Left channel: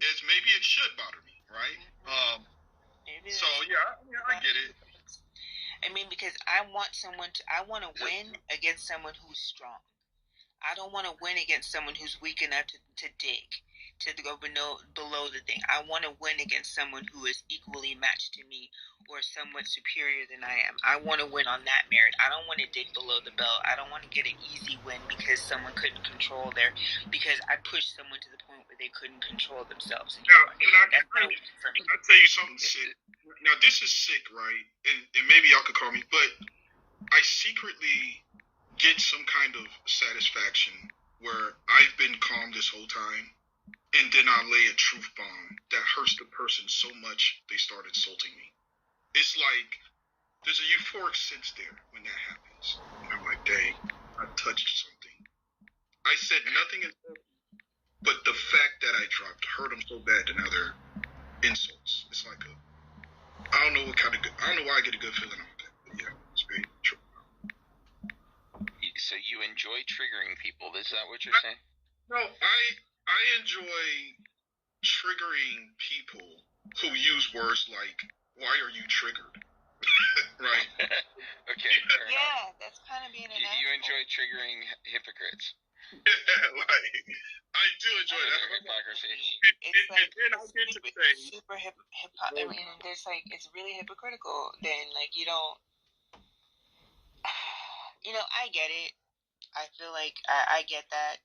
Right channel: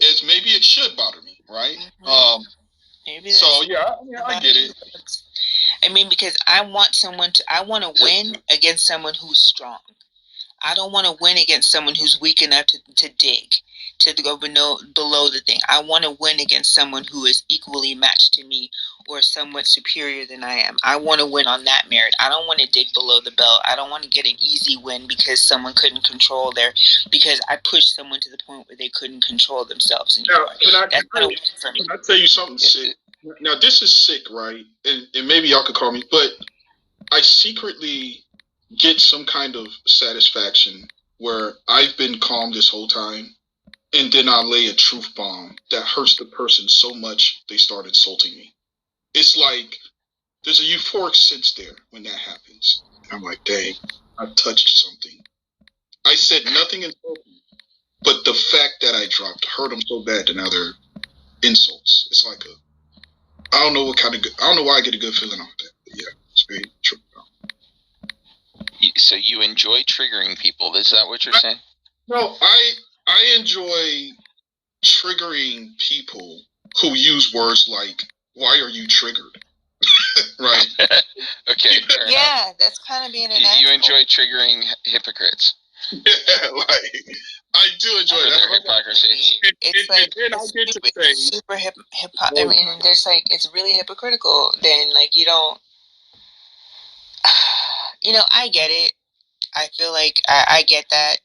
is maybe it should bother me, right? Maybe So that's yeah, I get it. I mean, because I want to win against someone who's strong. I don't want to win against someone who's weak enough to dig, to go below the thing. I want to win against someone who is equally matched to me or somewhat superior than I am. I want to win on that merit. I don't want to dig below the belt. I don't want to get an easy win because someone couldn't control because I pushed someone to the point where they couldn't control themselves anymore. Now, can I tell you something sick? Now, this is sick, right? And maybe y'all could call me, but I secretly get some kind of satisfaction where I've been calm this whole time, and then I lay a truth bomb that hurts the person so much they start insulting me. It's like there's a euphoric sense there when that happens. I'm like, dang, I touched something. I said nothing insulting, but the fact that I dropped hurt them so bad that now they're insults. It's like I don't know why I get a good feeling off that. But yeah, it's very true. So you enjoy triggering people? Is that what you're saying? No, I enjoy triggering people who use words like, "Why are you triggered?" Right? Okay. Yeah, that's kind of being an asshole. You enjoy triggering hypocrites. Yeah, like I do enjoy their hypocrisy. It's like it's super hip hop. I mean, there's like it's really hypocritical. Then like you don't, I get it. I feel like I get that.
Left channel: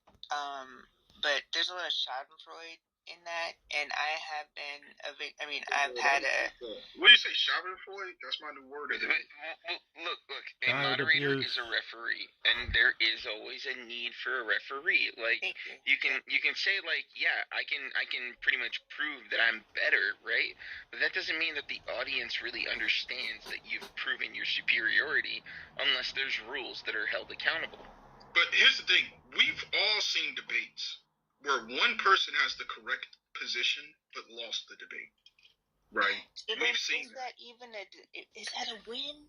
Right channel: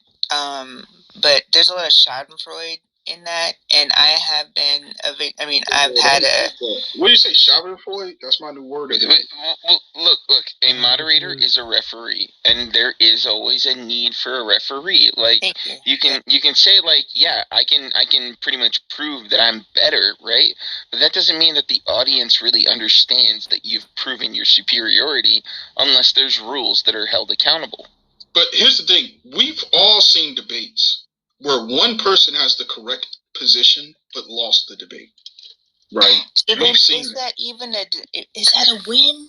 But there's a lot of Schadenfreude in that, and I have been I've had a. What do you say, Schadenfreude? That's my new word. Look. A moderator is a referee, and there is always a need for a referee. Like you can say like, yeah, I can pretty much prove that I'm better, right? But that doesn't mean that the audience really understands that you've proven your superiority, unless there's rules that are held accountable. But here's the thing: we've all seen debates where one person has the correct position but lost the debate, right? So then, is that a win?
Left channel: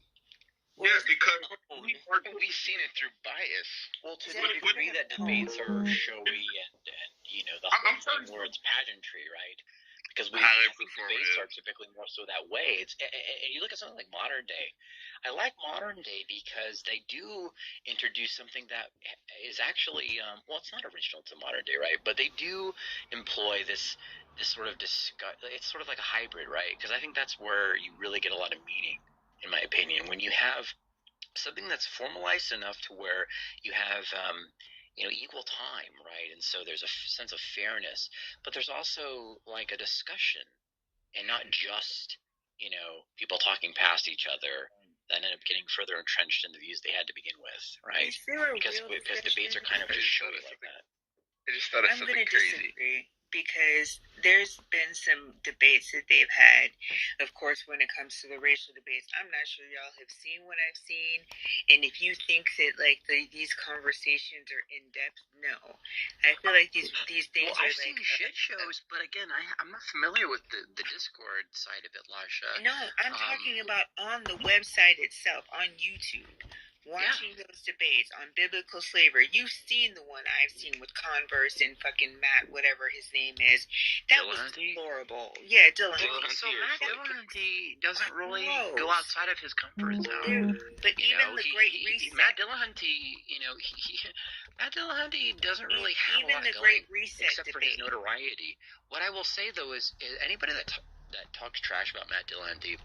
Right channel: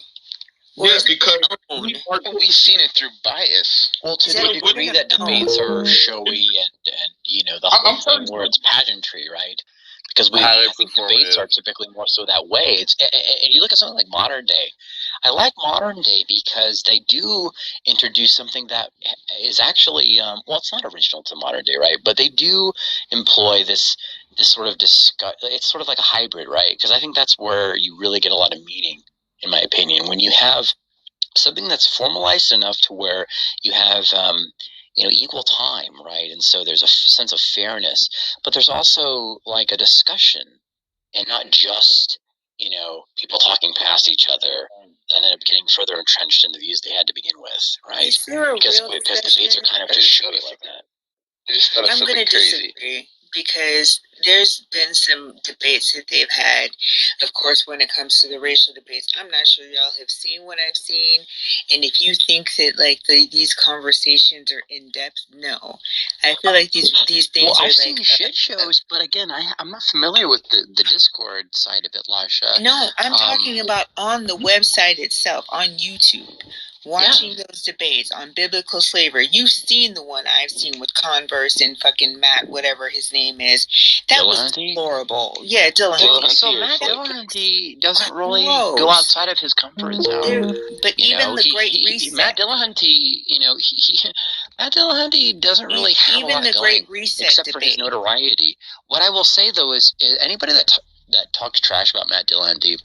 Yeah, because we've seen it through bias. Well, to the degree that debates are showy and the whole thing where it's pageantry, right? Because I think debates are typically more so that way. And you look at something like modern day. I like modern day because they do introduce something that is actually it's not original to modern day, right? But they do employ this sort of it's sort of like a hybrid, right? Because I think that's where you really get a lot of meaning, in my opinion, when you have something that's formalized enough to where you have equal time, right? And so there's a sense of fairness, but there's also like a discussion, and not just people talking past each other that end up getting further entrenched in the views they had to begin with, right? Because debates are kind of just showy like that. I just thought I'm going to disagree, because there's been some debates that they've had. Of course, when it comes to the racial debates, I'm not sure y'all have seen what I've seen. And if you think that like these conversations are in depth, no. I feel like these things are I've seen like shit shows, but again, I'm not familiar with the Discord side of it, Lasha. No, I'm talking about on the website itself, on YouTube. Watching those debates on biblical slavery. You've seen the one I've seen with Converse and fucking Matt, whatever his name is. That was horrible. Yeah, Dillahunty. So Matt Dillahunty doesn't really go outside of his comfort zone. But even the Great Reset. Matt Dillahunty, Matt Dillahunty doesn't really have a lot the going, Great Reset except debate. for his notoriety. What I will say though is anybody that talks trash about Matt Dillahunty,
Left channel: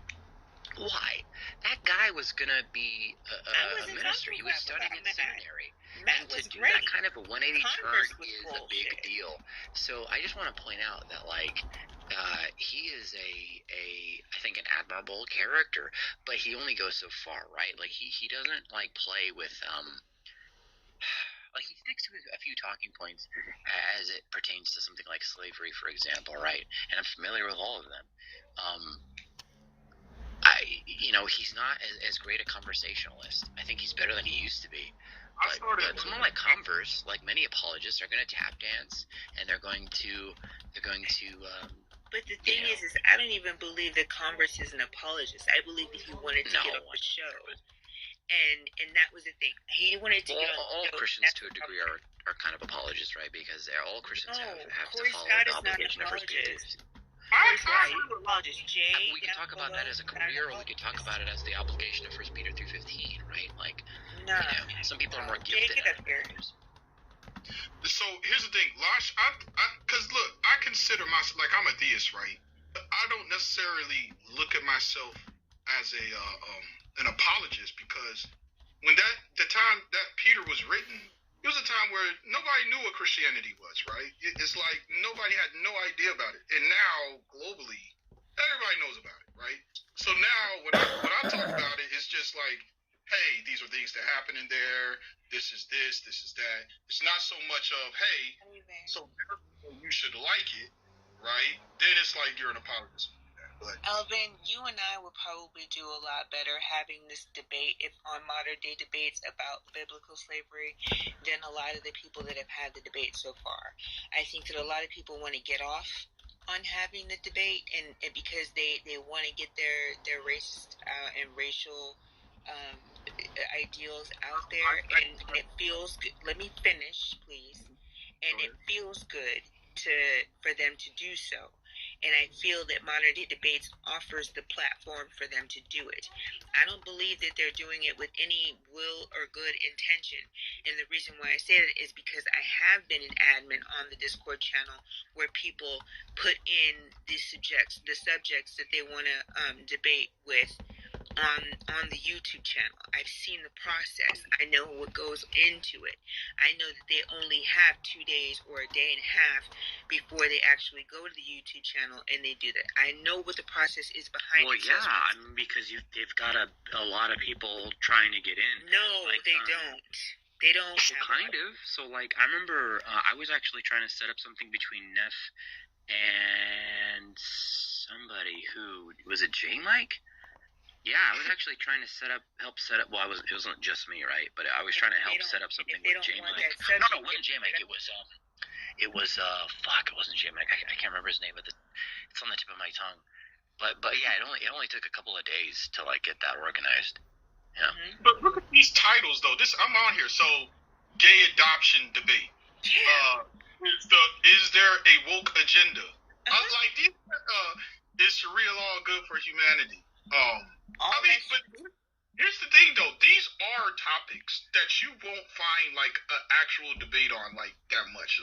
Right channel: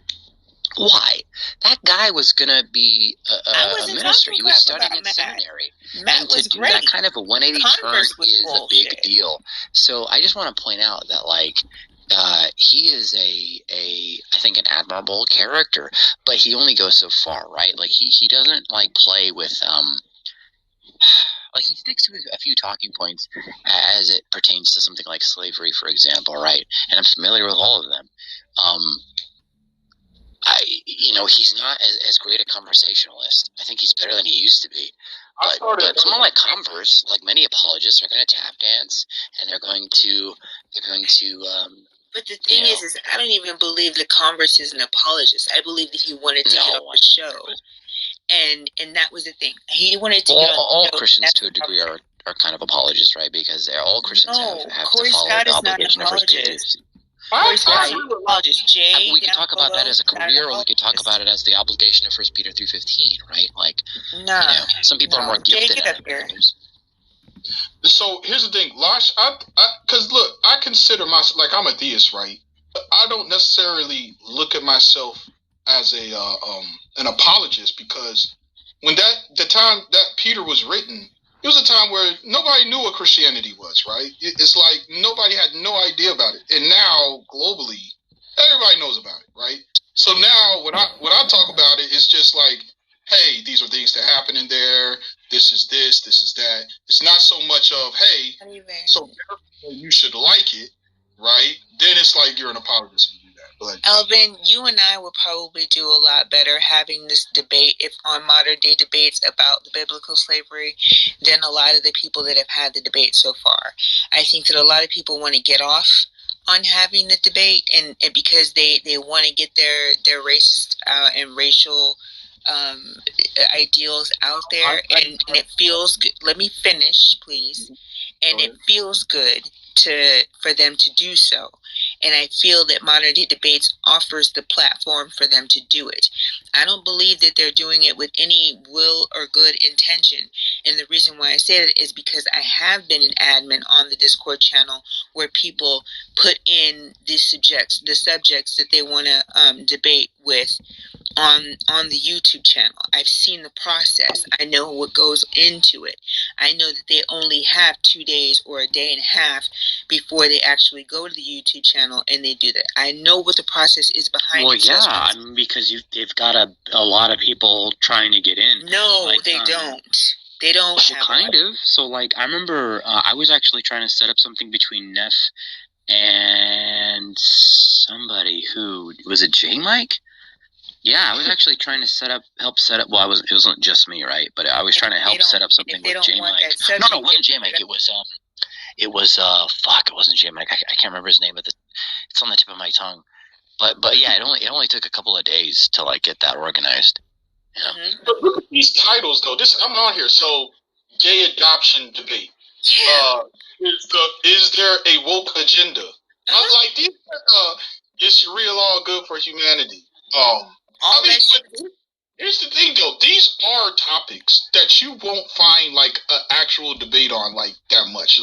why? That guy was going to be a minister. He was studying in seminary. And to do that kind of a 180 turn is a big deal. So I just want to point out that, like, he is I think an admirable character, but he only goes so far, right? Like, he doesn't, like, play with, like, he sticks to a few talking points as it pertains to something like slavery, for example, right? And I'm familiar with all of them. He's not as great a conversationalist. I think he's better than he used to be. But someone like Converse, like many apologists, are going to tap dance, and they're going to. But the thing is I don't even believe that Converse is an apologist. I believe that he wanted to get off the show, and that was the thing. He wanted to get all off the show. Christians to a degree are kind of apologists, right? Because all Christians have Corey to follow Scott the is not an obligation of First Peter. We could talk about that as a career, or we could talk about it as the obligation of 1 Peter 3:15, right? Like, some people are more gifted at it. So here's the thing, Lash. Because look, I consider myself like I'm a deist, right? I don't necessarily look at myself as an apologist because when the time that Peter was written, it was a time where nobody knew what Christianity was, right? It's like nobody had no idea about it, and now globally, everybody knows about it, right? So now when I talk about it, it's just like, hey, these are things that happen in there. This is this is that. It's not so much of, hey, so you should like it, right? Then it's like you're an apologist when you do that. But Elvin, you and I would probably do a lot better having this debate if on modern day debates about the biblical slavery than a lot of the people that have had the debate so far. I think that a lot of people want to get off on having the debate and because they want to get their racist and racial ideals out there, and it feels good. Let me finish, please. And it feels good for them to do so. And I feel that modern day debates offers the platform for them to do it. I don't believe that they're doing it with any will or good intention. And the reason why I say that is because I have been an admin on the Discord channel where people put in the subjects that they want to debate with on the YouTube channel. I've seen the process. I know what goes into it. I know that they only have 2 days or a day and a half before they actually go to the YouTube channel and they do that. I know what the process is behind it. Well, yeah, I mean, because they've got a lot of people trying to get in. No, like, they don't. They don't. Well, kind of. So, like, I remember I was actually trying to set up something between Neff and somebody who was it J Mike? Yeah, I was actually trying to help set up. Well, it wasn't just me, right? But I was trying to help set up something with J Mike. No, it wasn't J Mike. It was fuck. It wasn't J Mike. I can't remember his name, but it's on the tip of my tongue. But yeah, it only took a couple of days to like get that organized. You know? Mm-hmm. But look at these titles, though. I'm on here. So, gay adoption debate. Yeah. Is there a woke agenda? I'm like, is Sharia law good for humanity? Here's the thing, though. These are topics that you won't find like an actual debate on like that much.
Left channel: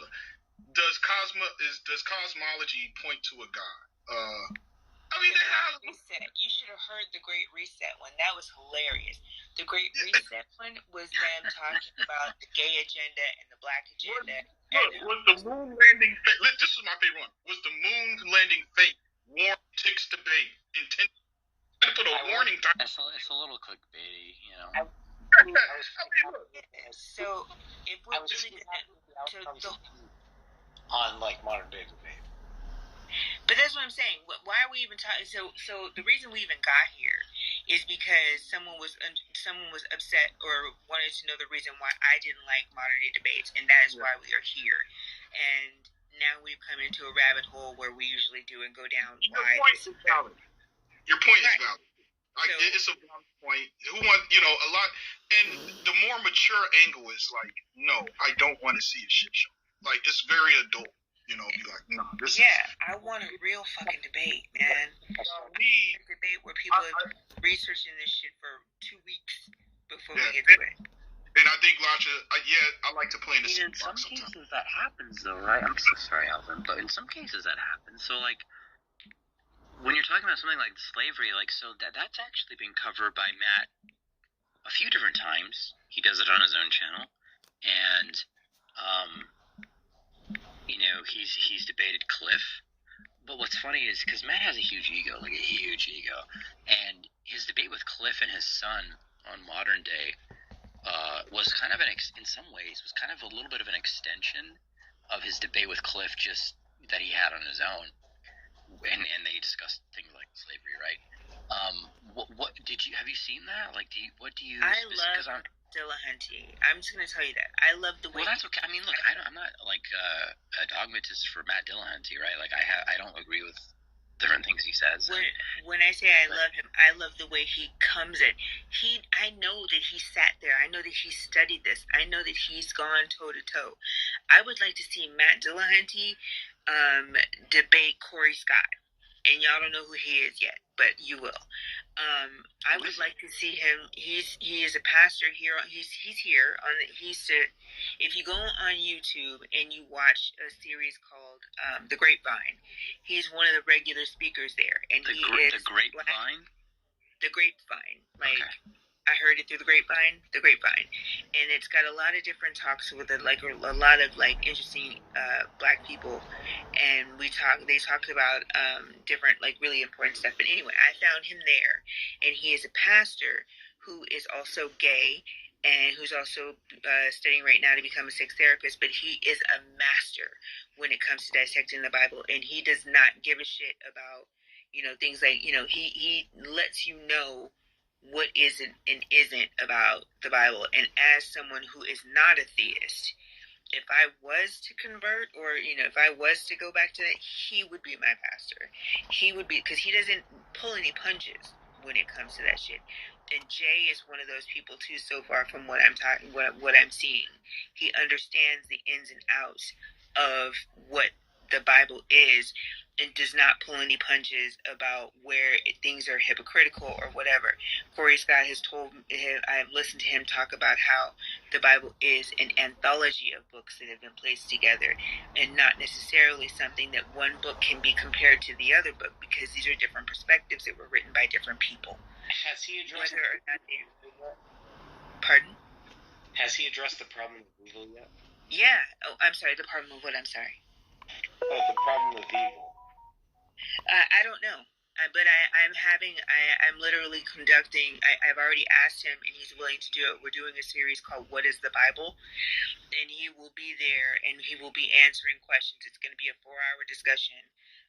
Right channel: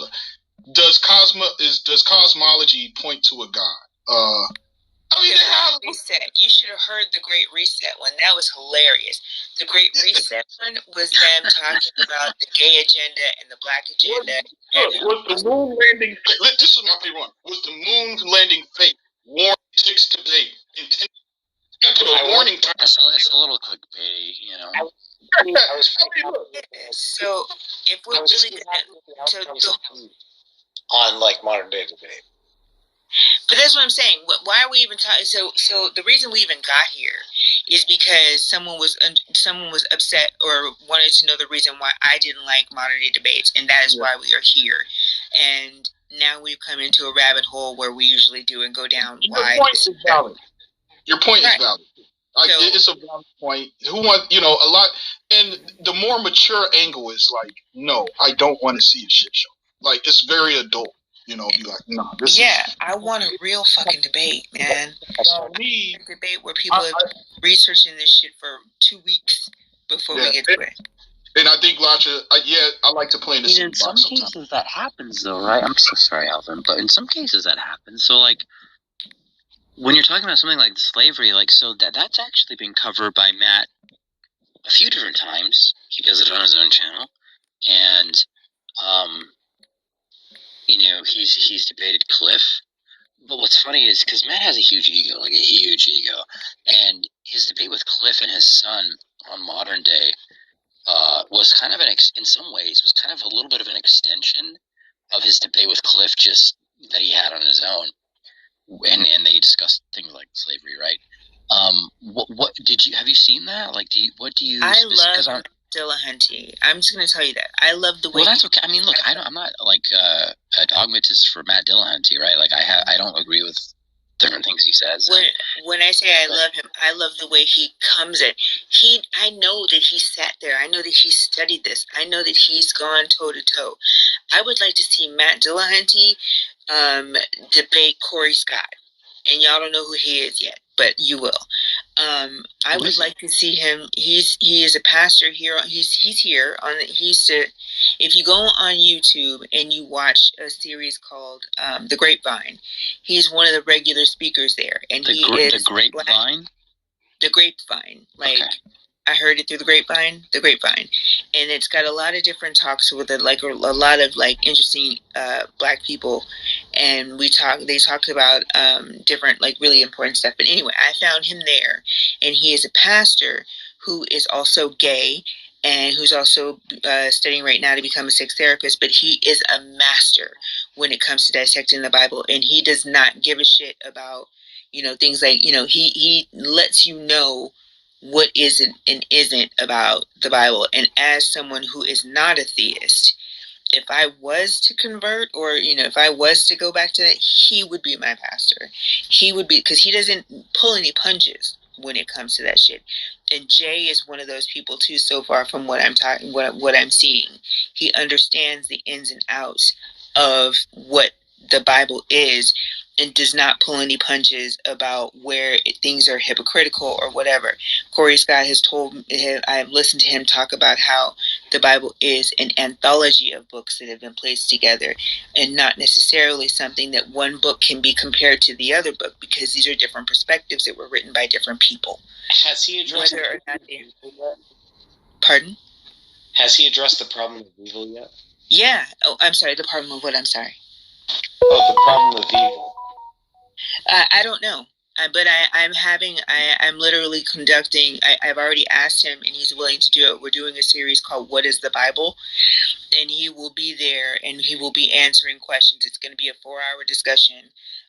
Does cosmology point to a god? I mean, Reset. You should have heard the Great Reset one. That was hilarious. The Great Reset one was them talking about the gay agenda and the black agenda. Was the moon landing? This is my favorite one. Was the moon landing fake? Warren takes debate. Put a warning. It's a little clickbait, you know. So if we're really on like modern day debate. But that's what I'm saying. Why are we even talking? So the reason we even got here is because someone was upset or wanted to know the reason why I didn't like modern day debates, and that is why we are here. And now we've come into a rabbit hole where we usually do and go down. Your point is valid. Your point is valid. It's a valid point. Who want a lot? And the more mature angle is like, no, I don't want to see a shit show. Like it's very adult. Be like, nah. I want a real fucking debate, man. A debate where people are researching this shit for 2 weeks before we get to it. And I think, Lasha, I like to play in the same box. In some cases that happens, though, right? I'm so sorry, Alvin, but in some cases that happens. So, like, when you're talking about something like slavery, like, so that's actually been covered by Matt a few different times. He does it on his own channel, and he's debated Cliff. But what's funny is because Matt has a huge ego, and his debate with Cliff and his son on Modern Day was kind of in some ways was kind of a little bit of an extension of his debate with Cliff, just that he had on his own, and they discussed things like slavery, right? What have you seen that? Like, I love Dillahunty. I'm just gonna tell you that I love the way. Well, that's okay. I mean, look, I'm not like a dogmatist for Matt Dillahunty, right? Like, I don't agree with different things he says. When I say I love him, I love the way he comes in. I know that he sat there. I know that he studied this. I know that he's gone toe to toe. I would like to see Matt Dillahunty debate Corey Scott, and y'all don't know who he is yet. but you will. I would like to see him. He is a pastor here. He's here on. If you go on YouTube and you watch a series called The Grapevine, he's one of the regular speakers there, and the Grapevine. The Grapevine, like. Okay. I heard it through the grapevine, and it's got a lot of different talks with it, like a lot of like interesting Black people, and they talked about different like really important stuff. But anyway, I found him there, and he is a pastor who is also gay and who's also studying right now to become a sex therapist. But he is a master when it comes to dissecting the Bible, and he does not give a shit about things like he lets you know what isn't and isn't about the Bible. And as someone who is not a theist, if I was to convert or, if I was to go back to that, he would be my pastor. He would be, because he doesn't pull any punches when it comes to that shit. And Jay is one of those people too, so far from what I'm seeing. He understands the ins and outs of what the Bible is and does not pull any punches about where things are hypocritical or whatever. Corey Scott has I've listened to him talk about how the Bible is an anthology of books that have been placed together and not necessarily something that one book can be compared to the other book, because these are different perspectives that were written by different people. Has he addressed whether or not they... Pardon? Has he addressed the problem of evil yet? Yeah. Oh, I'm sorry. The problem of what? I'm sorry. Oh, the problem of evil. I don't know. But I'm literally conducting, I've already asked him and he's willing to do it. We're doing a series called What is the Bible? And he will be there and he will be answering questions. It's going to be a 4-hour discussion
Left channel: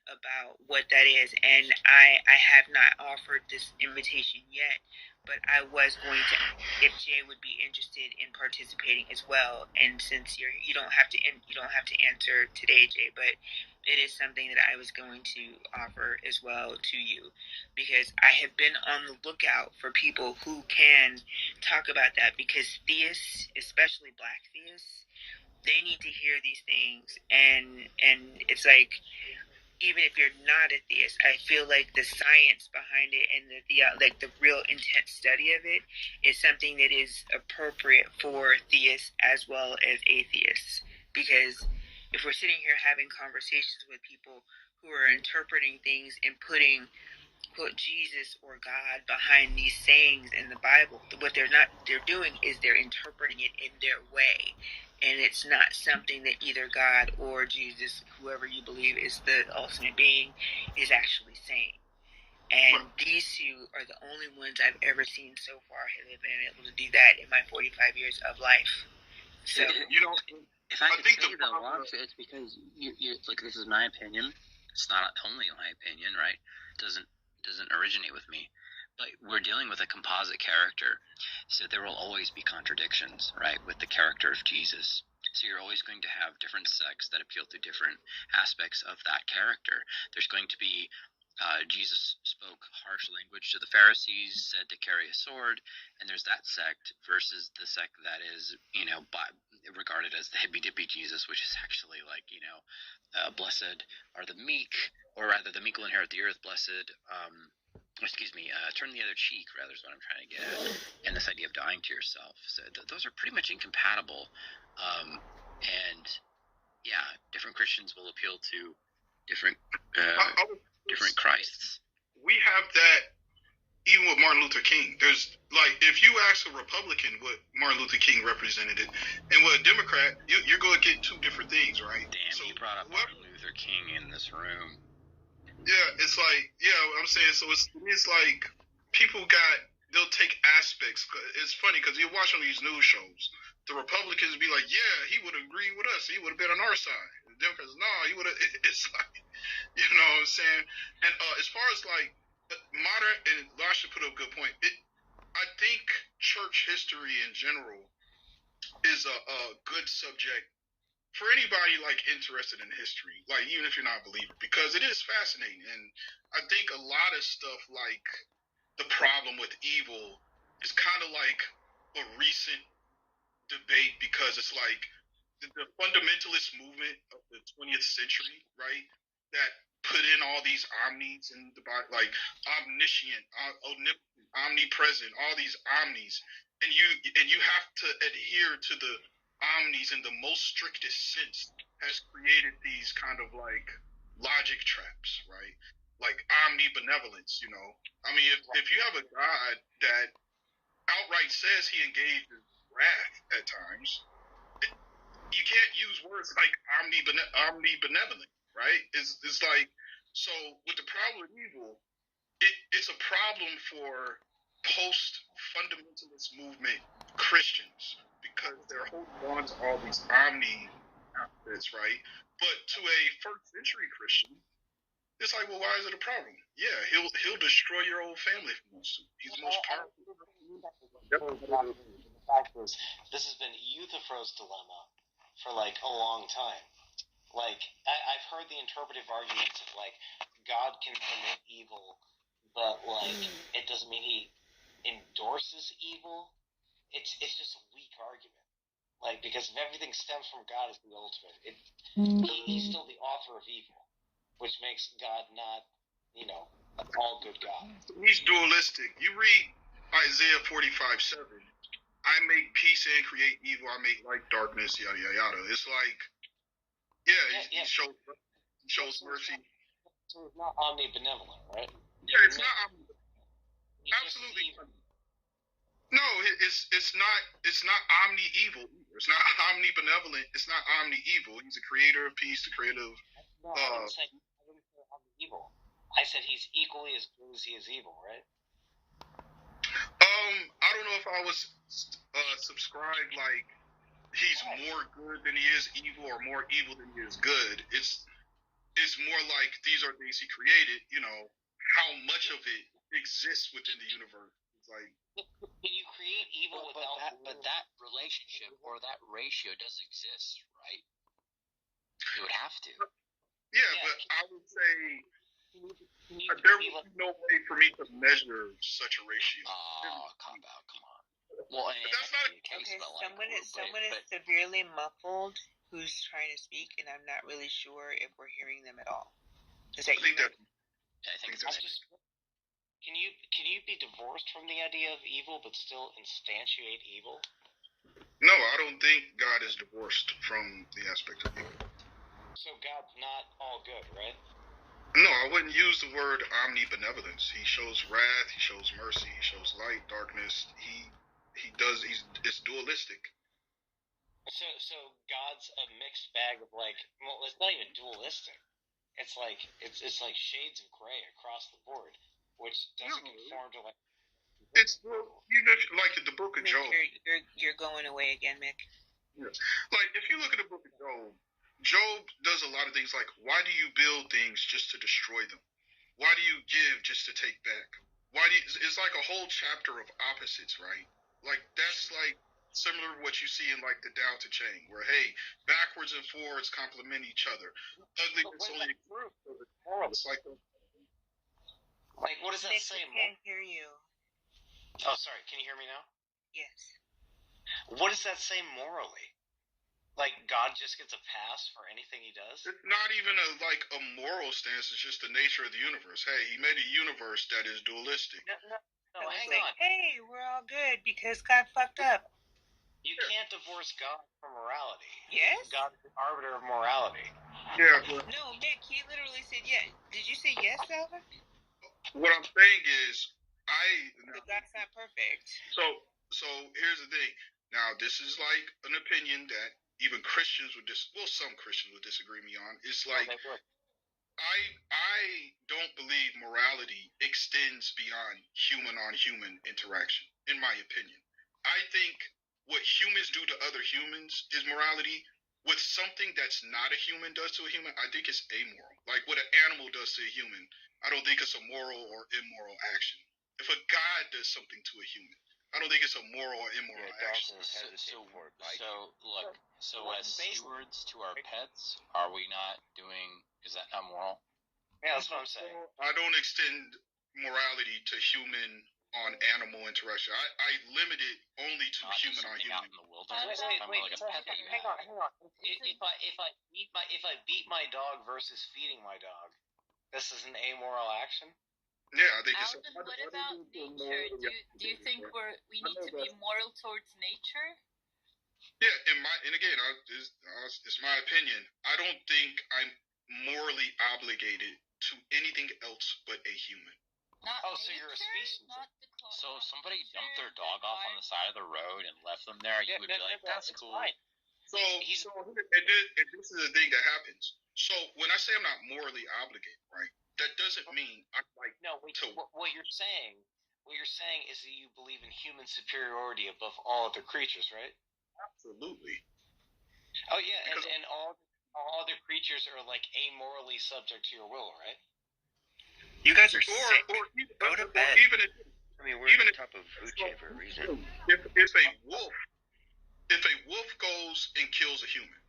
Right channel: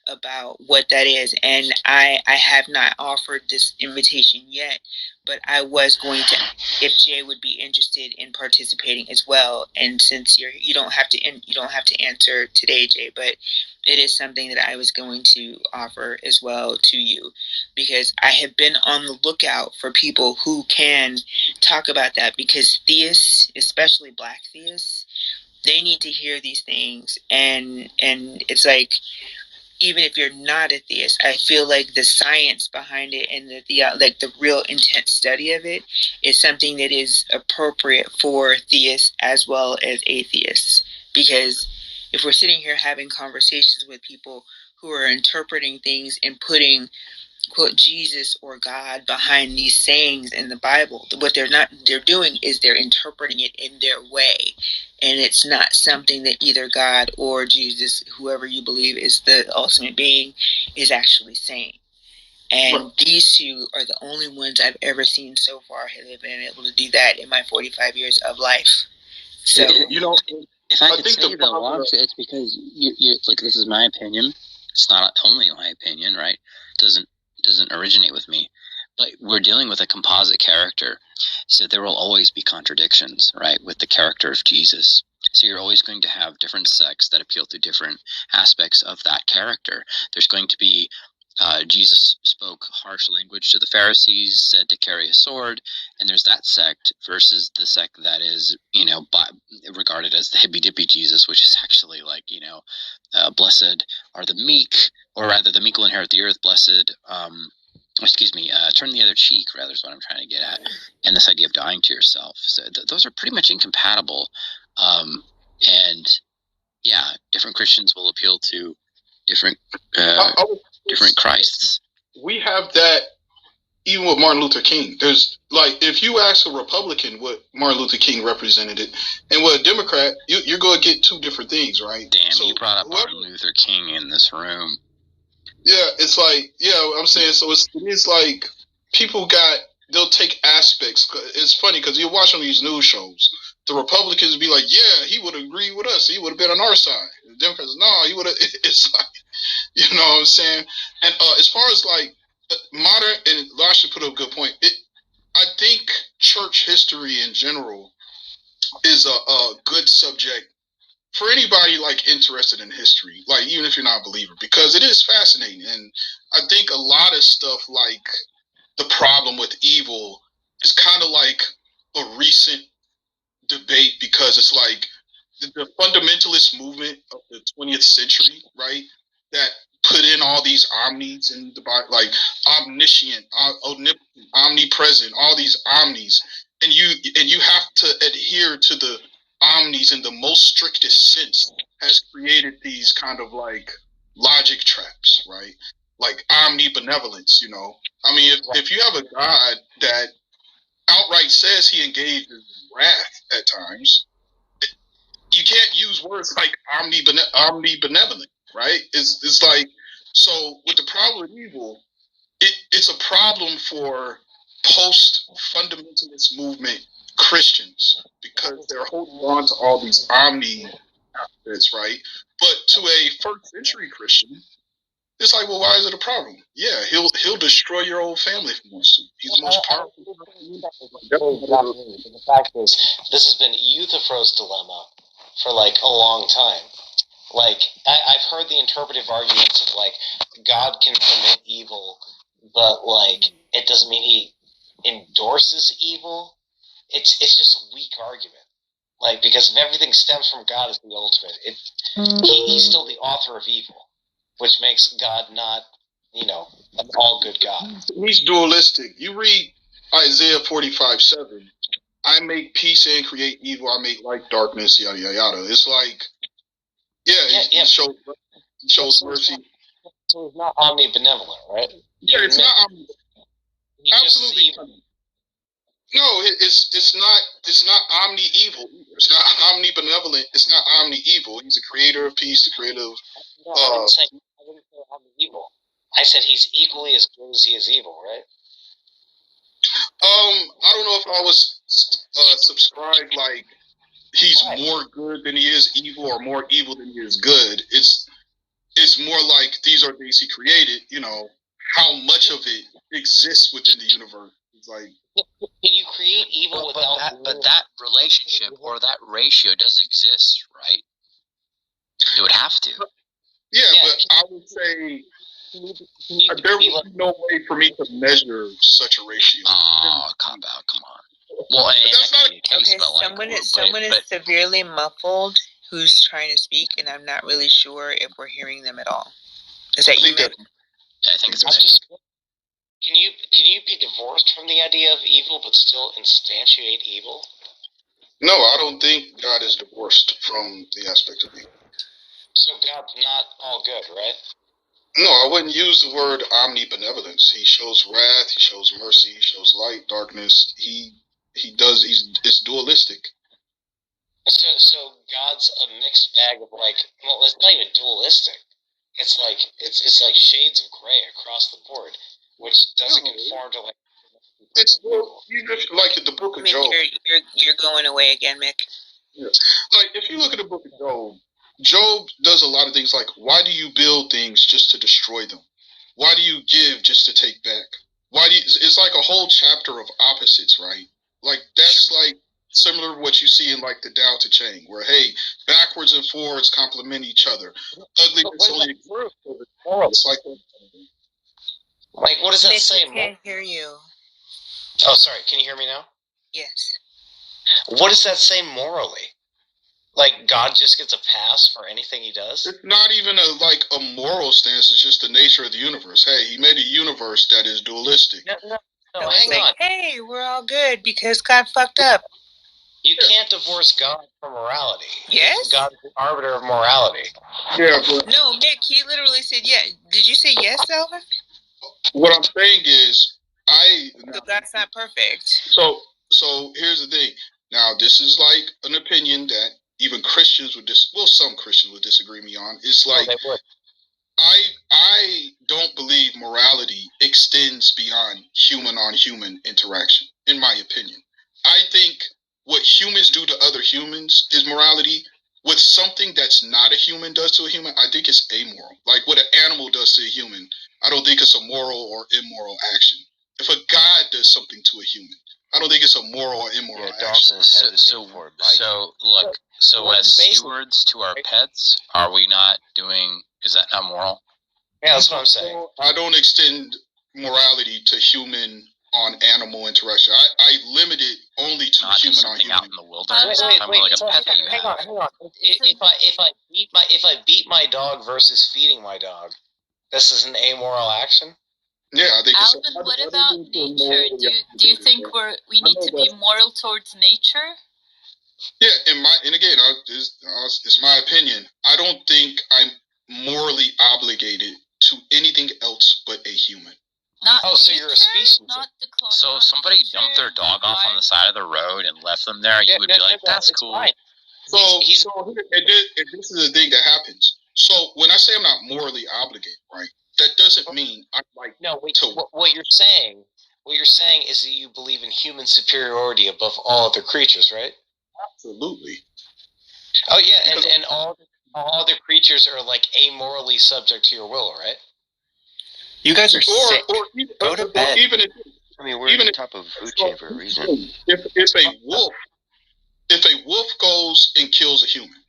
about what that is. And I have not offered this invitation yet, but I was going to, if Jay would be interested in participating as well. And since you don't have to answer today, Jay, but it is something that I was going to offer as well to you, because I have been on the lookout for people who can talk about that, because theists, especially Black theists, they need to hear these things. And it's like, even if you're not a theist, I feel like the science behind it and the real intense study of it is something that is appropriate for theists as well as atheists. Because if we're sitting here having conversations with people who are interpreting things and putting, quote, Jesus or God behind these sayings in the Bible, what they're doing is they're interpreting it in their way. And it's not something that either God or Jesus, whoever you believe is the ultimate being, is actually saying. And these two are the only ones I've ever seen so far that have been able to do that in my 45 years of life. So, if I could say though, Watch, it's because you're like, this is my opinion. It's not only my opinion, right? It doesn't originate with me. But we're dealing with a composite character, so there will always be contradictions, right, with the character of Jesus. So you're always going to have different sects that appeal to different aspects of that character. There's going to be Jesus spoke harsh language to the Pharisees, said to carry a sword, and there's that sect versus the sect that is, regarded as the hippy-dippy Jesus, which is actually like, blessed are the meek, or rather the meek will inherit the earth, blessed, turn the other cheek, rather, is what I'm trying to get at, and this idea of dying to yourself. So those are pretty much incompatible, and yeah, different Christians will appeal to different different Christs. We have that even with Martin Luther King. There's like, if you ask a Republican what Martin Luther King represented it, and what a Democrat, you're going to get two different things, right? Damn, so you brought up Martin Luther King in this room. Yeah, it's like, I'm saying, so it's like people they'll take aspects. It's funny because you watch on these news shows, the Republicans be like, yeah, he would agree with us. He would have been on our side. The Democrats, no, he would have. It's like, you know what I'm saying? And as far as like modern, and Lasha put up a good point, I think church history in general is a good subject for anybody like interested in history, like even if you're not a believer, because it is fascinating. And I think a lot of stuff like the problem with evil is kind of like a recent debate, because it's like the fundamentalist movement of the 20th century, right? That put in all these omnis in the Bible, like omniscient, omnipresent, all these omnis, and you have to adhere to the omnis in the most strictest sense, has created these kind of like logic traps, right? Like omnibenevolence, you know. I mean, if you have a God that outright says he engages in wrath at times, you can't use words like omnibenevolent, right? It's like, so with the problem with evil, it's a problem for post-fundamentalist movement Christians because they're holding on to all these omni aspects, right? But to a first century Christian, it's like, well, why is it a problem? Yeah, he'll destroy your whole family if he wants to. He's the most powerful. The fact is, this has been Euthyphro's dilemma for like a long time. Like, I've heard the interpretive arguments of like God can commit evil, but like it doesn't mean he endorses evil. It's just a weak argument. Like, because if everything stems from God as the ultimate, he's still the author of evil, which makes God not, an all good God. He's dualistic. You read Isaiah 45:7. I make peace and create evil. I make light darkness. Yada yada yada. It's like, he shows mercy. So it's not omnibenevolent, right? Yeah, it's not omnibenevolent. Absolutely. No, it's not omni evil. It's not omnibenevolent. It's not omni evil. He's the creator of peace, the creator of. I didn't say omni evil. I said he's equally as good as he is evil, right? I don't know if I was subscribed like he's more good than he is evil or more evil than he is good. It's more like these are things he created. You know how much of it exists within the universe. It's like. Can you create evil without that? But that relationship or that ratio does exist, right? It would have to. Yeah, but I would say there would be no way for me to measure such a ratio. Oh, cop out! Come on. Well, and that's not the case. Okay, but someone is severely muffled who's trying to speak, and I'm not really sure if we're hearing them at all. Is that you, Mick? I think it's Mick. Can you be divorced from the idea of evil but still instantiate evil? No, I don't think God is divorced from the aspect of evil. So God's not all good, right? No, I wouldn't use the word omnibenevolence. He shows wrath, he shows mercy, he shows light, darkness. It's dualistic. So God's a mixed bag of it's not even dualistic. It's like shades of gray across the board, which doesn't conform to It's like the book of Mick, Job. You're going away again, Mick. Yeah. Like if you look at the book of Job, Job does a lot of things like, why do you build things just to destroy them? Why do you give just to take back? It's like a whole chapter of opposites, right? Like that's like similar to what you see in like the Tao Te Ching, where hey, backwards and forwards complement each other. Ugliness only exists. It's like what does that say? I can't hear you. Oh, sorry. Can you hear me now? Yes. What does that say morally? Like God just gets a pass for anything he does? It's not even a moral stance. It's just the nature of the universe. Hey, he made a universe that is dualistic. No, So hang on. Hey, we're all good because God fucked up. You can't divorce God from morality. Yes? God's the arbiter of morality. Yeah, but no, Mick, he literally said yes. Did you say yes, Alvin? What I'm saying is, So God's not perfect. So here's the thing. Now, this is like an opinion that even Christians would some Christians would disagree me on. It's like I don't believe morality extends beyond human on human interaction, in my opinion. I think what humans do to other humans is morality. What something that's not a human does to a human, I think it's amoral. Like what an animal does to a human, I don't think it's a moral or immoral action. If a God does something to a human, I don't think it's a moral or immoral action. So as stewards to our pets, are we not doing? Is that not moral? Yeah, that's what I'm saying. I don't extend morality to human on animal interaction. I limit it only to not human on human. Out in the wilderness. Wait, like a pet that you hang on. If I beat my dog versus feeding my dog, This is an amoral action? Yeah, I think Alvin, what about nature? Do you think we need to be moral towards nature? Yeah, it's my opinion. I don't think I'm morally obligated to anything else but a human. Not nature, so you're a species. So if somebody dumped their dog off on the side of the road and left them there, you would be like, that's cool. Fine. So this is the thing that happens. So when I say I'm not morally obligated, right, that doesn't mean I'm like what you're saying. What you're saying is that you believe in human superiority above all other creatures, right? Absolutely. Oh yeah, and all other creatures are like amorally subject to your will, right? You guys are sick. Go to bed. We're at the top of the food chain for a reason. If a wolf goes and kills a human,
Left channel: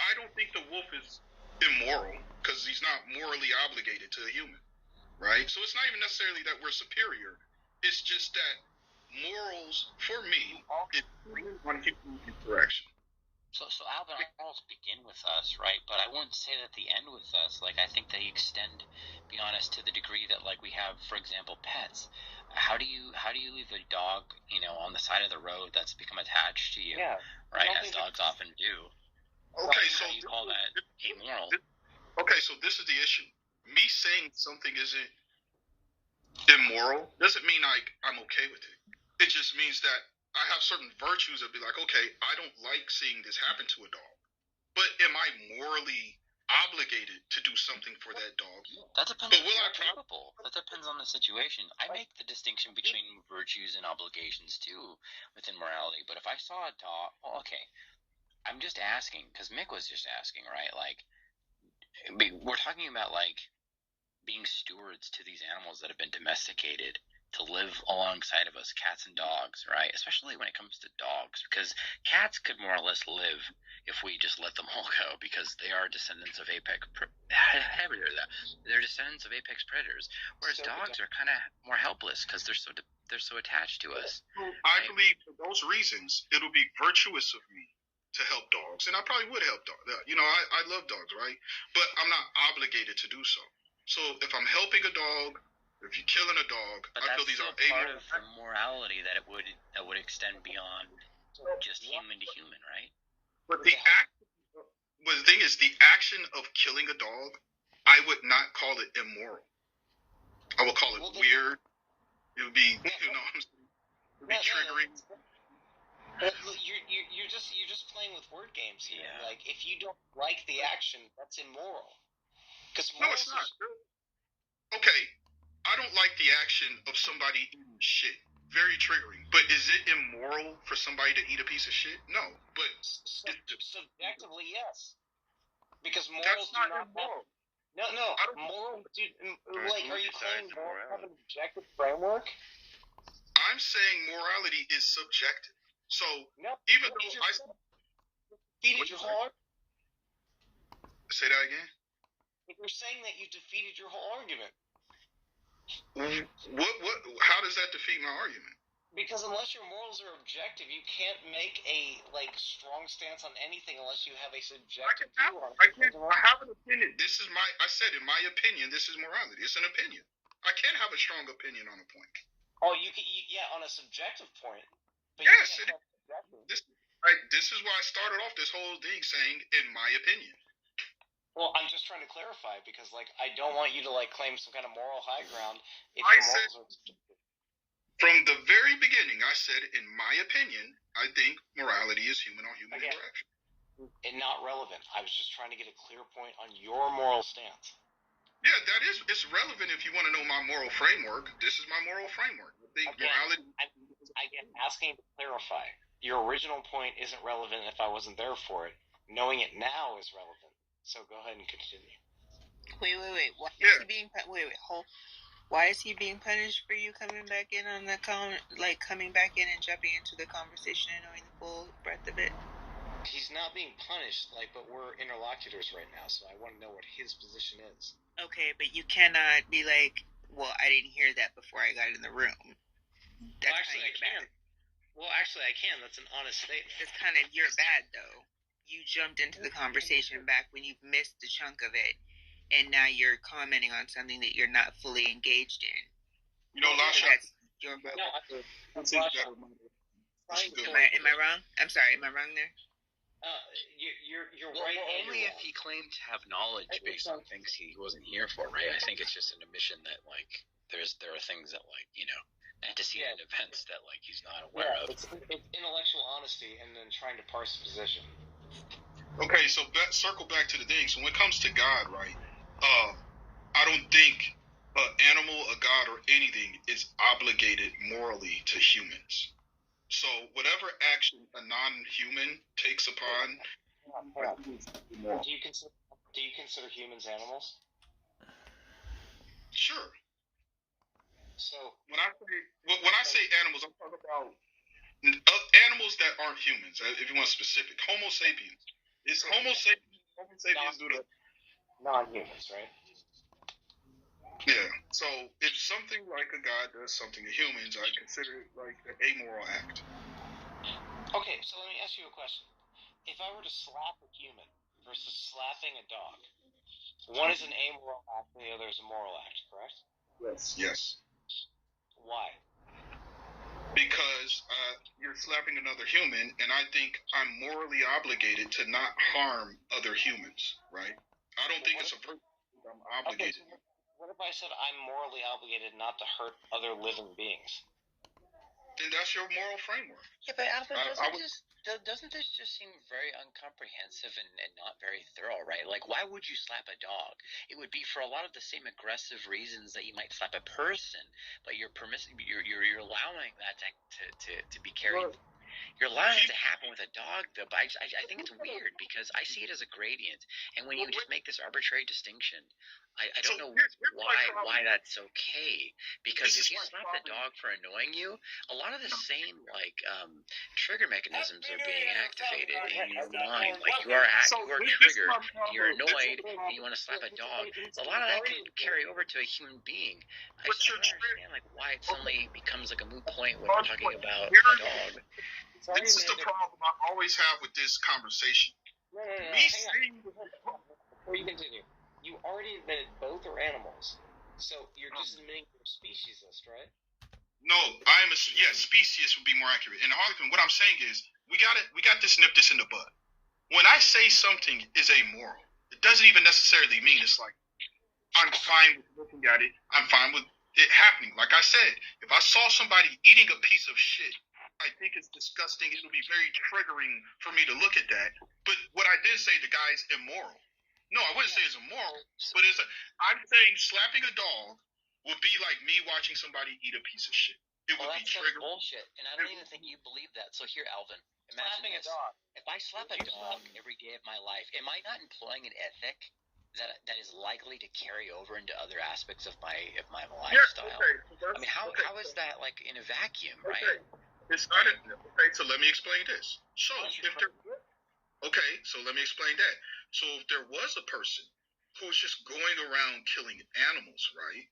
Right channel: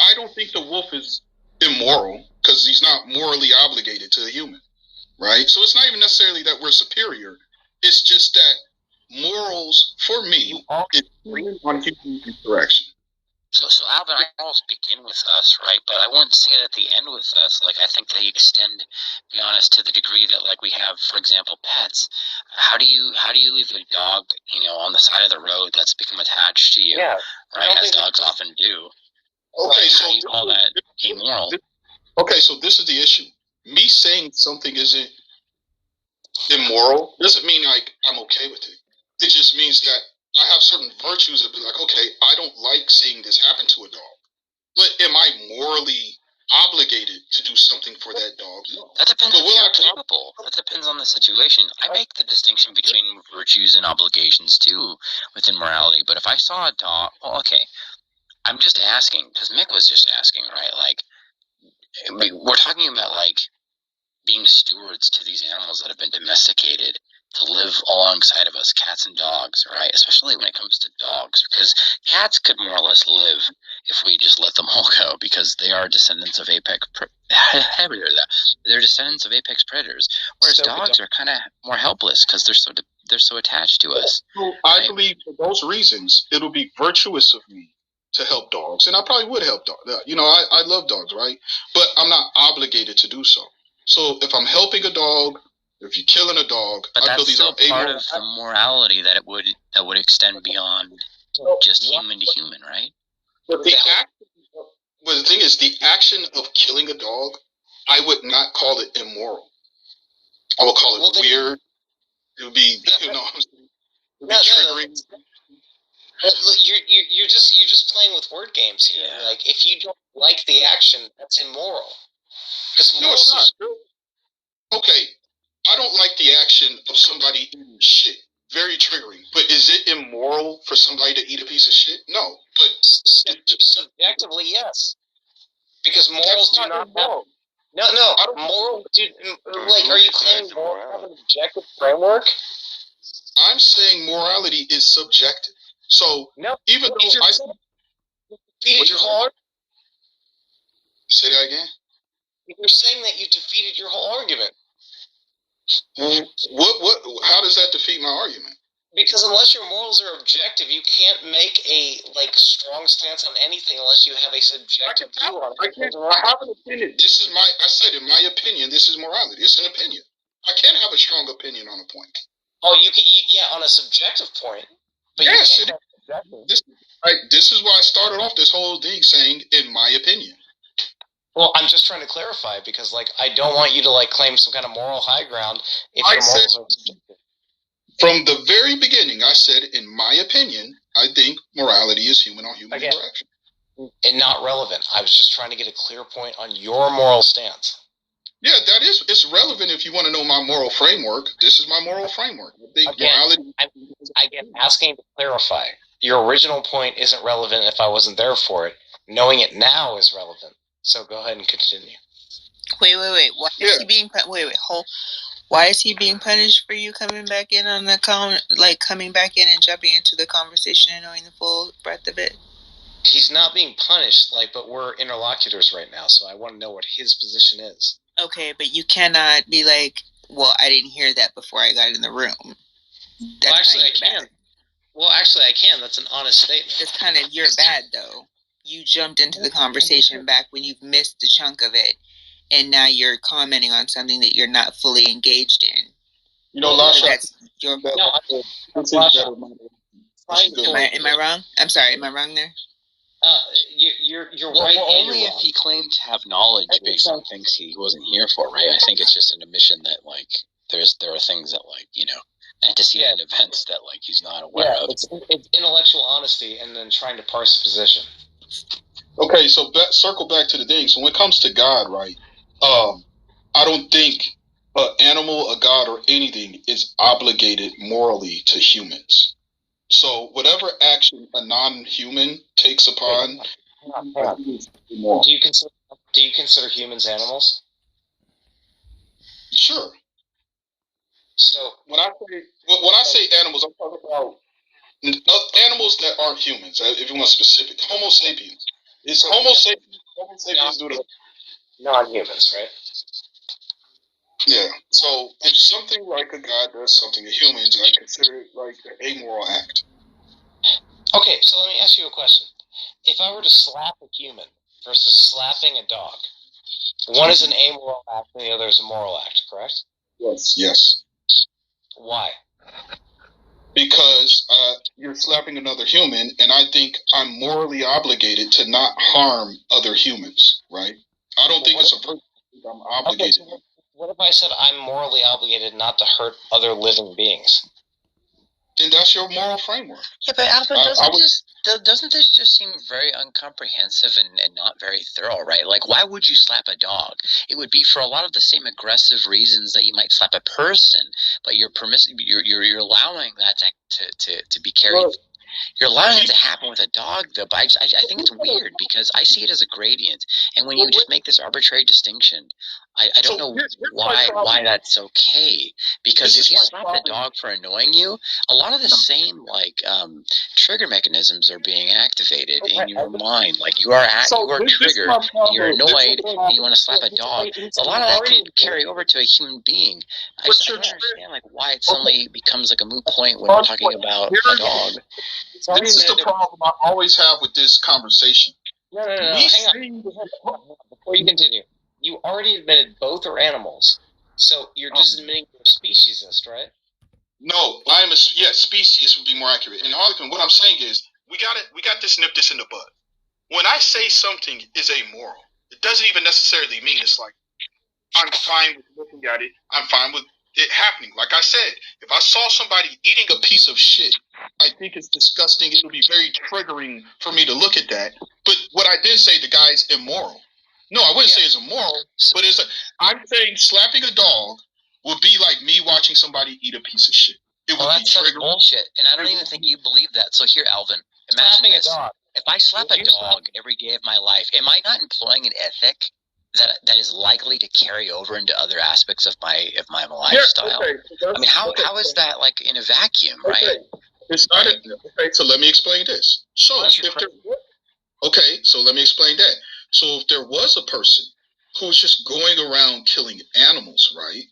I don't think the wolf is immoral because he's not morally obligated to a human, right? So it's not even necessarily that we're superior. It's just that morals, for me, is on human interaction. So Alvin, I almost begin with us, right? But I wouldn't say it at the end with us. Like, I think they extend, be honest, to the degree that, like, we have, for example, pets. How do you leave a dog, on the side of the road that's become attached to you? Yeah. Right, as dogs often do. Okay, so how do you call that immoral? Okay, so this is the issue. Me saying something isn't immoral doesn't mean like I'm okay with it. It just means that I have certain virtues that be like, okay, I don't like seeing this happen to a dog, but am I morally obligated to do something for that dog? No. That depends if you're capable. That depends on the situation. I make the distinction between virtues and obligations too within morality. But if I saw a dog, well, okay, I'm just asking because Mick was just asking, right? Like, we're talking about like being stewards to these animals that have been domesticated to live alongside of us, cats and dogs, right? Especially when it comes to dogs, because cats could more or less live if we just let them all go, because they are descendants of they're descendants of apex predators, whereas dogs are kind of more helpless because they're so attached to us. Well, I believe for those reasons, it'll be virtuous of me to help dogs, and I probably would help dogs. I love dogs, right? But I'm not obligated to do so. So if I'm helping a dog, if you're killing a dog, but that's still part of the morality that would extend beyond just human to human, right? But the thing is, the action of killing a dog, I would not call it immoral. I would call it weird. It would be, triggering. You're just playing with word games here. Yeah. Like, if you don't like the action, that's immoral. No, it's not. Okay, I don't like the action of somebody eating shit. Very triggering. But is it immoral for somebody to eat a piece of shit? No. But subjectively, yes. Because morals do not have... No. Moral... Like, are you claiming morals have an objective framework? I'm saying morality is subjective. So, even though I... defeated your whole argument. Say that again? You're saying that you defeated your whole argument. How does that defeat my argument? Because unless your morals are objective, you can't make a strong stance on anything unless you have a subjective view on it. I have an opinion. I said, in my opinion, this is morality. It's an opinion. I can't have a strong opinion on a point. Oh, you can, on a subjective point. But yes, you can't have subjective. This is why I started off this whole thing saying, in my opinion. Well, I'm just trying to clarify because, I don't want you to, claim some kind of moral high ground if your morals are subjective. From the very beginning, I said, in my opinion, I think morality is human-on-human interaction. And not relevant. I was just trying to get a clear point on your moral stance. Yeah, it's relevant if you want to know my moral framework. This is my moral framework. I think morality... I'm asking to clarify. Your original point isn't relevant if I wasn't there for it. Knowing it now is relevant. So go ahead and continue. Wait. Why is he being Why is he being punished for you coming back in on the coming back in and jumping into the conversation and knowing the full breadth of it? He's not being punished, but we're interlocutors right now, so I want to know what his position is. Okay, but you cannot be like, well, I didn't hear that before I got in the room. Well, actually, I can. That's an honest statement. It's kind of, you're bad, though. You jumped into the conversation back when you've missed a chunk of it, and now you're commenting on something that you're not fully engaged in. You know, Lasha, that's your better. Am I wrong? I'm sorry. Am I wrong there? You're right. Well, only if he claimed to have knowledge based on things he wasn't here for, right? I think it's just an admission that like there are things that like antecedent events that like he's not aware of. It's intellectual honesty and then trying to parse the position. Okay, so circle back to the thing. So when it comes to God, right? I don't think an animal, a god, or anything is obligated morally to humans. So whatever action a non-human takes upon, do you consider humans animals? Sure. So when I say animals, I'm talking about animals that aren't humans. If you want specific, Homo sapiens. It's Homo sapiens. Homo sapiens do the non-humans, right? Yeah. So if something like a god does something to humans, I consider it like an amoral act. Okay, so let me ask you a question. If I were to slap a human versus slapping a dog, one is an amoral act and the other is a moral act, correct? Yes. Why? Because you're slapping another human, and I think I'm morally obligated to not harm other humans, right? I don't think it's a virtue. I'm obligated. Okay, so what if I said I'm morally obligated not to hurt other living beings? Then that's your moral framework. Yeah, but Alvin, doesn't this just seem very incomprehensive and not very thorough, right? Like, why would you slap a dog? It would be for a lot of the same aggressive reasons that you might slap a person, but you're allowing that to be carried. You're allowing it to happen with a dog, though. But I think it's weird because I see it as a gradient, and when you just make this arbitrary distinction, I don't know why that's okay. Because if you slap the dog for annoying you, a lot of the same trigger mechanisms are being activated in your mind. Like you are triggered, and you're annoyed, and you want to slap a dog. A lot of that can carry over to a human being. I don't understand like why it suddenly becomes like a moot point when we're talking about a dog. This is the problem I always have with this conversation. No. Hang on. Before you continue, you already admitted both are animals, so you're just admitting you're a speciesist, right? No, speciesist would be more accurate. And Harlequin, what I'm saying is, we got this nip this in the bud. When I say something is amoral, it doesn't even necessarily mean it's like I'm fine with looking at it. I'm fine with it happening. Like I said, if I saw somebody eating a piece of shit, I think it's disgusting. It'll be very triggering for me to look at that. But what I did say, the guy's immoral. No, I wouldn't say it's immoral, but I'm saying slapping a dog would be like me watching somebody eat a piece of shit. It would be triggering. That's bullshit, and I don't even think you believe that. So here, Alvin, imagine this. If I slap a dog every day of my life, am I not employing an ethic that is likely to carry over into other aspects of my lifestyle? Okay. I mean, how is that like in a vacuum, right? It's not okay. So let me explain this. So let me explain that. So if there was a person who's just going around killing animals, right?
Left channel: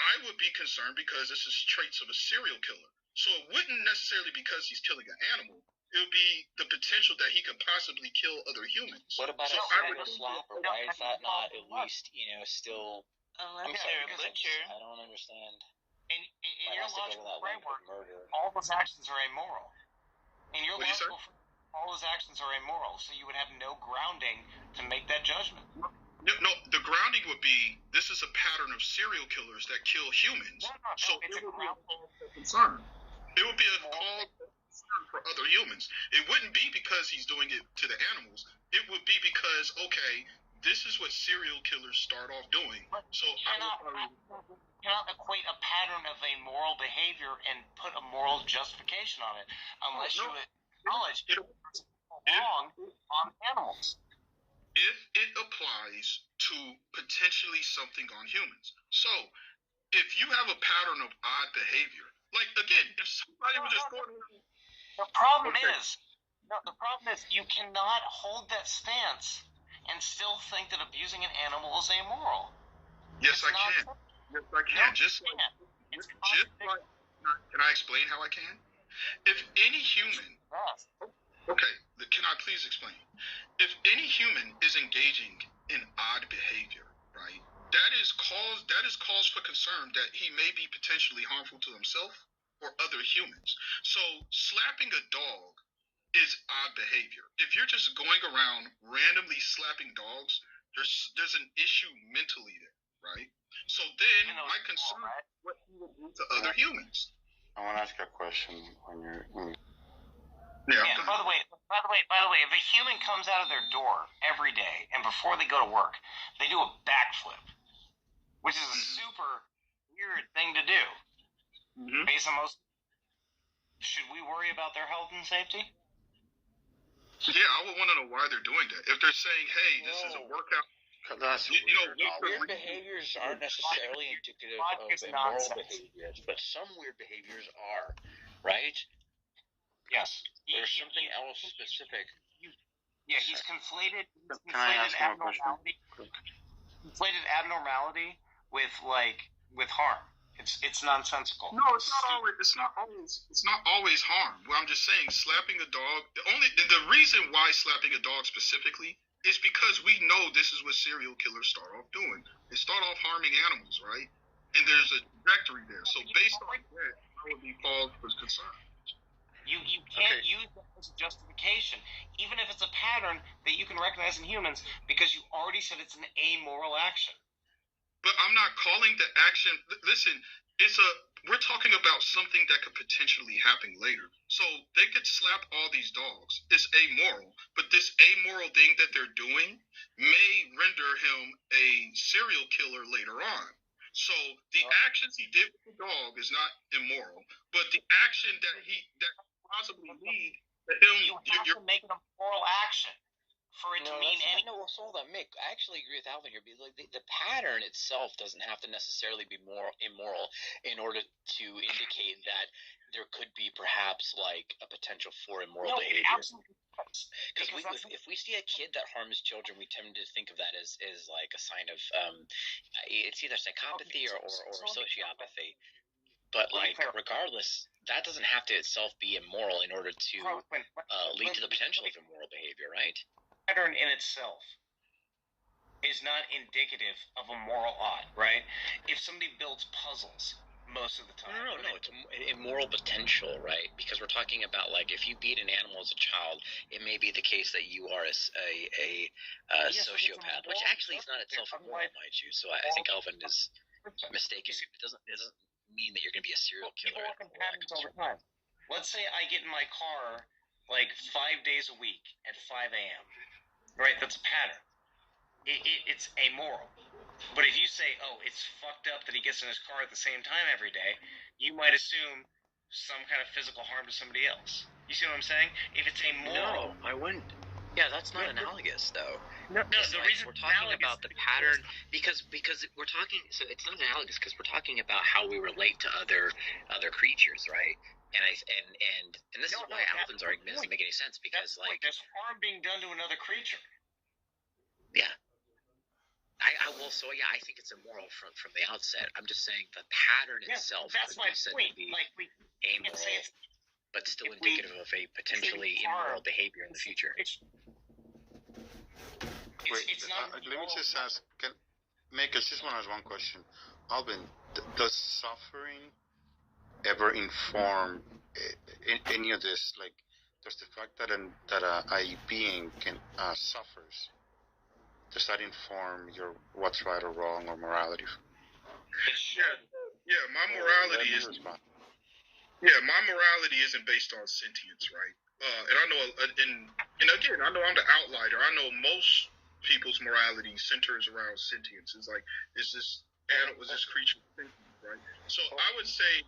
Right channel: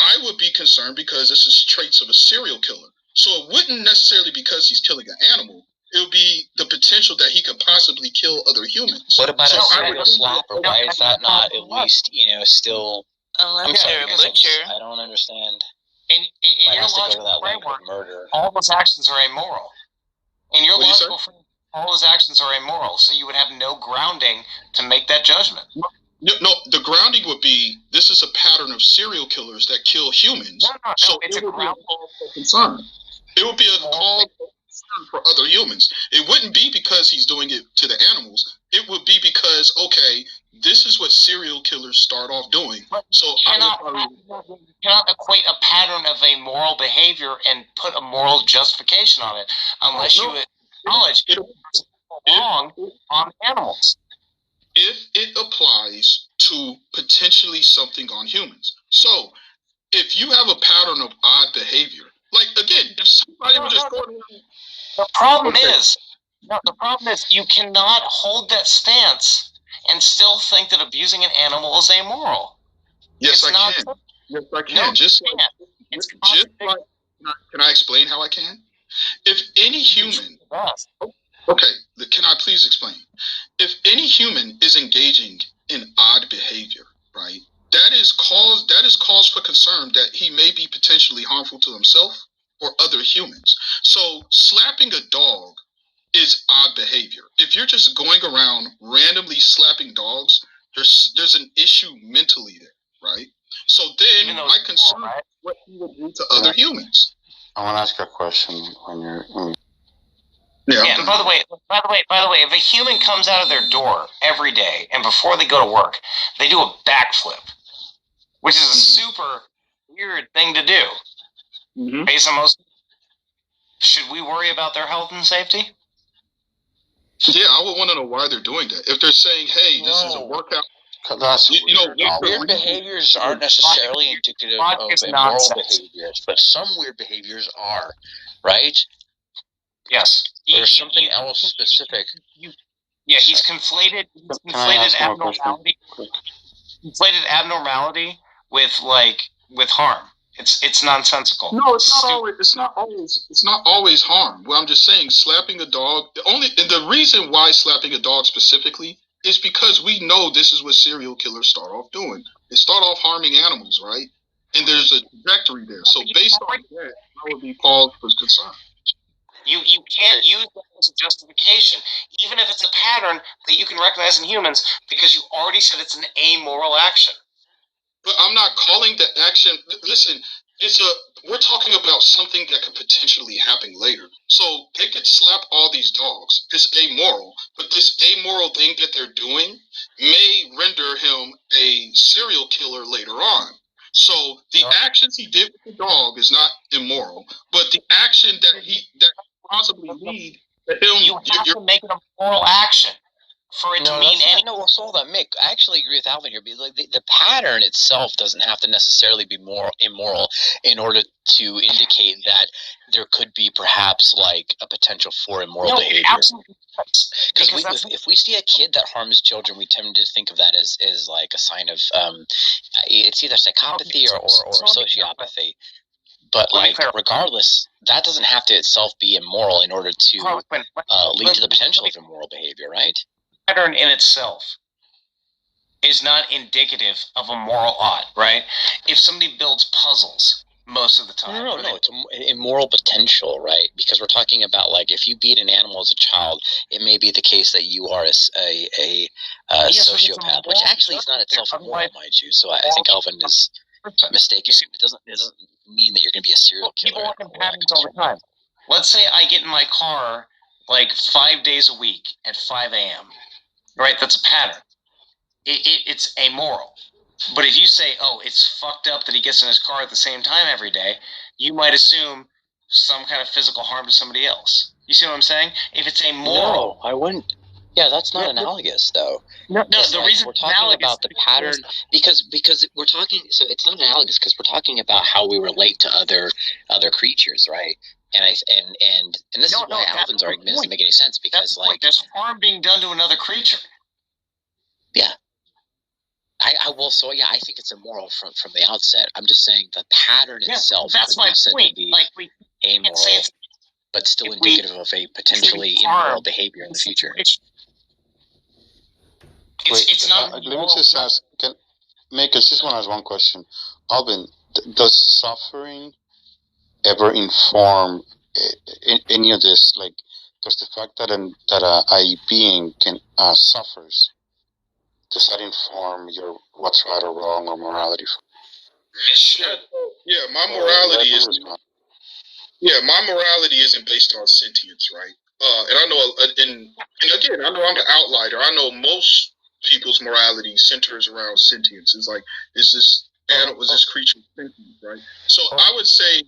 I would be concerned because this is traits of a serial killer. So it wouldn't necessarily because he's killing an animal. It would be the potential that he could possibly kill other humans. What about a serial slapper? Why is that not at least, still... I'm sorry, I don't understand. In your logical framework, all those actions are amoral. In your logical framework, all those actions are immoral, so you would have no grounding to make that judgment. No, the grounding would be, this is a pattern of serial killers that kill humans. No, it's a grounding concern. It would be a call for other humans. It wouldn't be because he's doing it to the animals. It would be because, okay, this is what serial killers start off doing. So you cannot equate a pattern of a moral behavior and put a moral justification on it unless you acknowledge it's wrong on animals. If it applies to potentially something on humans. So if you have a pattern of odd behavior, like again, if somebody was just going around, the problem is you cannot hold that stance and still think that abusing an animal is amoral. Yes, I can. Yes, I can. Can I explain how I can? If any human... Okay, can I please explain? If any human is engaging in odd behavior, right? That is cause for concern that he may be potentially harmful to himself or other humans. So slapping a dog is odd behavior. If you're just going around randomly slapping dogs, there's an issue mentally there, right? So then my concern is what he would do to other humans. I want to ask you a question when you're Yeah. And by the way, if a human comes out of their door every day and before they go to work, they do a backflip, which is a super weird thing to do. Based on most, should we worry about their health and safety? Yeah, I would want to know why they're doing that. If they're saying, "Hey, this is a workout," weird behaviors aren't necessarily indicative of immoral behaviors, but some weird behaviors are, right? Yes. There's something else specific. He's conflated abnormality with harm. It's nonsensical. No, it's not always harm. Well, I'm just saying, slapping a dog. The reason why slapping a dog specifically is because we know this is what serial killers start off doing. They start off harming animals, right? And there's a trajectory there. So based on that, I would be called for concern. You can't use that as a justification, even if it's a pattern that you can recognize in humans, because you already said it's an amoral action. But I'm not calling the action. Listen, we're talking about something that could potentially happen later. So they could slap all these dogs. It's amoral, but this amoral thing that they're doing may render him a serial killer later on. So the actions he did with the dog is not immoral, but the action that possibly lead to him. You have to make it a moral action for it to mean anything. No, so hold on, Mick. I actually agree with Alvin here. Because like the pattern itself doesn't have to necessarily be immoral in order to indicate that there could be perhaps like a potential for immoral behavior. Absolutely. Because if we see a kid that harms children, we tend to think of that as like a sign of it's either psychopathy or sociopathy. But like, regardless, that doesn't have to itself be immoral in order to lead to the potential of immoral behavior, right? Pattern in itself is not indicative of a moral ought, right? If somebody builds puzzles most of the time. No, it's immoral potential, right? Because we're talking about, like, if you beat an animal as a child, it may be the case that you are a sociopath, which actually is not itself immoral, mind you. So I think Alvin is mistaken. It doesn't mean that you're going to be a serial killer. People work in patterns all the time. Let's say I get in my car like 5 days a week at 5 a.m., right? That's a pattern. It's amoral. But if you say, oh, it's fucked up that he gets in his car at the same time every day, you might assume some kind of physical harm to somebody else. You see what I'm saying? If it's amoral... No, I wouldn't. Yeah, that's not analogous, though. No, the reason we're talking about the pattern because we're talking. So it's not analogous because we're talking about how we relate to other creatures, right? And this is why Alvin's argument doesn't make any sense because there's harm being done to another creature. Yeah. I will. So yeah, I think it's immoral from the outset. I'm just saying the pattern itself. That's my point. Like we amoral, but still indicative of a potentially immoral behavior in the future. It's not. Let me just ask. Mick, I just want to ask one question. Alvin, does suffering ever inform any of this? Like, does the fact that a being can suffers? Does that inform your what's right or wrong or morality? It should. Yeah, my morality isn't based on sentience, right? And I know, and again, I know I'm the outlier. I know most people's morality centers around sentience. It's like, is this creature sentient, right? So I would say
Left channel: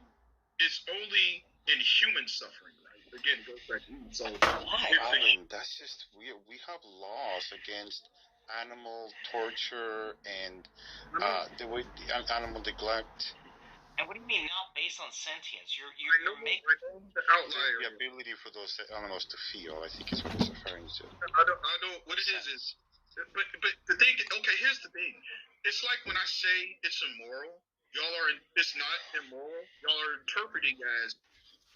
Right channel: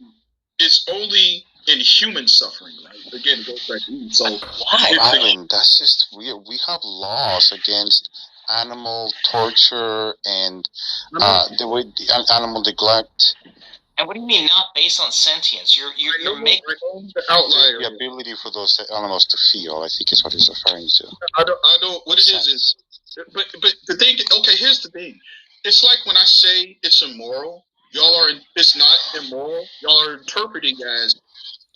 it's only in human suffering, right? Again, it goes back to you. So why? That's just weird. We have laws against animal torture and the way animal neglect. And what do you mean not based on sentience? You're making the ability for those animals to feel. I think is what he's referring to. I don't. What it is, but the thing. Okay, here's the thing. It's like when I say it's immoral, it's not immoral. Y'all are interpreting as,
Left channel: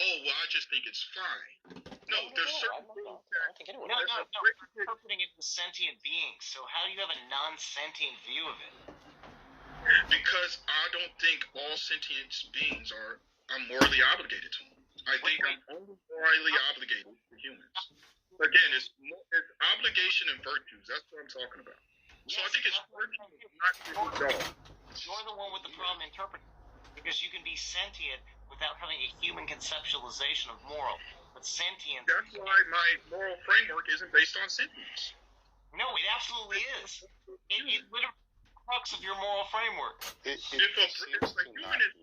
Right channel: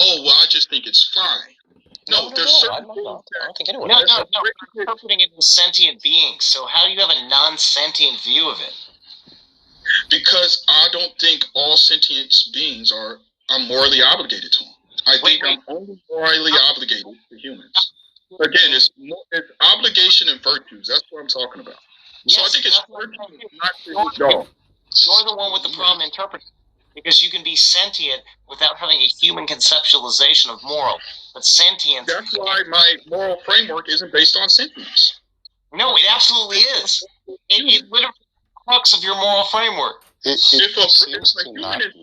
oh, well, I just think it's fine. No, there's certain things. I don't think anyone. No. You're interpreting it as sentient beings. So how do you have a non-sentient view of it? Because I don't think all sentient beings are morally obligated to them. I think I'm only morally obligated to humans. Again, it's obligation and virtues. That's what I'm talking about. Yes, so I think it's virtues, not dog. You're the one with the problem interpreting, because you can be sentient without having a human conceptualization of moral. But sentience. That's why my moral framework isn't based on sentience. No, it absolutely is. It literally crux of your moral framework. If a human is brain dead,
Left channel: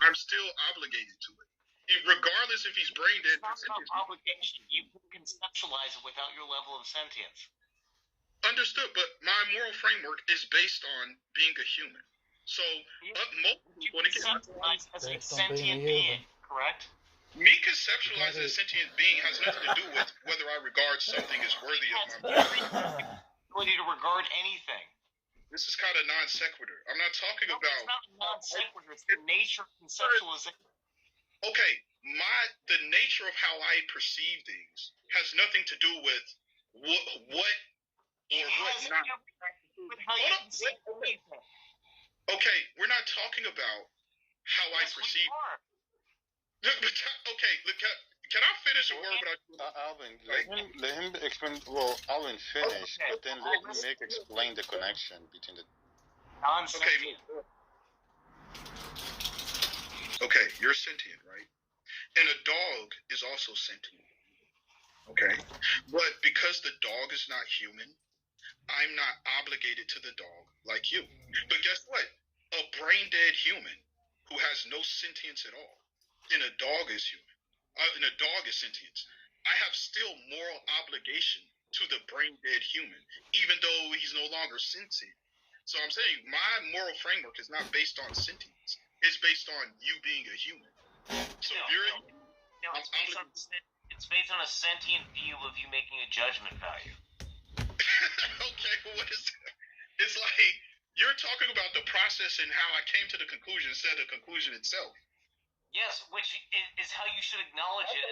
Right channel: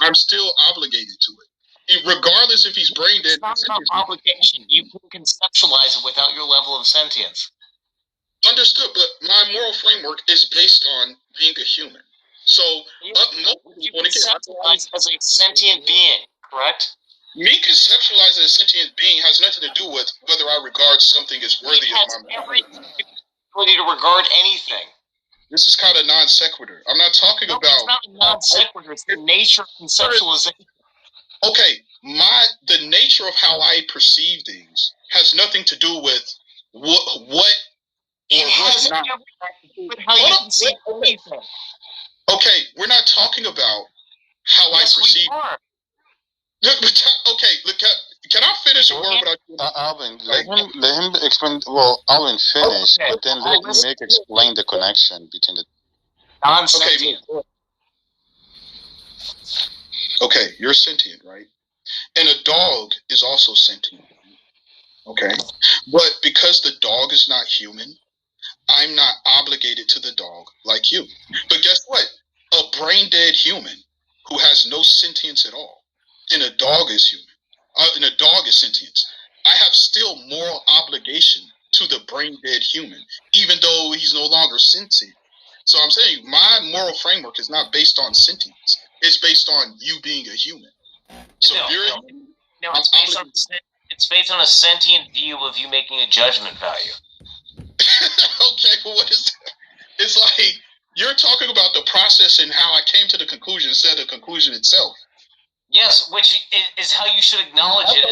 I'm still obligated to it. Regardless if he's brain dead. It's not about obligation. You can conceptualize it without your level of sentience. Understood, but my moral framework is based on being a human. So, you conceptualize as a sentient being, correct? Me conceptualizing a sentient being has nothing to do with whether I regard something as worthy of my ability to regard anything. This is kind of non sequitur. I'm not talking about. It's not non sequitur. It's the nature of conceptualization. Okay, the nature of how I perceive things has nothing to do with what. It has nothing to do with how you perceive anything. Okay, we're not talking about how I perceive. We are. Okay, look. Can I finish a word without Alvin, let him explain. Well, Alvin finish, but then let Nick explain the connection between the. Non-sentient. Okay, you're sentient, right? And a dog is also sentient. Okay, but because the dog is not human, I'm not obligated to the dog like you. But guess what? A brain-dead human who has no sentience at all, and a dog is human, and a dog is sentient, I have still moral obligation to the brain-dead human, even though he's no longer sentient. So I'm saying my moral framework is not based on sentience. It's based on you being a human. So it's based on a sentient view of you making a judgment value. Okay, well, what is that? It's like you're talking about the process and how I came to the conclusion instead of the conclusion itself. Yes, which is how you should acknowledge it.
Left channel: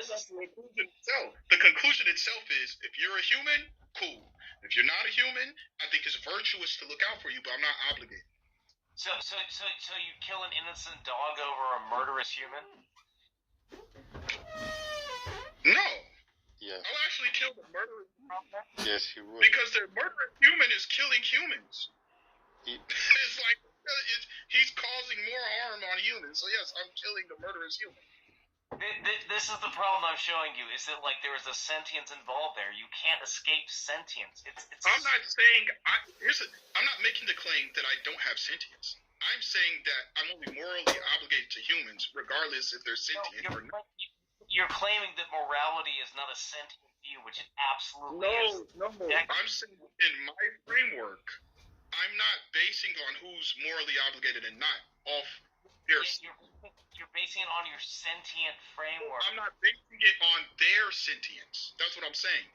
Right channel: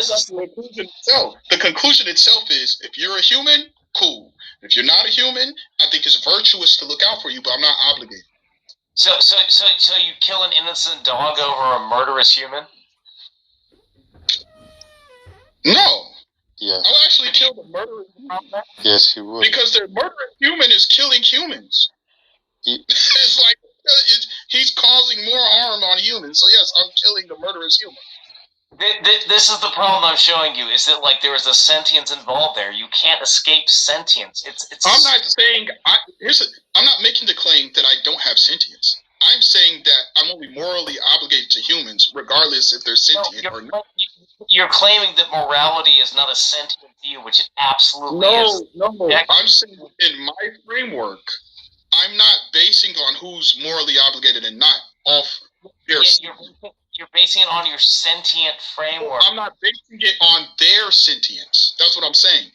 The conclusion itself is, if you're a human, cool. If you're not a human, I think it's virtuous to look out for you, but I'm not obligated. So you kill an innocent dog over a murderous human? No. Yes. I'll actually kill the murderous human. Yes, he would. Because the murderous human is killing humans. It's like he's causing more harm on humans. So yes, I'm killing the murderous human. This is the problem I'm showing you, is that like there is a sentience involved there. You can't escape sentience. It's. I'm not saying I'm not making the claim that I don't have sentience. I'm saying that I'm only morally obligated to humans, regardless if they're sentient or not. You're claiming that morality is not a sentient view, which it absolutely is. No. I'm saying in my framework, I'm not basing on who's morally obligated and not off their. You're basing it on your sentient framework. I'm not basing it on their sentience. That's what I'm saying.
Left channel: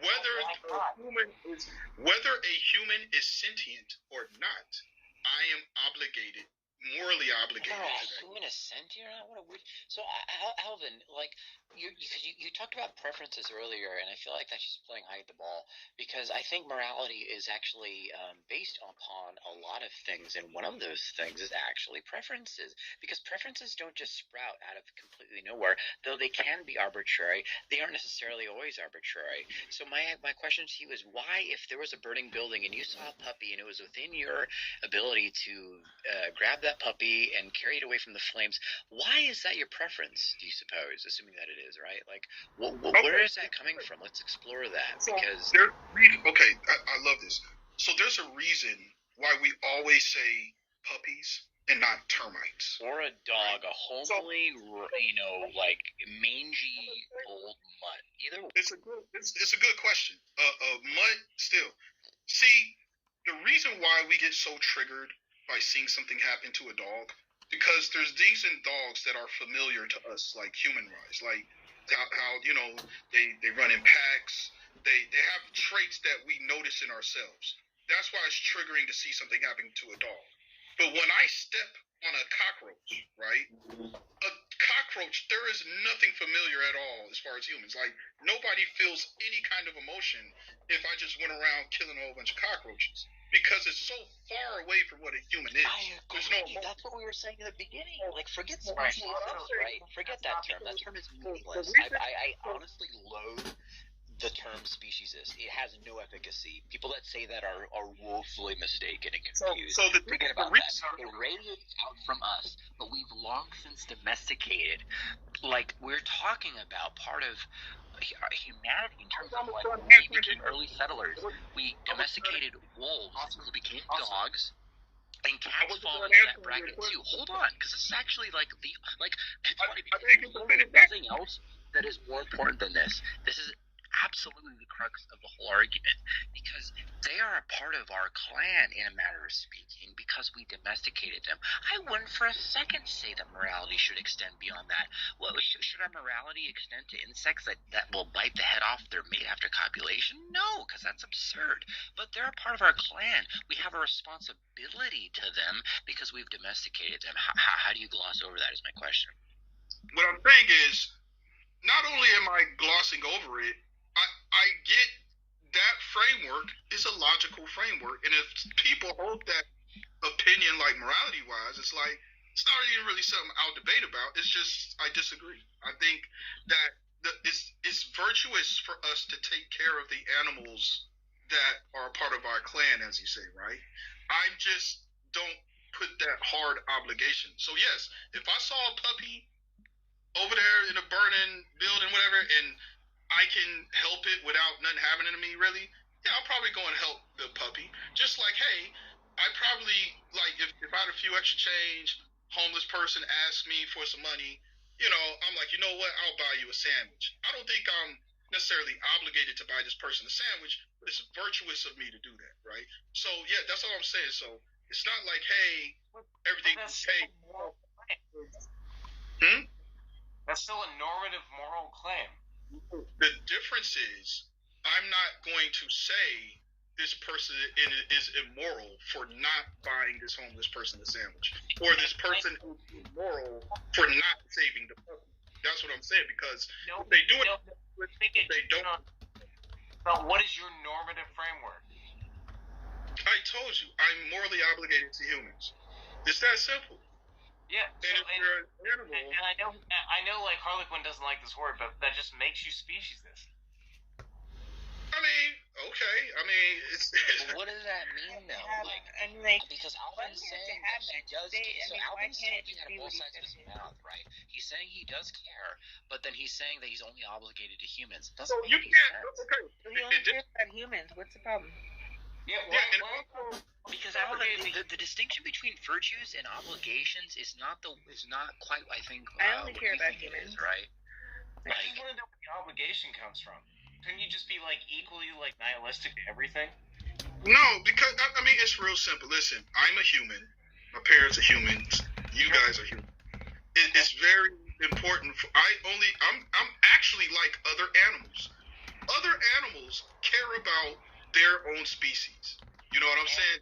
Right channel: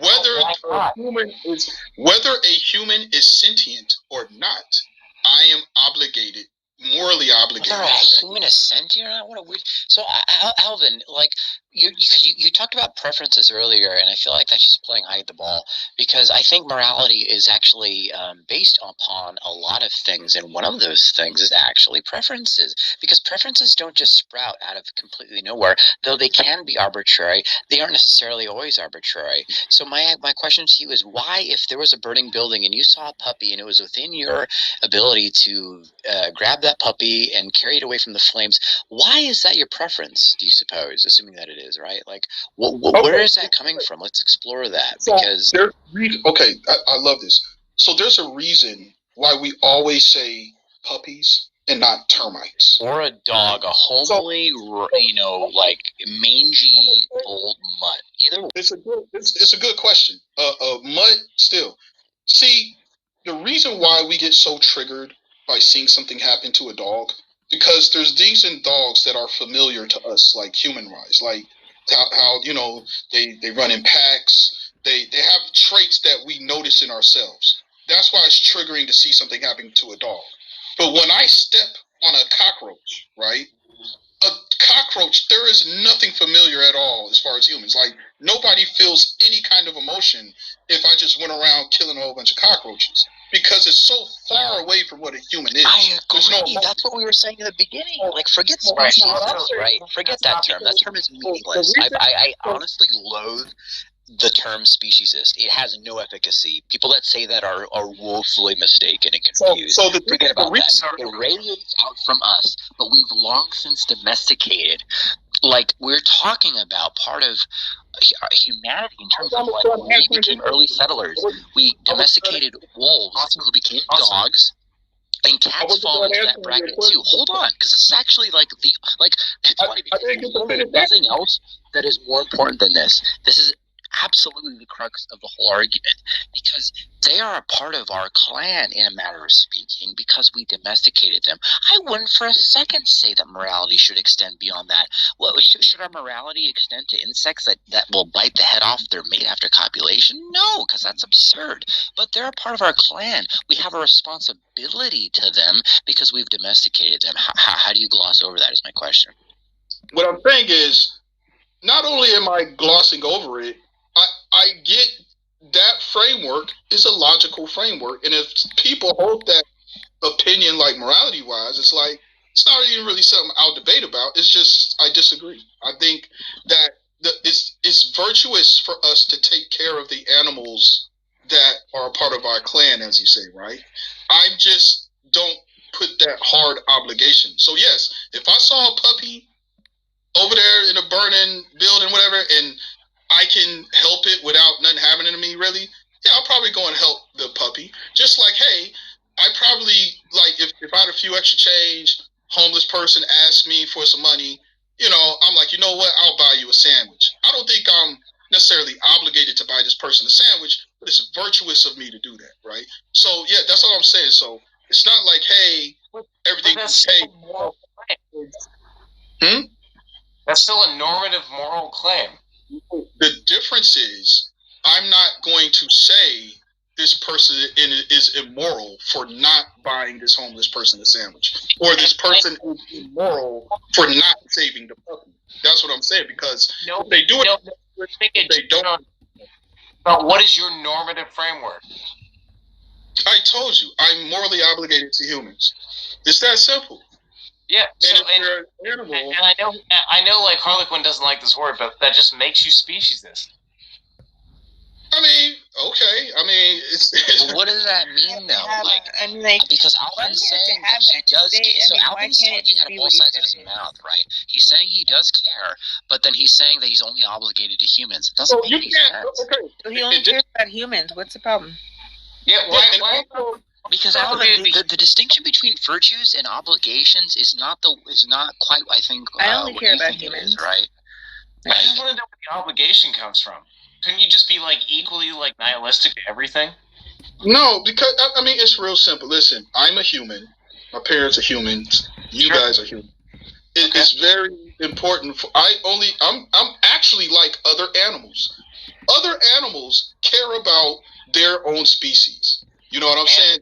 Whether a human is sentient or not, I am obligated, morally obligated. Whether a human is sentient or not? What a weird. So, Alvin, like you talked about preferences earlier, and I feel like that's just playing hide the ball, because I think morality is actually based upon a lot of things, and one of those things is actually preferences, because preferences don't just sprout out of completely nowhere. Though they can be arbitrary, they aren't necessarily always arbitrary. So my question to you is, why, if there was a burning building and you saw a puppy and it was within your ability to grab that puppy and carry it away from the flames, why is that your preference, do you suppose, assuming that it is, right? Like, where is that coming from? Let's explore that, because... I love this. So there's a reason why we always say puppies and not termites. Or a dog, a homely, like, mangy old mutt. Either way. It's a good question. Mutt, still. See, the reason why we get so triggered by seeing something happen to a dog, because there's things in dogs that are familiar to us, like human-wise, like how they run in packs. They have traits that we notice in ourselves. That's why it's triggering to see something happening to a dog. But when I step on a cockroach, right? A cockroach, there is nothing familiar at all as far as humans. Like, nobody feels any kind of emotion if I just went around killing a whole bunch of cockroaches. because it's so far away from what a human is. I agree. That's what we were saying in the beginning. Like, forget species, right? Forget that term. That term is meaningless. I honestly loathe the term speciesist. It has no efficacy. People that say that are woefully mistaken and confused. Forget about that. It radiates out from us, but we've long since domesticated. Like, we're talking about part of humanity in terms of like when we became early settlers. We domesticated wolves who became dogs. And cats fall into that bracket too. Hold on, because this is actually like it's funny because there's nothing else that is more important than this. This is absolutely the crux of the whole argument, because they are a part of our clan in a matter of speaking, because we domesticated them. I wouldn't for a second say that morality should extend beyond that. Well, should our morality extend to insects that will bite the head off their mate after copulation? No, because that's absurd. But they're a part of our clan. We have a responsibility to them because we've domesticated them. How do you gloss over that is my question. What I'm saying is, not only am I glossing over it, I get that framework is a logical framework. And if people hold that opinion, like morality-wise, it's like, it's not even really something I'll debate about. It's just, I disagree. I think that it's virtuous for us to take care of the animals that are a part of our clan, as you say, right? I just don't put that hard obligation. So yes, if I saw a puppy over there in a burning building, whatever, and I can help it without nothing happening to me, really, yeah, I'll probably go and help the puppy. Just like, hey, I probably, like, if I had a few extra change, homeless person asked me for some money, you know, I'm like, you know what, I'll buy you a sandwich. I don't think I'm necessarily obligated to buy this person a sandwich, but it's virtuous of me to do that, right? So, yeah, that's all I'm saying. So, it's not like, hey, everything is paid. That's still a normative moral claim. The difference is, I'm not going to say this person is immoral for not buying this homeless person a sandwich, or this person is immoral for not saving the puppy. That's what I'm saying, because if they do it, they don't. But what is your normative framework? I told you, I'm morally obligated to humans. It's that simple. Yeah, and I know, like, Harlequin doesn't like this word, but that just makes you speciesist. I mean, okay. I mean, well, what does that mean, though? Because Alvin's saying that he does. So Alvin's talking out of both sides of his mouth, right? He's saying he does care, but then he's saying that he's only obligated to humans. It doesn't make any sense. So he only cares about humans. What's the problem? Yeah, why? Because Alvin, the distinction between virtues and obligations is not quite, I think. I only care about humans, right? I just want to know where the obligation comes from. Couldn't you just be like equally like nihilistic to everything? No, because I mean it's real simple. Listen, I'm a human. My parents are humans. You guys are human. It's very important. I'm actually like other animals. Other animals care about their own species. You know what I'm saying?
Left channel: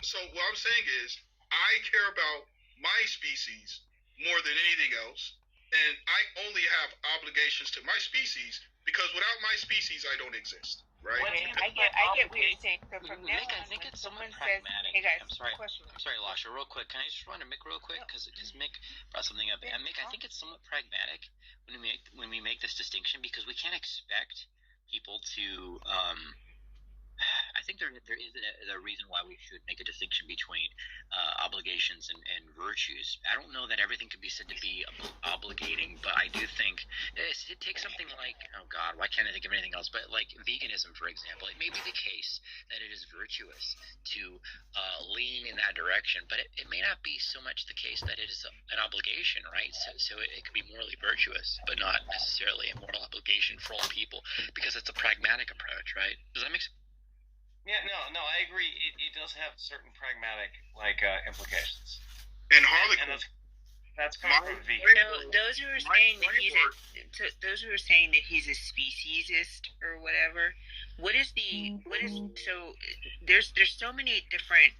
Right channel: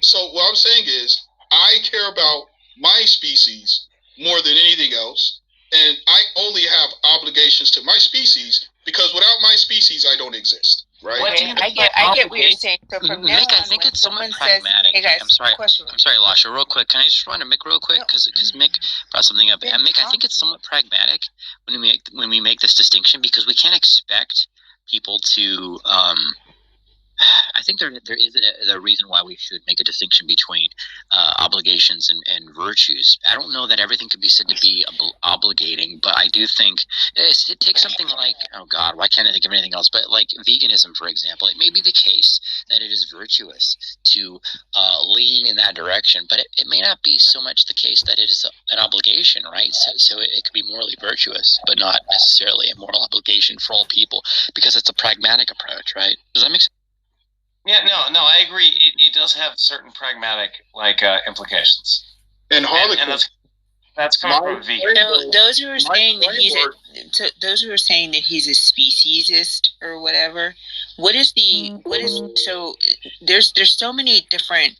So what I'm saying is, I care about my species more than anything else. And I only have obligations to my species because without my species, I don't exist. Right? I get what you're saying. So from now Mick, I think it's somewhat pragmatic. Hey guys, I'm sorry, Lasha, real quick. Can I just run to Mick real quick? Because Mick brought something up. And Mick, I think it's somewhat pragmatic when we make this distinction, because we can't expect people to. I think there is a reason why we should make a distinction between obligations and virtues. I don't know that everything could be said to be obligating, but I do think it takes something like, oh God, why can't I think of anything else? But like veganism, for example, it may be the case that it is virtuous to lean in that direction, but it may not be so much the case that it is an obligation, right? So it could be morally virtuous, but not necessarily a moral obligation for all people, because it's a pragmatic approach, right? Does that make sense? Yeah, no, I agree. It does have certain pragmatic implications. And Harlequin, that's coming from a vegan. Those who are saying that he's a speciesist or whatever. There's so many different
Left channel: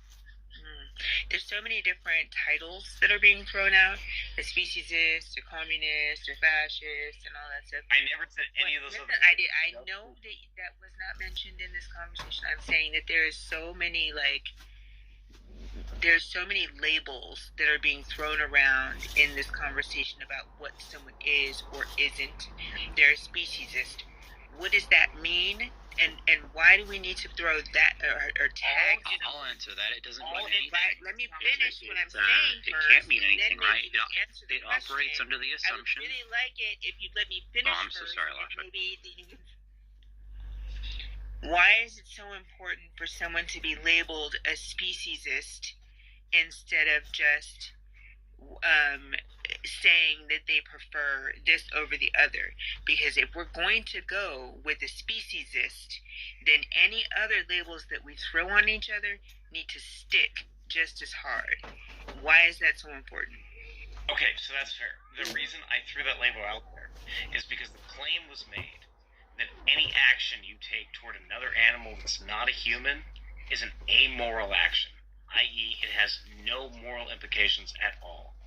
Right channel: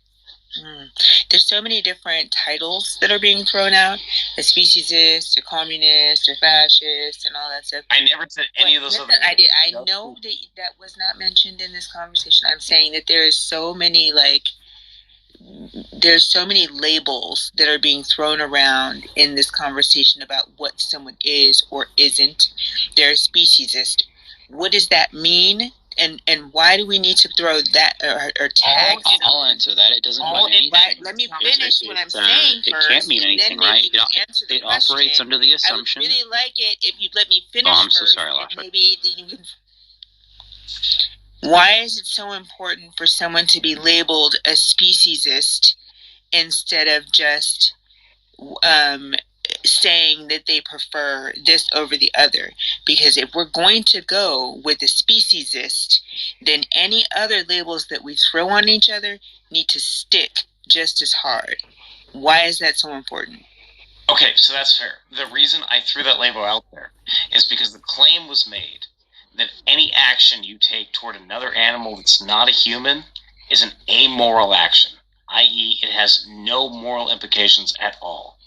There's so many different titles that are being thrown out: a speciesist, a communist, a fascist, and all that stuff. I never said any of those other things. I know that was not mentioned in this conversation. I'm saying that there's so many labels that are being thrown around in this conversation about what someone is or isn't. There's speciesist. What does that mean? And why do we need to throw that or tag? I'll answer that. It doesn't mean anything. Right. Let me finish what I'm saying first. It can't mean anything, right? It operates under the assumption. I would really like it if you'd let me finish I'm first. so sorry, Lasha. Maybe you can... Why is it so important for someone to be labeled a speciesist instead of just saying that they prefer this over the other? Because if we're going to go with the speciesist, then any other labels that we throw on each other need to stick just as hard. Why is that so important? Okay, so that's fair. The reason I threw that label out there is because the claim was made that any action you take toward another animal that's not a human is an amoral action, i.e. it has no moral implications at all.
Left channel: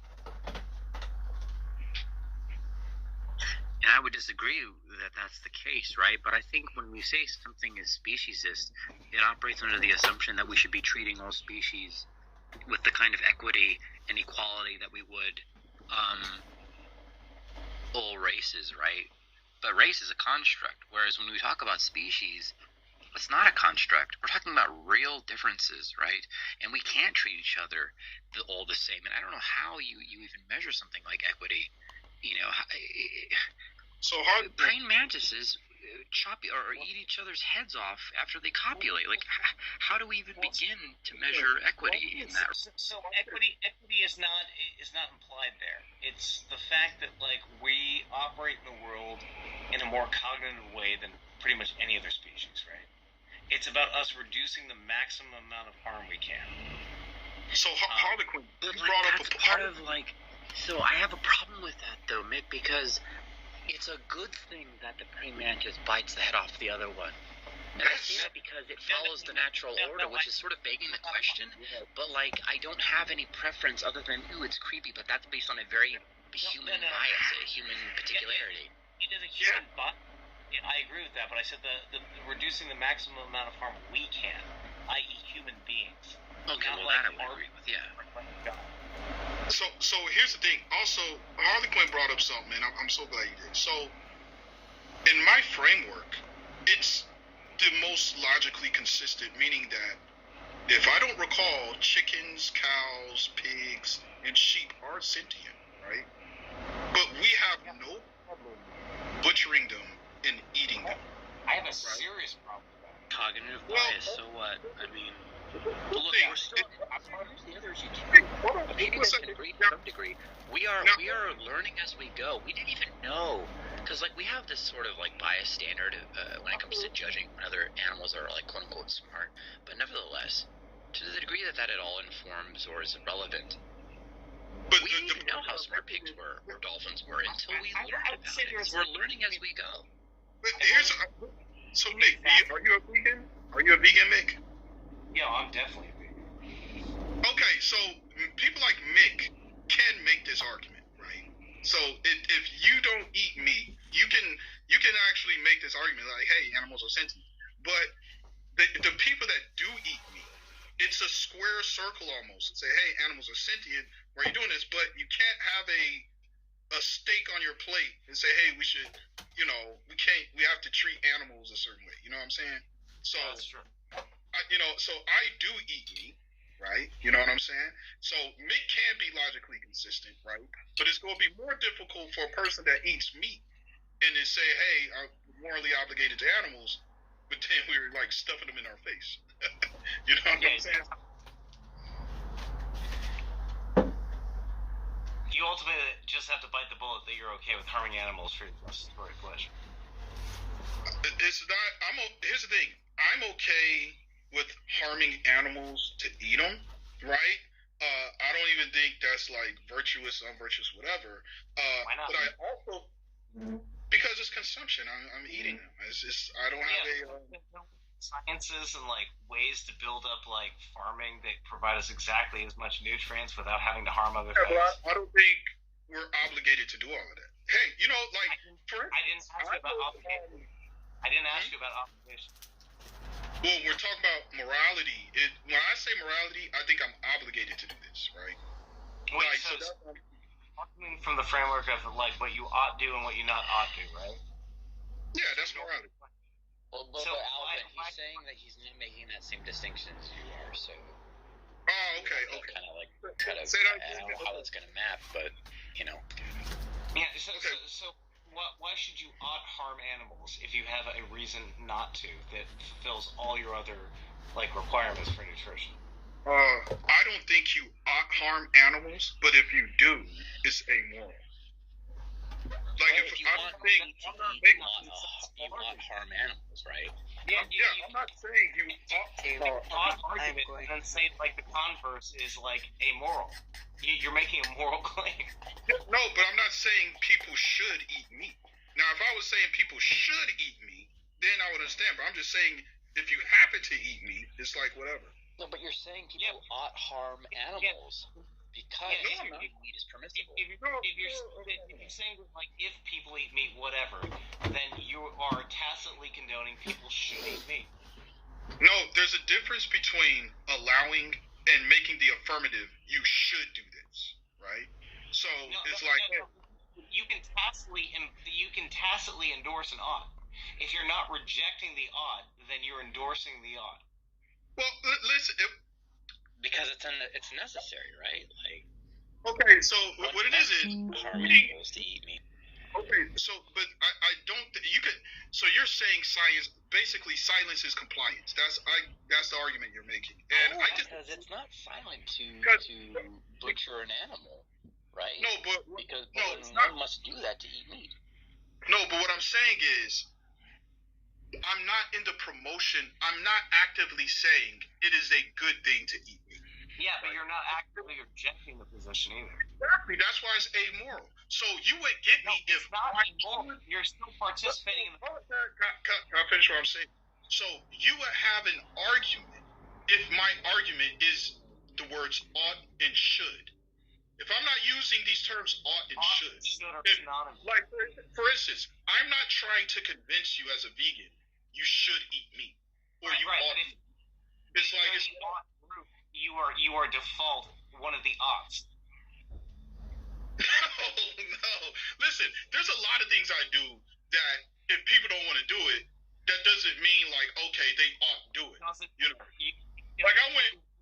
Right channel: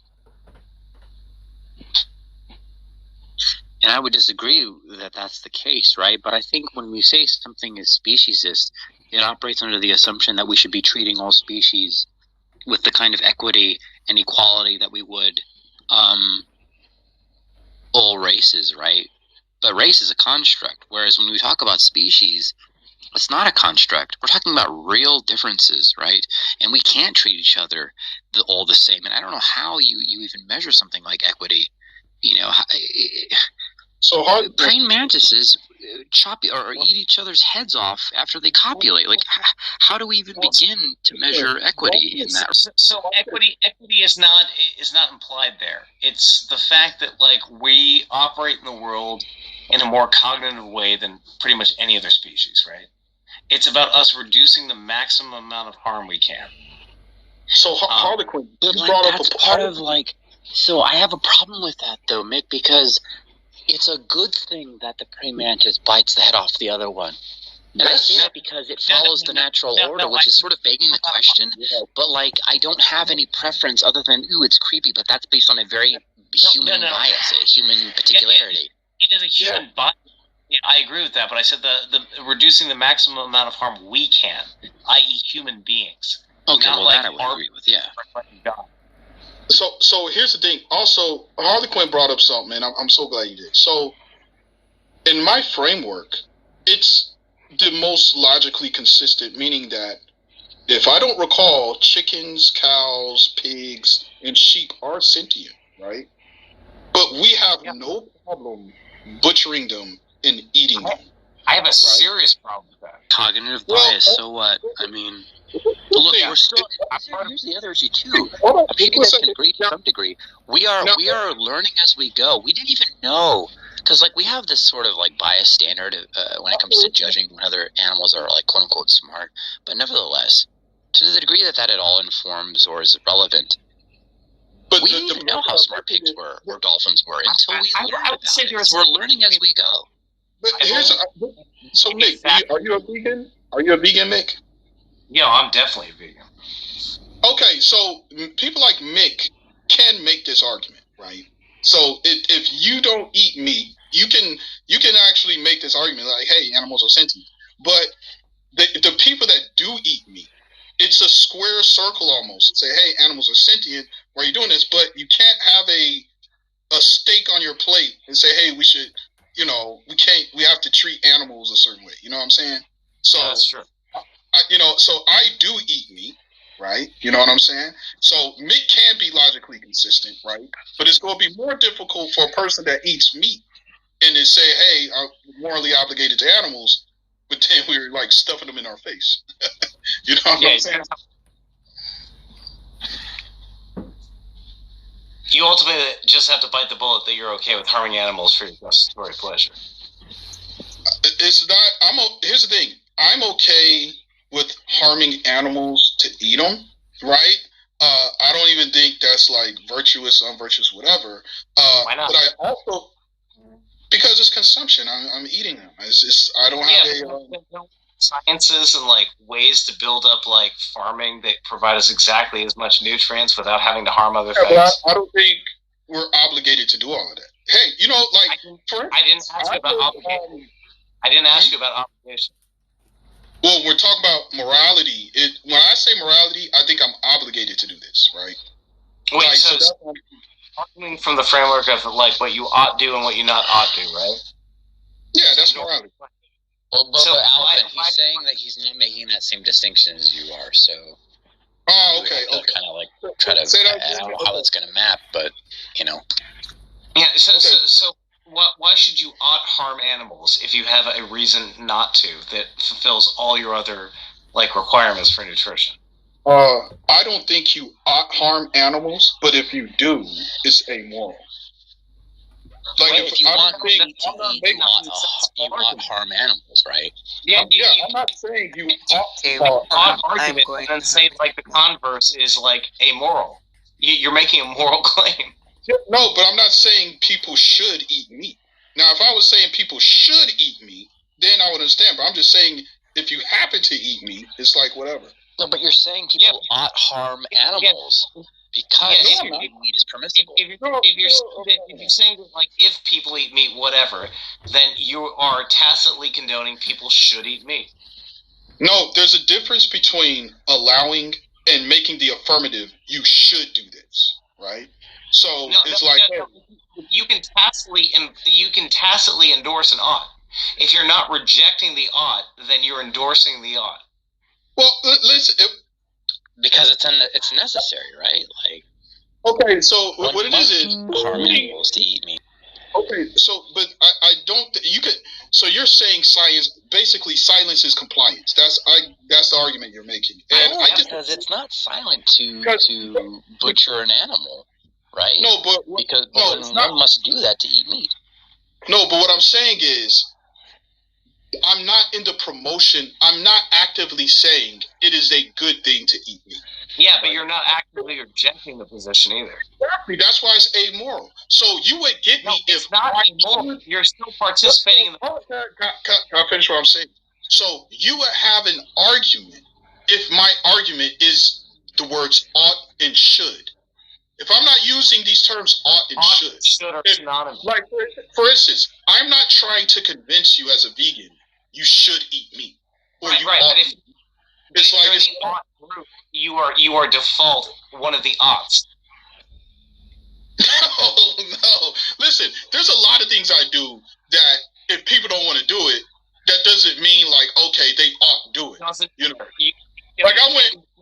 And I would disagree that that's the case, right? But I think when we say something is speciesist, it operates under the assumption that we should be treating all species with the kind of equity and equality that we would all races, right? But race is a construct, whereas when we talk about species, it's not a construct. We're talking about real differences, right? And we can't treat each other all the same. And I don't know how you even measure something like equity. So praying mantises chop or eat each other's heads off after they copulate. Like, how do we even begin to measure equity in that? So equity is not implied there. It's the fact that we operate in the world in a more cognitive way than pretty much any other species, right? It's about us reducing the maximum amount of harm we can. So Hurlimann, you brought up a part of So I have a problem with that though, Mick, because it's a good thing that the praying mantis bites the head off the other one. And I say that because it follows the natural order, which is sort of begging the question. But I don't have any preference other than, ooh, it's creepy, but that's based on a very human bias, a human particularity. It is a human bias. Yeah, I agree with that, but I said the reducing the maximum amount of harm we can, i.e. human beings. Okay, well that I would agree with, yeah. So here's the thing. Also, Hurlimann brought up something, and I'm so glad you did. So, in my framework, it's the most logically consistent, meaning that if I don't recall, chickens, cows, pigs, and sheep are sentient, right? But we have no problem butchering them and eating them. I have a serious problem with that. Cognitive bias, so what? I mean... Look, we're still. Here's the other issue too. I'm sure you guys can agree to some degree. We are learning as we go. We didn't even know, because we have this sort of bias standard when it comes to judging whether animals are quote unquote smart. But nevertheless, to the degree that at all informs or is relevant, we didn't even know how smart pigs were or dolphins were until we learned about it. We're learning as we go. But so Mick, are you a vegan? Are you a vegan, Mick? Yeah, I'm definitely a vegan. Okay, so people like Mick can make this argument, right? So if you don't eat meat, you can actually make this argument hey, animals are sentient. But the people that do eat meat, it's a square circle almost. Say, hey, animals are sentient. Why are you doing this? But you can't have a steak on your plate and say, hey, we should, we have to treat animals a certain way. You know what I'm saying? So that's true. So I do eat meat, right? You know what I'm saying? So meat can be logically consistent, right? But it's going to be more difficult for a person that eats meat and to say, hey, I'm morally obligated to animals, but then we're stuffing them in our face. You know what I'm saying? You ultimately just have to bite the bullet that you're okay with harming animals for your gustatory pleasure. It's not. Here's the thing. I'm okay with harming animals to eat them, right? I don't even think that's virtuous, unvirtuous, whatever. Why not? But I also, because it's consumption. I'm eating them. I don't have sciences and like ways to build up like farming that provide us exactly as much nutrients without having to harm other things. I don't think we're obligated to do all of that. Hey, you know, like I didn't ask you about obligation. I didn't ask you about obligation. Well, we're talking about morality. When I say morality, I think I'm obligated to do this, right? Wait, like, so talking from the framework of like what you ought do and what you not ought do, right? Yeah, that's morality. Well, but Alvin, he's saying that he's not making that same distinction as you are, so. Oh, okay. Kind of like try to. I don't know how that's going to map, but you know. Yeah. So why should you ought harm animals if you have a reason not to that fulfills all your other like requirements for nutrition? I don't think you ought harm animals, but if you do, it's amoral. Like if you want to eat, you ought harm animals, right? Yeah, I'm not saying you ought argument and then say like the converse is like amoral. You're making a moral claim. No, but I'm not saying people should eat meat. Now, if I was saying people should eat meat, then I would understand. But I'm just saying if you happen to eat meat, it's like whatever. No, but you're saying people ought harm animals because meat is permissible. If you're saying that, like, if people eat meat, whatever, then you are tacitly condoning people should eat meat. No, there's a difference between allowing and making the affirmative. You should do this, right? So you can tacitly endorse an ought. If you're not rejecting the ought, then you're endorsing the ought. Well, listen, because it's necessary, right? Like, okay, so what it is harm animals to eat meat. Okay, so but I don't. You could. So you're saying silence is compliance. That's the argument you're making. Because it's not silent to butcher an animal, right? No, but one must do that to eat meat. No, but what I'm saying is, I'm not into promotion. I'm not actively saying it is a good thing to eat meat. Yeah, but you're not actively rejecting the position either. Exactly. That's why it's amoral. So you would get me if it's not amoral. You're still participating in the. Can I finish what I'm saying? So you would have an argument if my argument is the words ought and should. If I'm not using these terms ought and should are synonymous. Like for instance, I'm not trying to convince you as a vegan you should eat meat or you ought. But if it's like the ought group, you are default one of the oughts. No. Listen, there's a lot of things I do that if people don't want to do it, that doesn't mean like okay they ought to do it. You know, like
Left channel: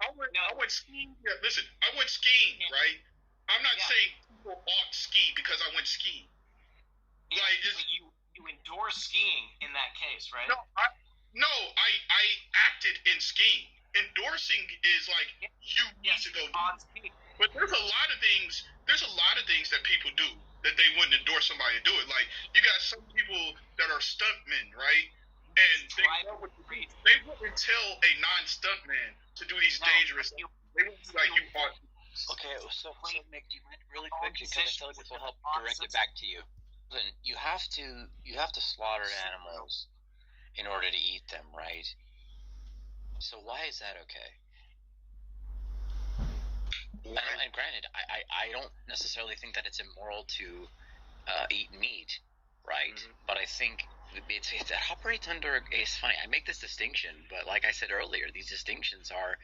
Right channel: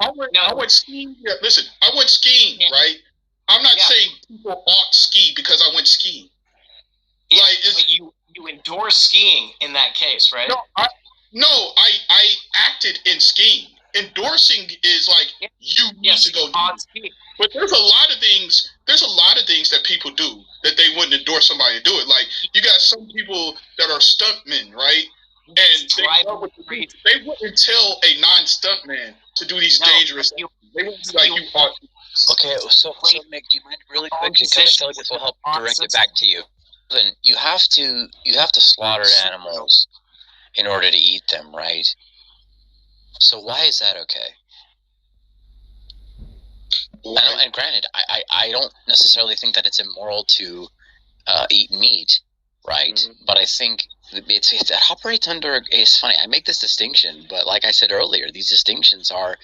I went skiing. Yeah, listen, I went skiing, right? I'm not saying people ought ski because I went skiing. Yeah, like you endorse skiing in that case, right? No, I acted in skiing. Endorsing is like you need to go do it. But there's a lot of things. There's a lot of things that people do that they wouldn't endorse somebody to do it. Like you got some people that are stuntmen, right? And they wouldn't tell a non-stuntman to do these dangerous things. They wouldn't be like you ought to. Okay, so Mick, do you mind really quick, because I feel like this will help direct it back to you. Then you have to slaughter animals in order to eat them, right? So why is that okay? And granted, I don't necessarily think that it's immoral to eat meat, right? Mm-hmm. But I think it operates under. It's funny. I make this distinction, but like I said earlier, these distinctions are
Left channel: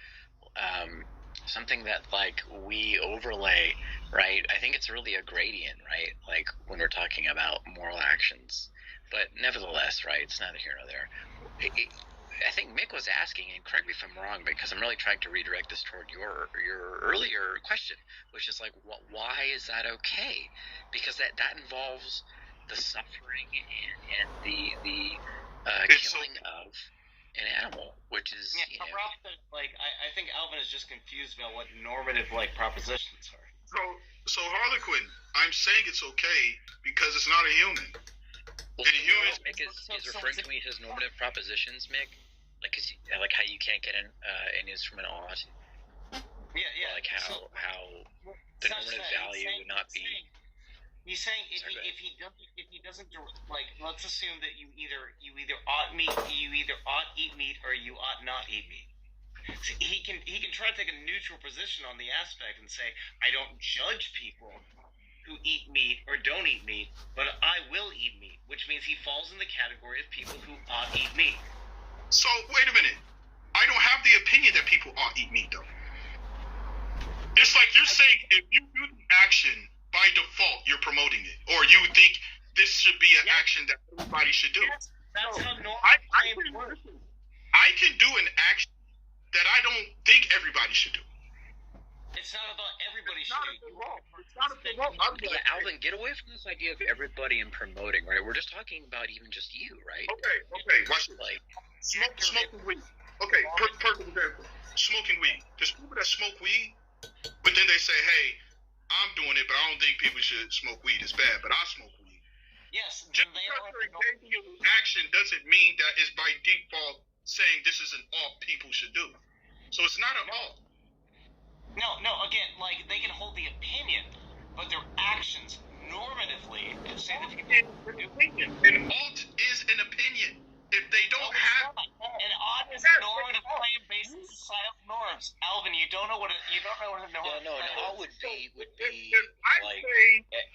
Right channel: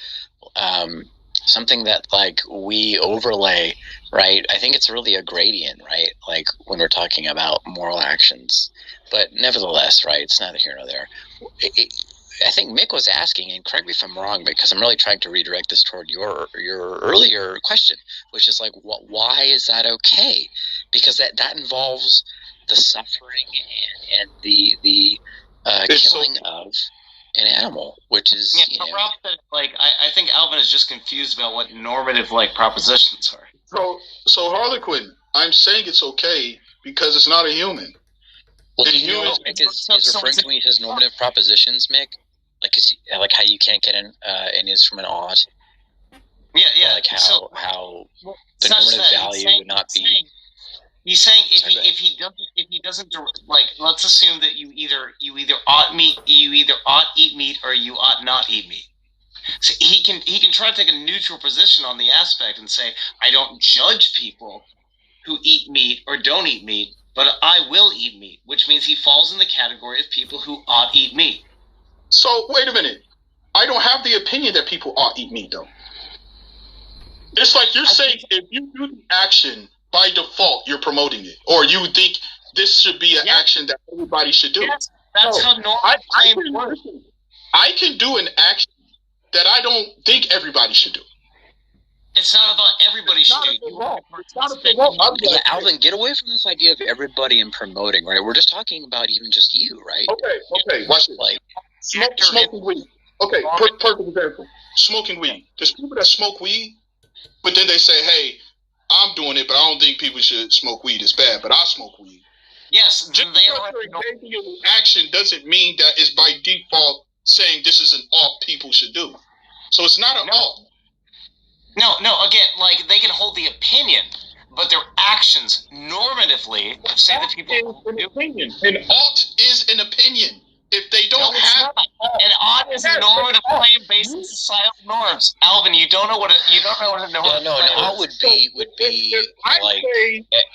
something that like we overlay, right? I think it's really a gradient, right? Like when we're talking about moral actions, but nevertheless, right? It's neither here nor there. I think Mick was asking, and correct me if I'm wrong, because I'm really trying to redirect this toward your earlier question, which is like, why is that okay? Because that involves the suffering and the killing of an animal, which is I think Alvin is just confused about what normative like propositions are. So Harlequin, I'm saying it's okay because it's not a human. Well, do you know what Mick is referring to when he says normative propositions, Mick? Like how you can't get an is from an ought. Yeah. Like how the normative value would not be. He's saying if he doesn't like, let's assume that you either ought eat meat or you ought not eat meat. So he can try to take a neutral position on the aspect and say, I don't judge people who eat meat or don't eat meat, but I will eat meat, which means he falls in the category of people who ought eat meat. So wait a minute, I don't have the opinion that people ought eat meat though. It's like you're saying if you do the action, by default you're promoting it, or you think this should be an action that everybody should do. Yes, that's how normal works. I can do an action that I don't think everybody should do. It's not about everybody should do. Yeah, Alvin, get away from this idea of everybody and promoting, right? We're just talking about even just you, right? Okay. Watch this. Like smoking weed. Okay, perfect example. Smoking weed. There's people that smoke weed, but then they say, "Hey, I'm doing it, but I don't think people should smoke weed. It's bad, but I smoke weed." Yes, just because you're engaging in action doesn't mean that it's by default saying this is an ought people should do. So it's not an ought. No, again, like, they can hold the opinion, but their actions normatively say that people an opinion. An ought is an opinion. If they don't have an ought is a normative claim based on societal norms. Alvin, you don't know what a normative. No, an ought would be like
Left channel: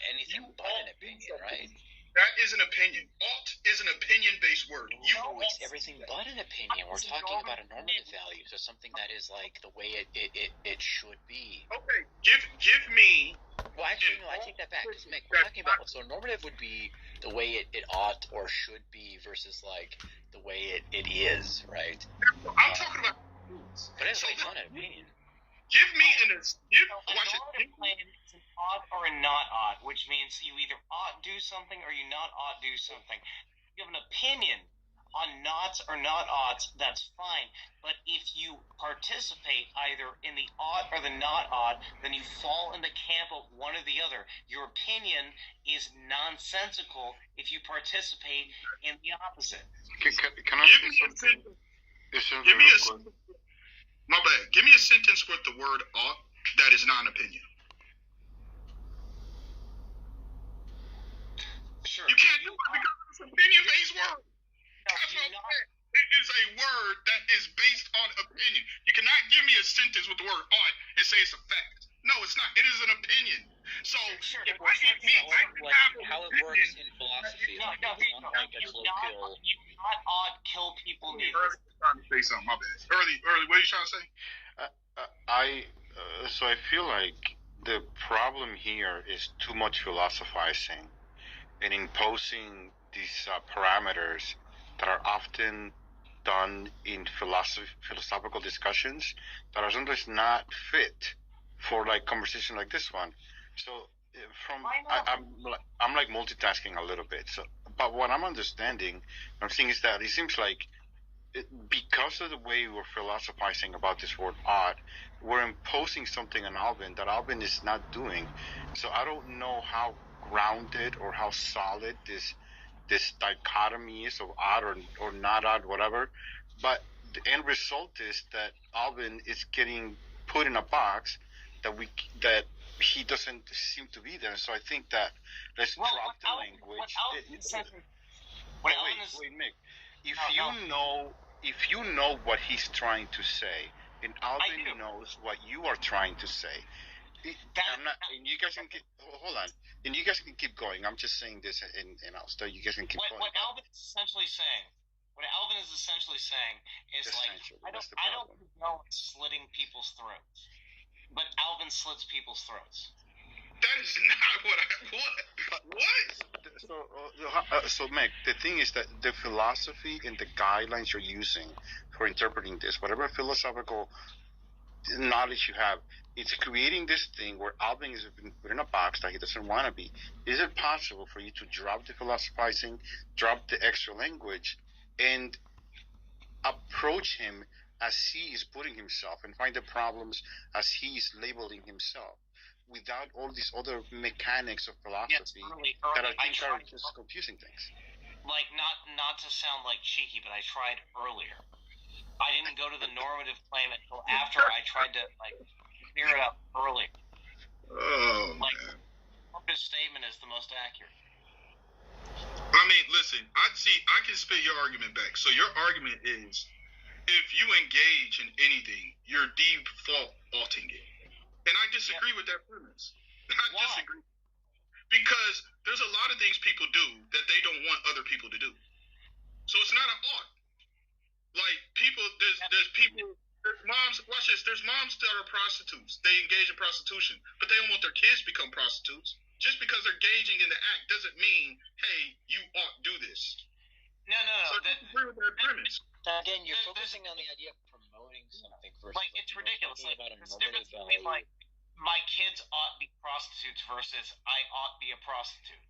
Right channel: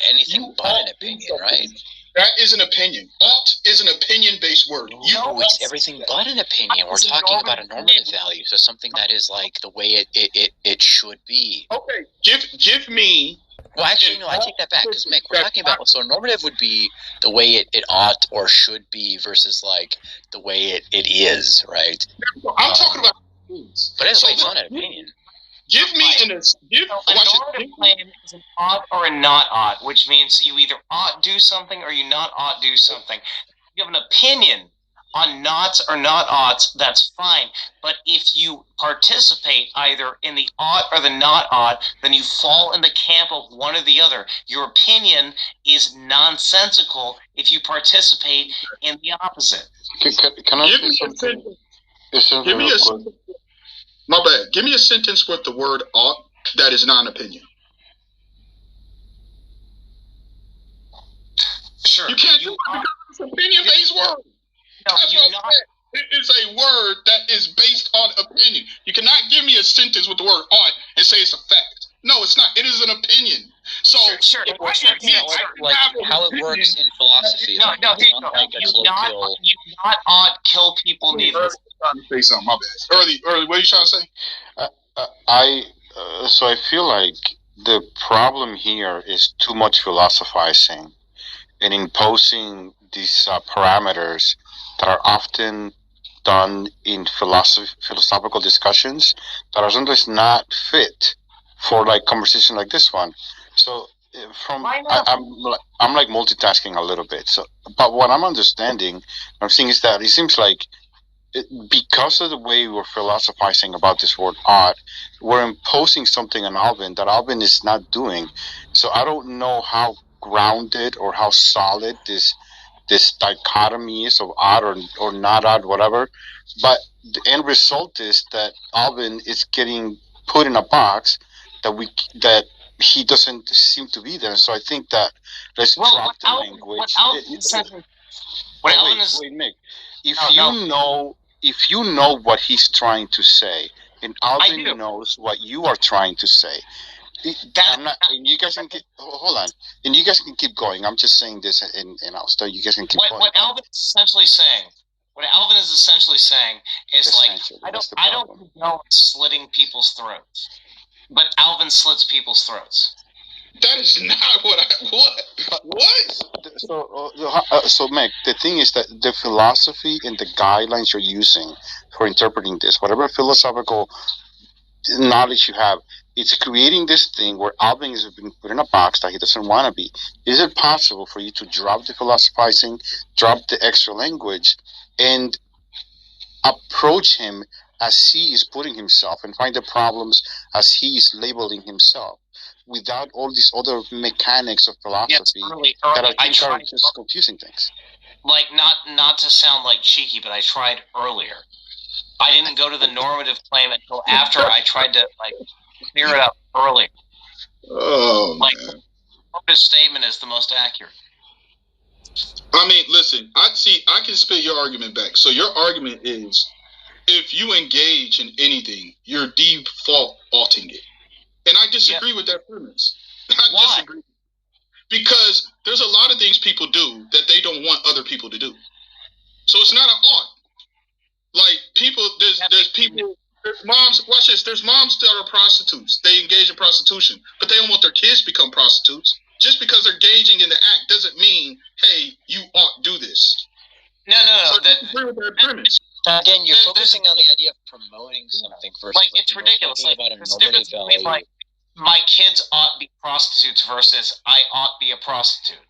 anything but an opinion, right? That is an opinion. Ought is an opinion-based word. No, it's everything but an opinion. We're talking about a normative value, so something that is like the way it should be. Okay, give me. Well, actually, no, I take that back, because, Mick, we're talking about, so normative would be the way it ought or should be versus, like, the way it is, right? I'm talking about. But anyway, it's not an opinion. Give me a normative claim is an ought or a not ought, which means you either ought do something or you not ought do something. If you have an opinion on nots or not oughts, that's fine. But if you participate either in the ought or the not ought, then you fall in the camp of one or the other. Your opinion is nonsensical if you participate in the opposite. Can I say something? Give me a sentence. My bad. Give me a sentence with the word ought that is not an opinion. Sure. You can't do it because it's an opinion-based word. No, That's what I'm saying. It is a word that is based on opinion. You cannot give me a sentence with the word ought and say it's a fact. No, it's not. It is an opinion. So, sure. Like how it works in philosophy. No, you not ought kill people neither. Say something. My bad. Early. What are you trying to say? So I feel like the problem here is too much philosophizing and imposing these parameters that are often done in philosophical discussions that are sometimes not fit for like conversation like this one. So I'm like multitasking a little bit. So, but what I'm understanding, I'm seeing is that it seems like because of the way we're philosophizing about this word ought, we're imposing something on Alvin that Alvin is not doing. So I don't know how grounded or how solid this dichotomy is of odd or not odd, whatever. But the end result is that Alvin is getting put in a box that he doesn't seem to be there. So I think that let's drop the language. Wait, Mick. If you know what he's trying to say, and Alvin knows what you are trying to say, and you guys can hold on, and you guys can keep going. I'm just saying this, and I'll start. You guys can keep going. What Alvin is essentially saying is like I don't know slitting people's throats, but Alvin slits people's throats. That is not what. So, Meg, the thing is that the philosophy and the guidelines you're using for interpreting this, whatever philosophical knowledge you have, it's creating this thing where Alvin is being put in a box that he doesn't want to be. Is it possible for you to drop the philosophizing, drop the extra language, and approach him as he is putting himself and find the problems as he is labeling himself, without all these other mechanics of philosophy that I think are just confusing things? Like, not to sound like cheeky, but I tried earlier. I didn't go to the normative claim until after I tried to clear it up earlier. Oh, man. This statement is the most accurate. I mean, listen, I can spit your argument back. So your argument is, if you engage in anything, you're defaulting it. And I disagree with that premise. Why? Disagree. Because there's a lot of things people do that they don't want other people to do. So it's not an ought. Like, people, there's people, there's moms, watch this, there's moms that are prostitutes. They engage in prostitution, but they don't want their kids to become prostitutes. Just because they're engaging in the act doesn't mean, hey, you ought to do this. No. So I disagree with that premise. Again, you're focusing on the idea of promoting something versus like it's ridiculous. Like, there's a difference between like my kids ought be prostitutes versus I ought be a prostitute.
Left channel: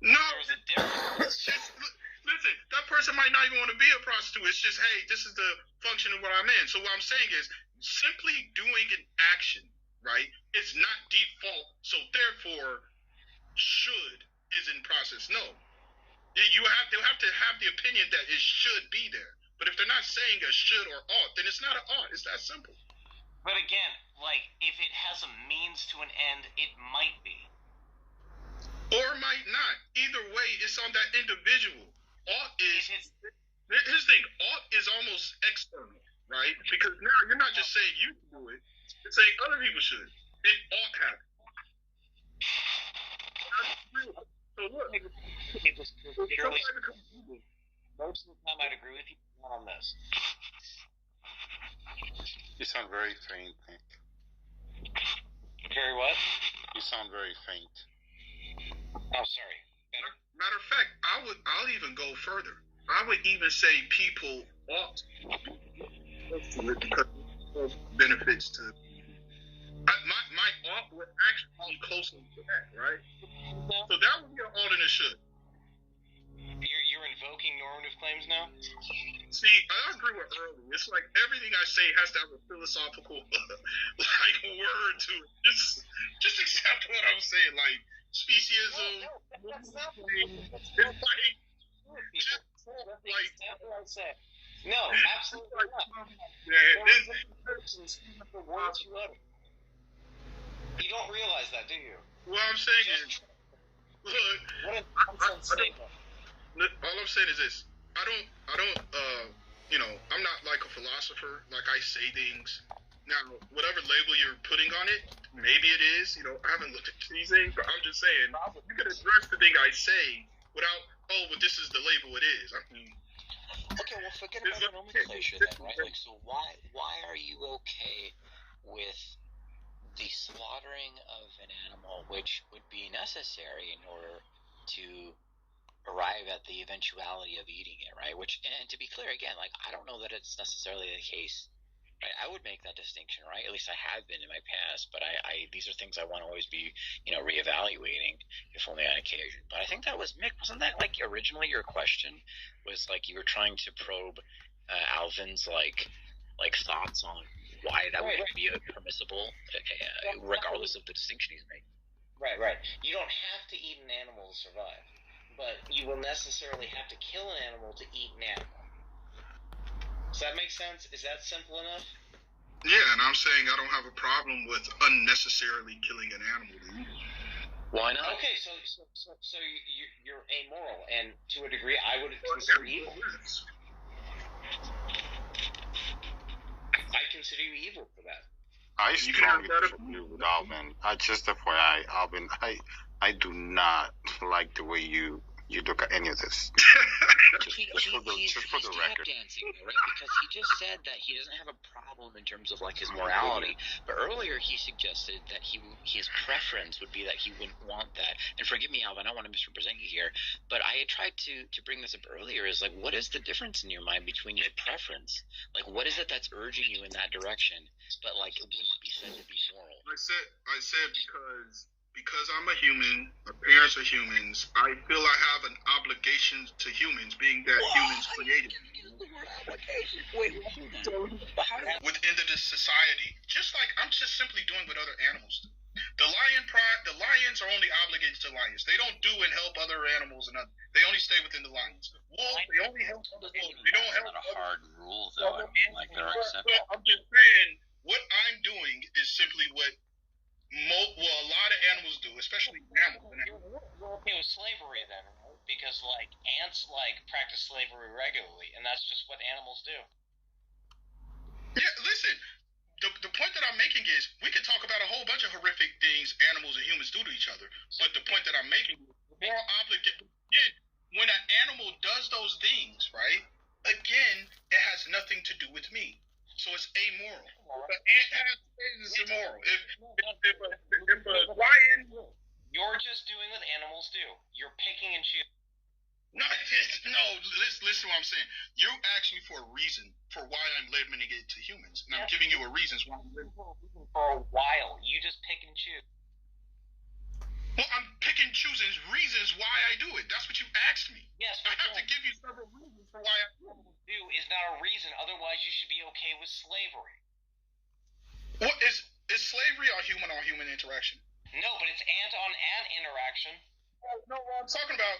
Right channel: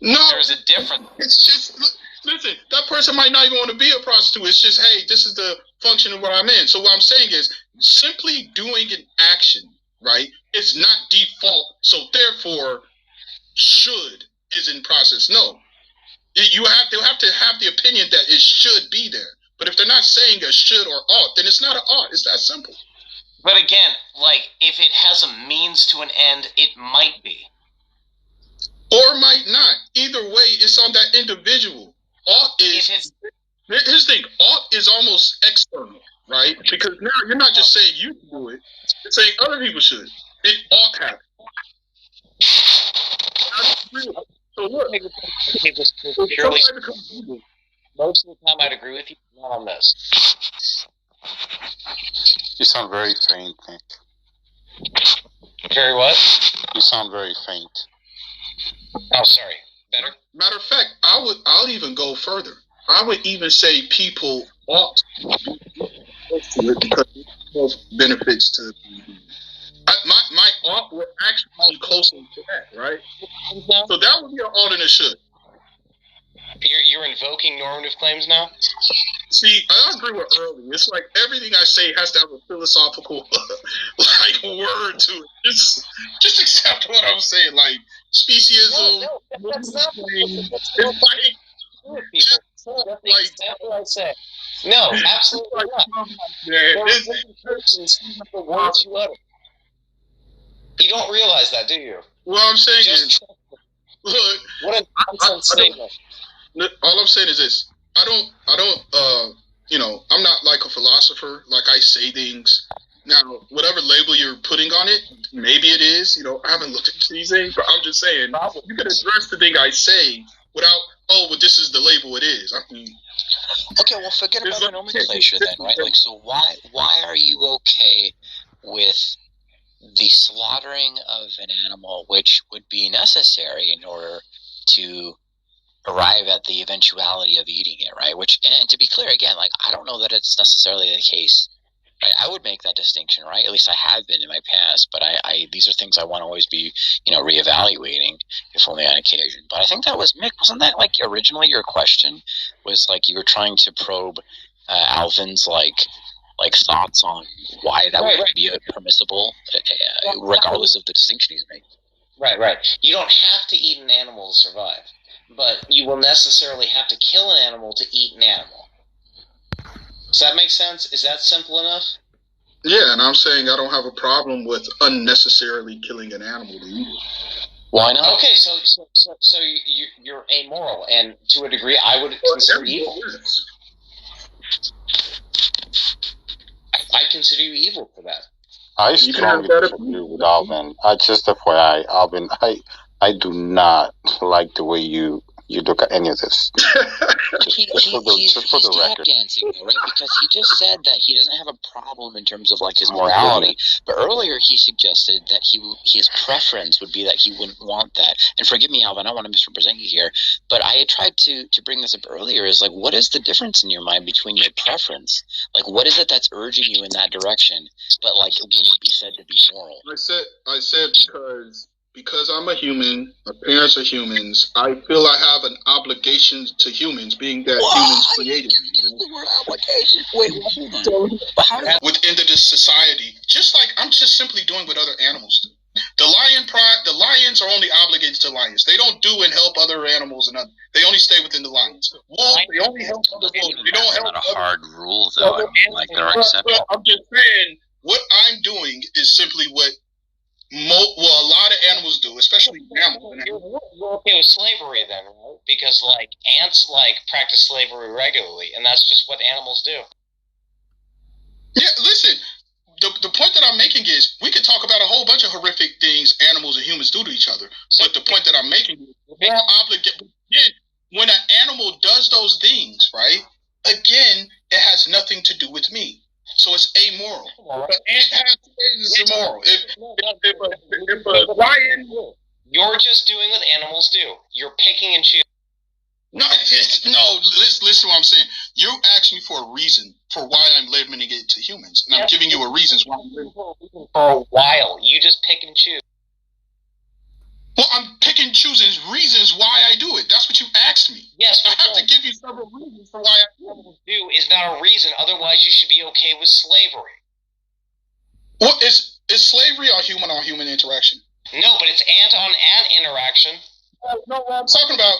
No, there's a difference. It's just listen. That person might not even want to be a prostitute. It's just, hey, this is the function of what I'm in. So what I'm saying is, simply doing an action, right? It's not default. So therefore, should is in process. No, they'll have to have the opinion that it should be there. But if they're not saying a should or ought, then it's not an ought. It's that simple. But again, like, if it has a means to an end, it might be. Or might not. Either way, it's on that individual. Ought is, here's the thing, ought is almost external, right? Because now you're not just saying you can do it, you're saying other people should. It ought to happen. So look, most of the time I'd agree with you, not on this. You sound very faint, Nick. Very what? You sound very faint. Oh, sorry. Better? Matter of fact, I'll even go further. I would even say people ought to it because it benefits to my ought would actually be closer to that, right? So that would be an ought and a should. You're invoking normative claims now? See, I agree with earlier. It's like everything I say has to have a philosophical like word to it. Just accept what I'm saying. Like speciesism. No, that's not it's what I say. No, absolutely not. The words you utter. You don't realize that, do you? What I'm saying is, look, what a nonsense statement. All I'm saying is this. I don't, I'm not like a philosopher. Like, I say things. Now, whatever label you're putting on it, maybe it is. I haven't looked into these things, but I'm just saying, you can address the thing I say without, well, this is the label it is. I mean, okay, well, forget about the nomenclature then, right? Like, so why are you okay with the slaughtering of an animal, which would be necessary in order to arrive at the eventuality of eating it, right? Which, and to be clear, again, like, I don't know that it's necessarily the case, right? I would make that distinction, right? At least I have been in my past, but I these are things I want to always be, reevaluating, if only on occasion. But I think that was, Mick, wasn't that, like, originally your question was, like, you were trying to probe Alvin's, like thoughts on why that would be permissible, regardless of the distinction he's making. Right. You don't have to eat an animal to survive, but you will necessarily have to kill an animal to eat an animal. Does that make sense? Is that simple enough? Yeah, and I'm saying I don't have a problem with unnecessarily killing an animal to eat it. Why not? Okay, so you're amoral, and to a degree, I would consider evil. I consider you evil for that. I strongly disagree with Alvin. Just FYI, Alvin, I do not like the way you look at any of this. He's tap dancing, though, right? Because he just said that he doesn't have a problem in terms of, like, his morality. But earlier he suggested that his preference would be that he wouldn't want that. And forgive me, Alvin, I don't want to misrepresent you here, but I had tried to bring this up earlier, is, like, what is the difference in your mind between your preference? Like, what is it that's urging you in that direction, but, like, it wouldn't be said to be moral? I said because I'm a human, my parents are humans, I feel I have an obligation to humans, being that humans created me. Use the word obligation. Wait, hold on. Within this society, just like I'm just simply doing what other animals do. The lions are only obligated to lions. They don't do and help other animals, and they only stay within the lions. Wolves, they only help other wolves. They don't help. That's not a hard rule, though. I mean, like, there are exceptions. I'm just saying, what I'm doing is simply what a lot of animals do, especially mammals. You're okay with slavery then, right? Because like ants practice slavery regularly, and that's just what animals do. Yeah, listen. The point that I'm making is we could talk about a whole bunch of horrific things animals and humans do to each other. But the point that I'm making is we're obligated. When an animal does those things, right? Again, it has nothing to do with me. So it's amoral. But ant has it's immoral. If a lion, you're just doing what animals do. You're picking and choosing. No, listen to what I'm saying. You asked me for a reason for why I'm limiting it to humans, and I'm giving you a reason why I'm limiting it. For a while. You just pick and choose. Well, I'm picking, choosing reasons why I do it. That's what you asked me. Yes, I have to give you several reasons for why I do is not a reason. Otherwise, you should be okay with slavery. Well, is slavery a human interaction? No, but it's ant-on-ant interaction. No, what I'm talking about.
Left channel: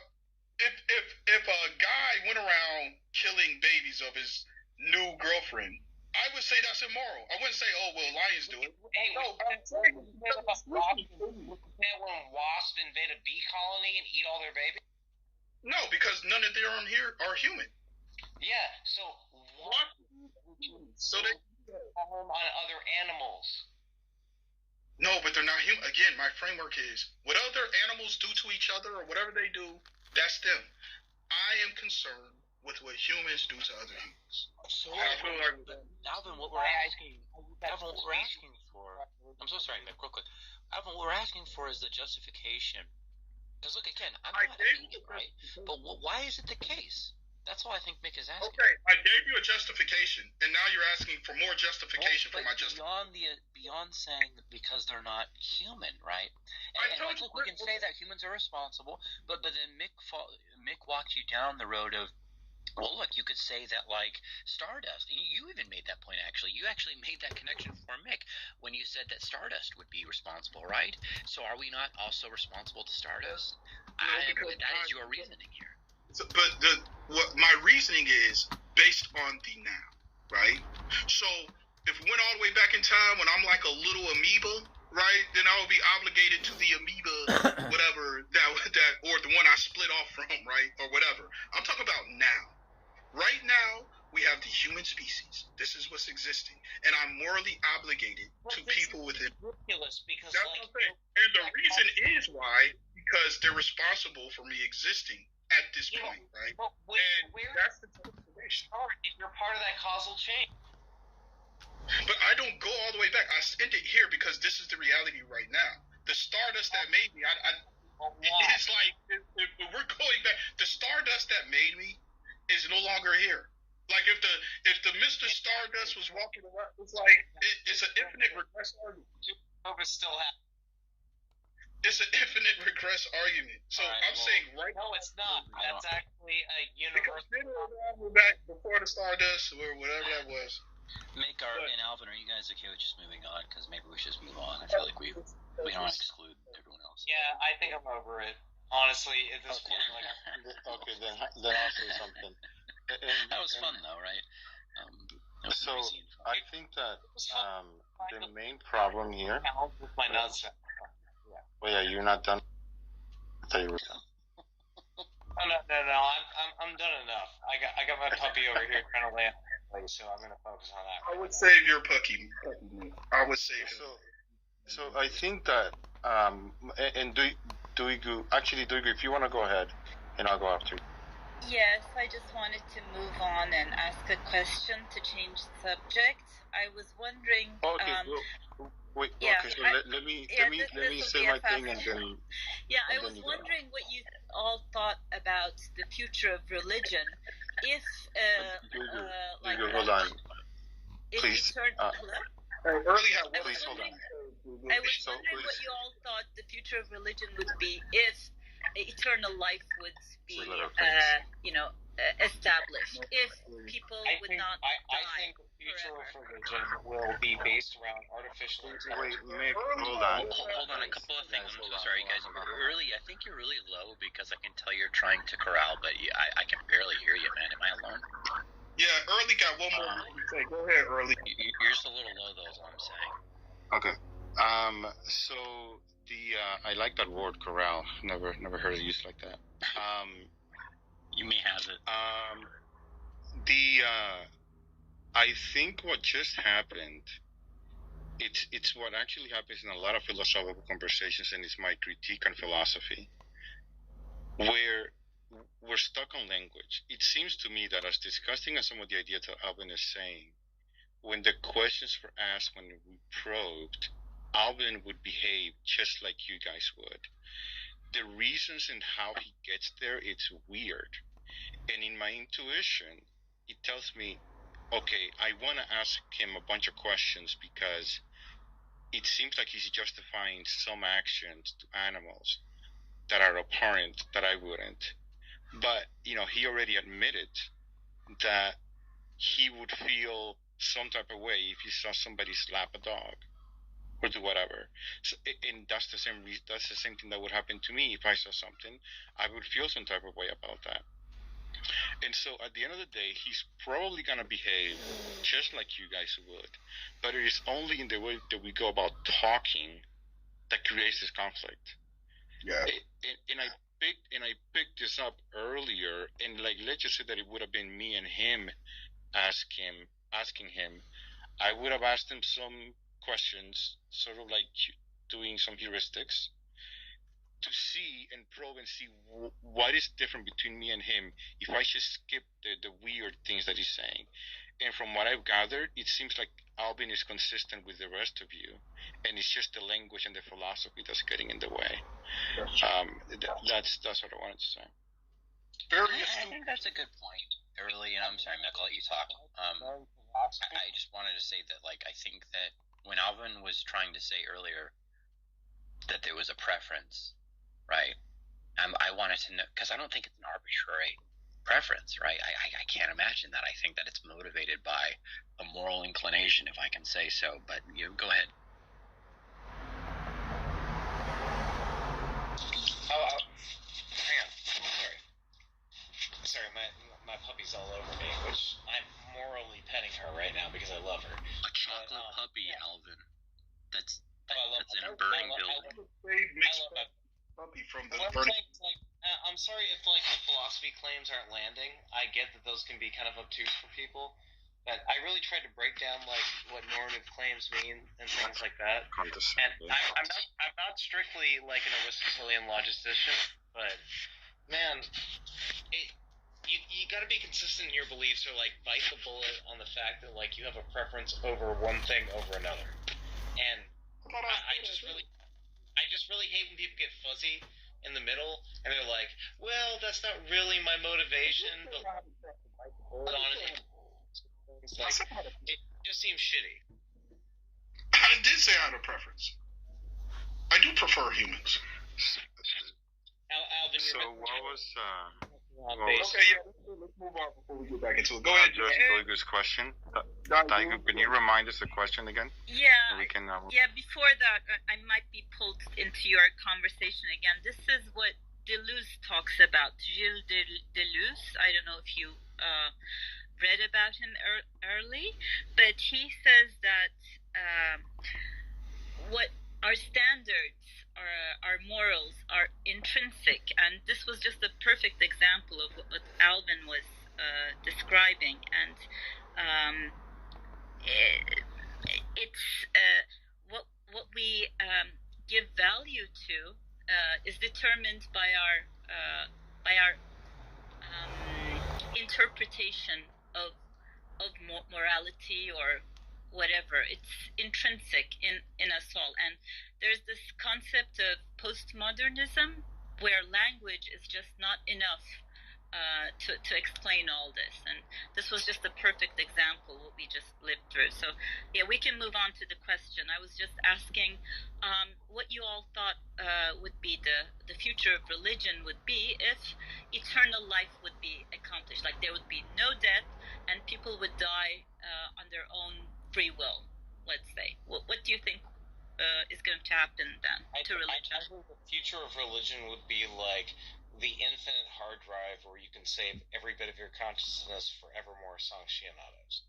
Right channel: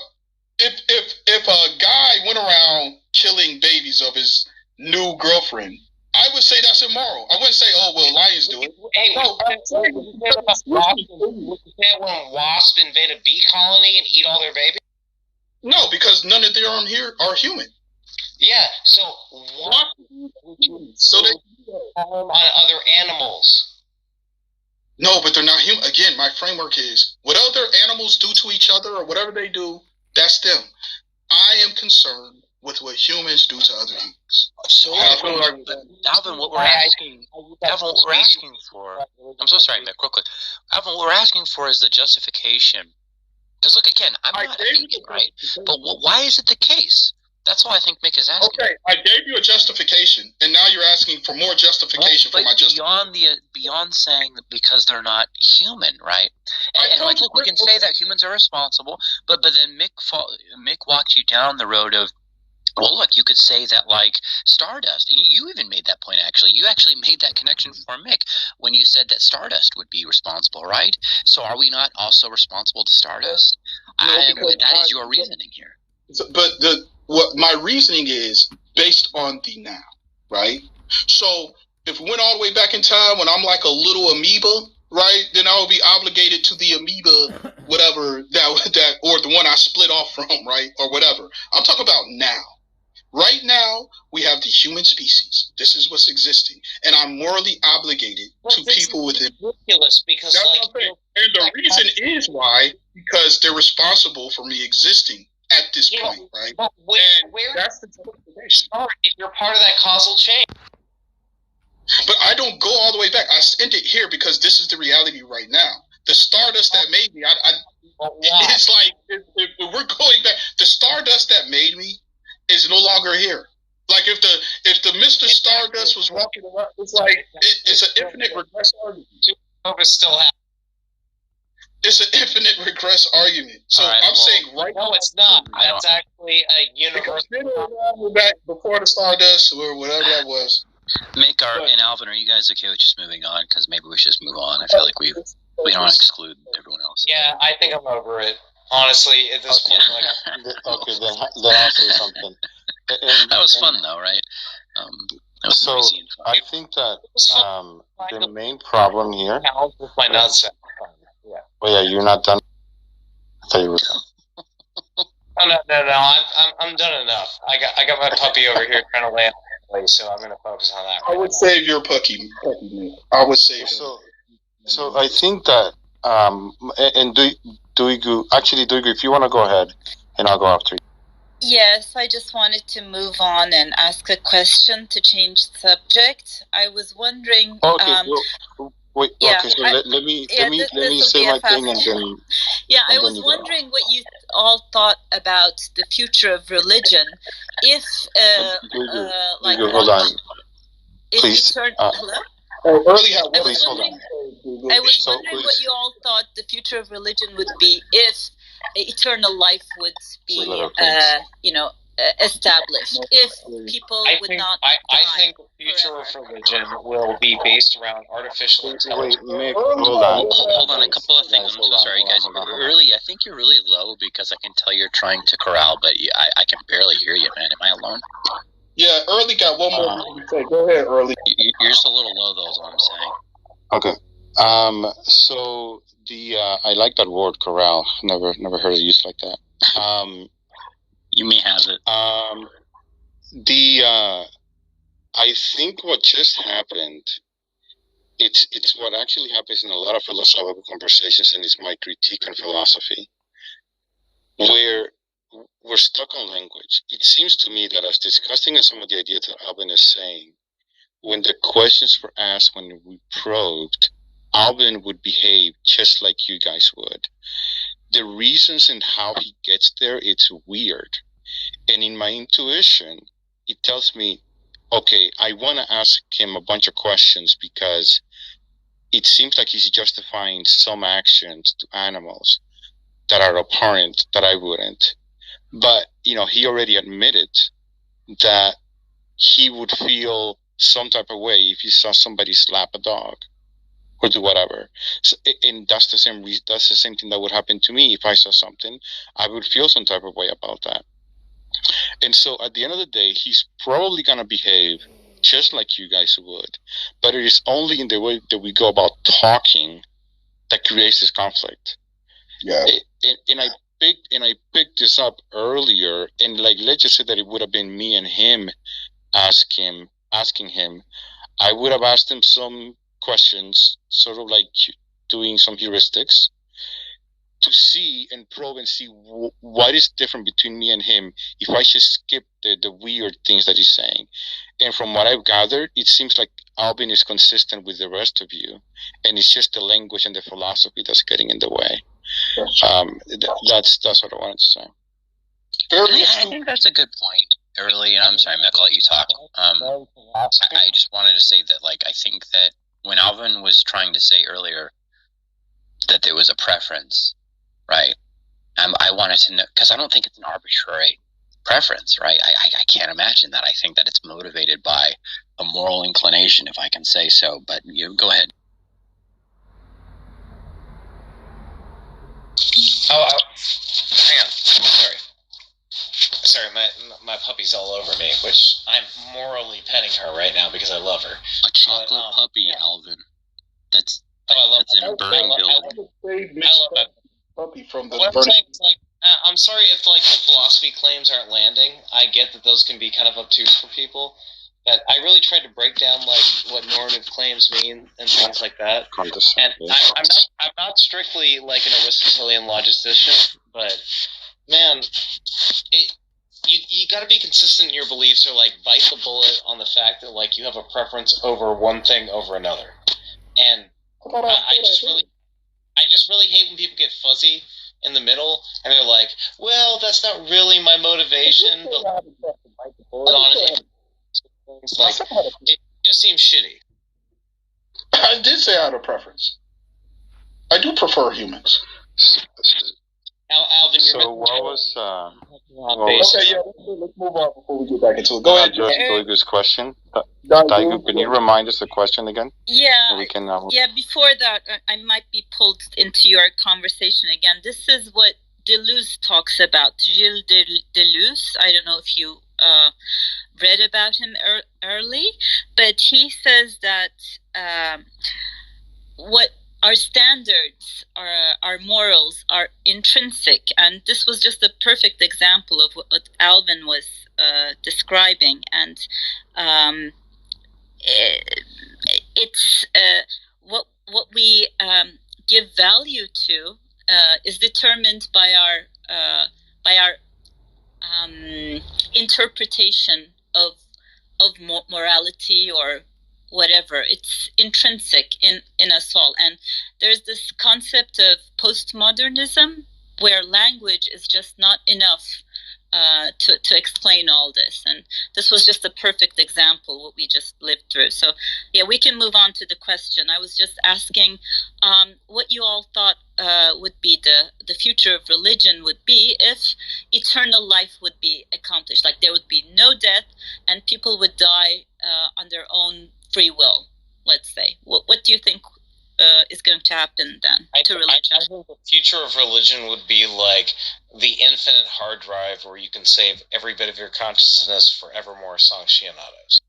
If a guy went around killing babies of his new girlfriend, I would say that's immoral. I wouldn't say, oh, well, lions do it. Hey, would you say when wasps invade a bee colony and eat all their babies? No, because none of them here are human. Yeah, so wasps harm on other animals. No, but they're not human. Again, my framework is what other animals do to each other or whatever they do, that's them. I am concerned with what humans do to other humans. So, Alvin, what we're asking for, I'm so sorry, Mick, real quick. Alvin, what we're asking for is the justification. Because look, again, I'm not a vegan, right? But why is it the case? That's what I think Mick is asking. Okay, I gave you a justification, and now you're asking for more justification for my justification. Beyond saying that because they're not human, right? And like, look, we can say that humans are responsible, but then Mick walked you down the road of, well, look, you could say that, like, Stardust, and you even made that point, actually. You actually made that connection for Mick when you said that Stardust would be responsible, right? So are we not also responsible to Stardust? No, that is your reasoning here. But what my reasoning is based on the now, right? So if we went all the way back in time when I'm like a little amoeba, right, then I will be obligated to the amoeba, whatever, that or the one I split off from, right, or whatever. I'm talking about now. Right now, we have the human species. This is what's existing. And I'm morally obligated to people within. Ridiculous because, and the reason is why, because they're responsible for me existing at this point, right? But that's the justification. If you're part of that causal chain. But I don't go all the way back. I end it here because this is the reality right now. The Stardust that made me, it's like, if we're going back, the Stardust that made me is no longer here. Like if the Mr. Stardust was walking around, it's like it's an infinite regress argument. Still happens. It's an infinite regress argument. So I'm saying right now it's not. That's actually a universal. Back before the Stardust or whatever that was. And Alvin, are you guys okay with just moving on? Because maybe we should just move on. I feel like we don't want to exclude everyone else. Yeah, I think I'm over it. Honestly, at this point, okay, then I'll say something. That was fun, though, right? So I think that the main problem here. My nuts. Oh yeah, you're not done. I thought you were done. No. I'm done enough. I got my puppy over here trying to land, so I'm going to focus on that. I would save your puppy. I would save. So I think that and Duigu, if you want to go ahead, and I'll go after you. Yes, I just wanted to move on and ask a question to change the subject. I was wondering. Okay. Wait. Yeah, okay. So let me say my thing and then. Yeah, I was wondering what you all thought about the future of religion. If hold on. Please. Hello. Please hold on. I was wondering what you all thought the future of religion would be if eternal life would be, established. If people would not die. I think the future of religion will be based around artificial intelligence. Hold on. Hold on, a couple of things. I'm so sorry, guys. I think you're really low because I can tell you're trying to corral, but I can barely hear you, man. Am I alone? Yeah, Early got one more thing to say. Go ahead, Early. You're just a little low, though, is what I'm saying. Okay. So the I like that word corral. Never heard it used like that. You may have it. I think what just happened. It's what actually happens in a lot of philosophical conversations, and it's my critique on philosophy, where we're stuck on language. It seems to me that as disgusting as some of the ideas that Alvin is saying, when the questions were asked, when we probed, Alvin would behave just like you guys would. The reasons and how he gets there, it's weird. And in my intuition, it tells me, okay, I want to ask him a bunch of questions because it seems like he's justifying some actions to animals that are apparent that I wouldn't. But, he already admitted that he would feel some type of way if he saw somebody slap a dog or do whatever. So, and that's the same thing that would happen to me if I saw something. I would feel some type of way about that. And so at the end of the day, he's probably going to behave just like you guys would. But it is only in the way that we go about talking that creates this conflict. Yeah. And I picked this up earlier, and let's just say that it would have been me and him asking him. I would have asked him some questions, sort of like doing some heuristics, to see and probe and see what is different between me and him if I should skip the weird things that he's saying. And from what I've gathered, it seems like Alvin is consistent with the rest of you, and it's just the language and the philosophy that's getting in the way. That's what I wanted to say. I think that's a good point. Early, and I'm sorry, Mick, I'll let you talk. I just wanted to say that, I think that when Alvin was trying to say earlier that there was a preference, right? I wanted to know, because I don't think it's an arbitrary preference, right? I can't imagine that. I think that it's motivated by a moral inclination, if I can say so. But you go ahead. Hang on. Sorry, my puppy's all over me, which I'm morally petting her right now because I love her. A chocolate puppy, yeah. Alvin. That's in a burning building. I love that puppy from the. What I'm saying is, I'm sorry if the philosophy claims aren't landing. I get that those can be kind of obtuse for people, but I really tried to break down what normative claims mean and things like that. And I'm not strictly an Aristotelian logician, but man, you got to be consistent in your beliefs, or bite the bullet on the fact that you have a preference over one thing over another. And I just really hate when people get fuzzy in the middle and they're like, well, that's not really my motivation, but honestly, it just seems shitty. I did say I had a preference. I do prefer humans. Alvin, so what was okay, yeah, let's move on before we get back into it. Go ahead, just Daigo's question. Daigo, can you remind us the question again? Yeah. We can, yeah, before that, I might be pulled into your conversation again. This is what Deleuze talks about. Gilles Deleuze, I don't know if you read about him early, but he says that what our standards, our morals are intrinsic, and this was just a perfect example of what Alvin was describing. And it's what we give value to is determined by our interpretation of morality or whatever. It's intrinsic in us all. And there's this concept of postmodernism where language is just not enough to explain all this. And this was just a perfect example what we just lived through. So yeah, we can move on to the question. I was just asking what you all thought would be the future of religion would be if eternal life would be accomplished. There would be no death and people would die on their own free will, let's say. What do you think is going to happen then to religion? I think the future of religion would be the infinite hard drive where you can save every bit of your consciousness forevermore, sanctionados.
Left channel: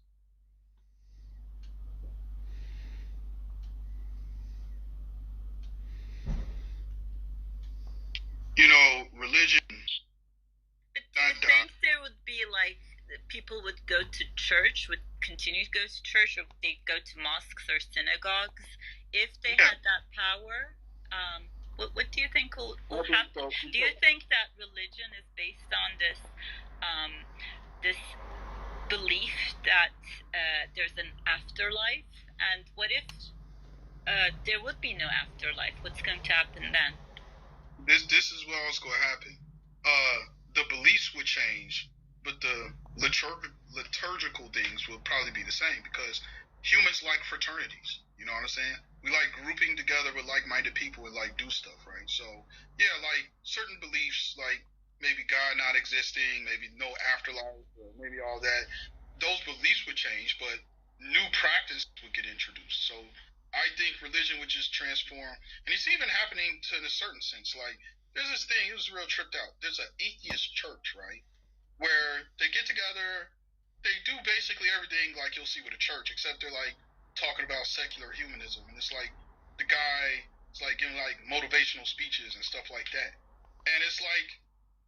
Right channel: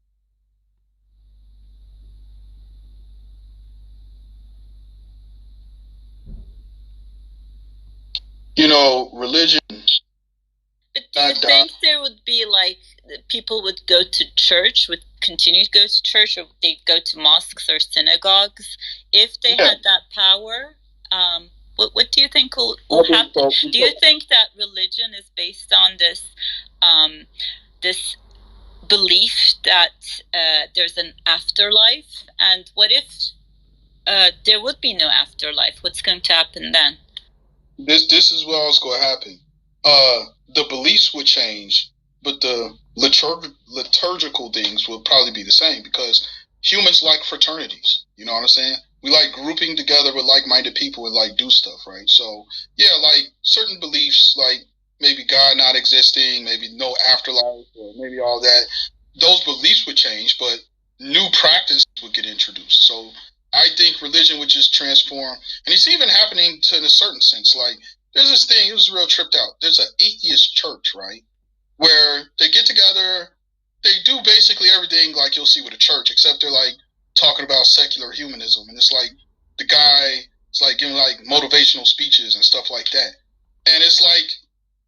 religion. But do you think there would be like people would go to church, would continue to go to church, or they'd go to mosques or synagogues if they had that power? What do you think will happen? Do you think that religion is based on this this belief that there's an afterlife? And what if there would be no afterlife? What's going to happen then? This is what was going to happen. The beliefs would change, but the liturgical things would probably be the same, because humans like fraternities. You know what I'm saying? We like grouping together with like-minded people and like do stuff, right? So yeah, like certain beliefs, like maybe God not existing, maybe no afterlife, or maybe all that. Those beliefs would change, but new practices would get introduced. So I think religion would just transform, and it's even happening to, in a certain sense. Like there's this thing, it was real tripped out. There's an atheist church, right, where they get together, they do basically everything like you'll see with a church, except they're like talking about secular humanism, and it's like the guy is like giving like motivational speeches and stuff like that, and it's like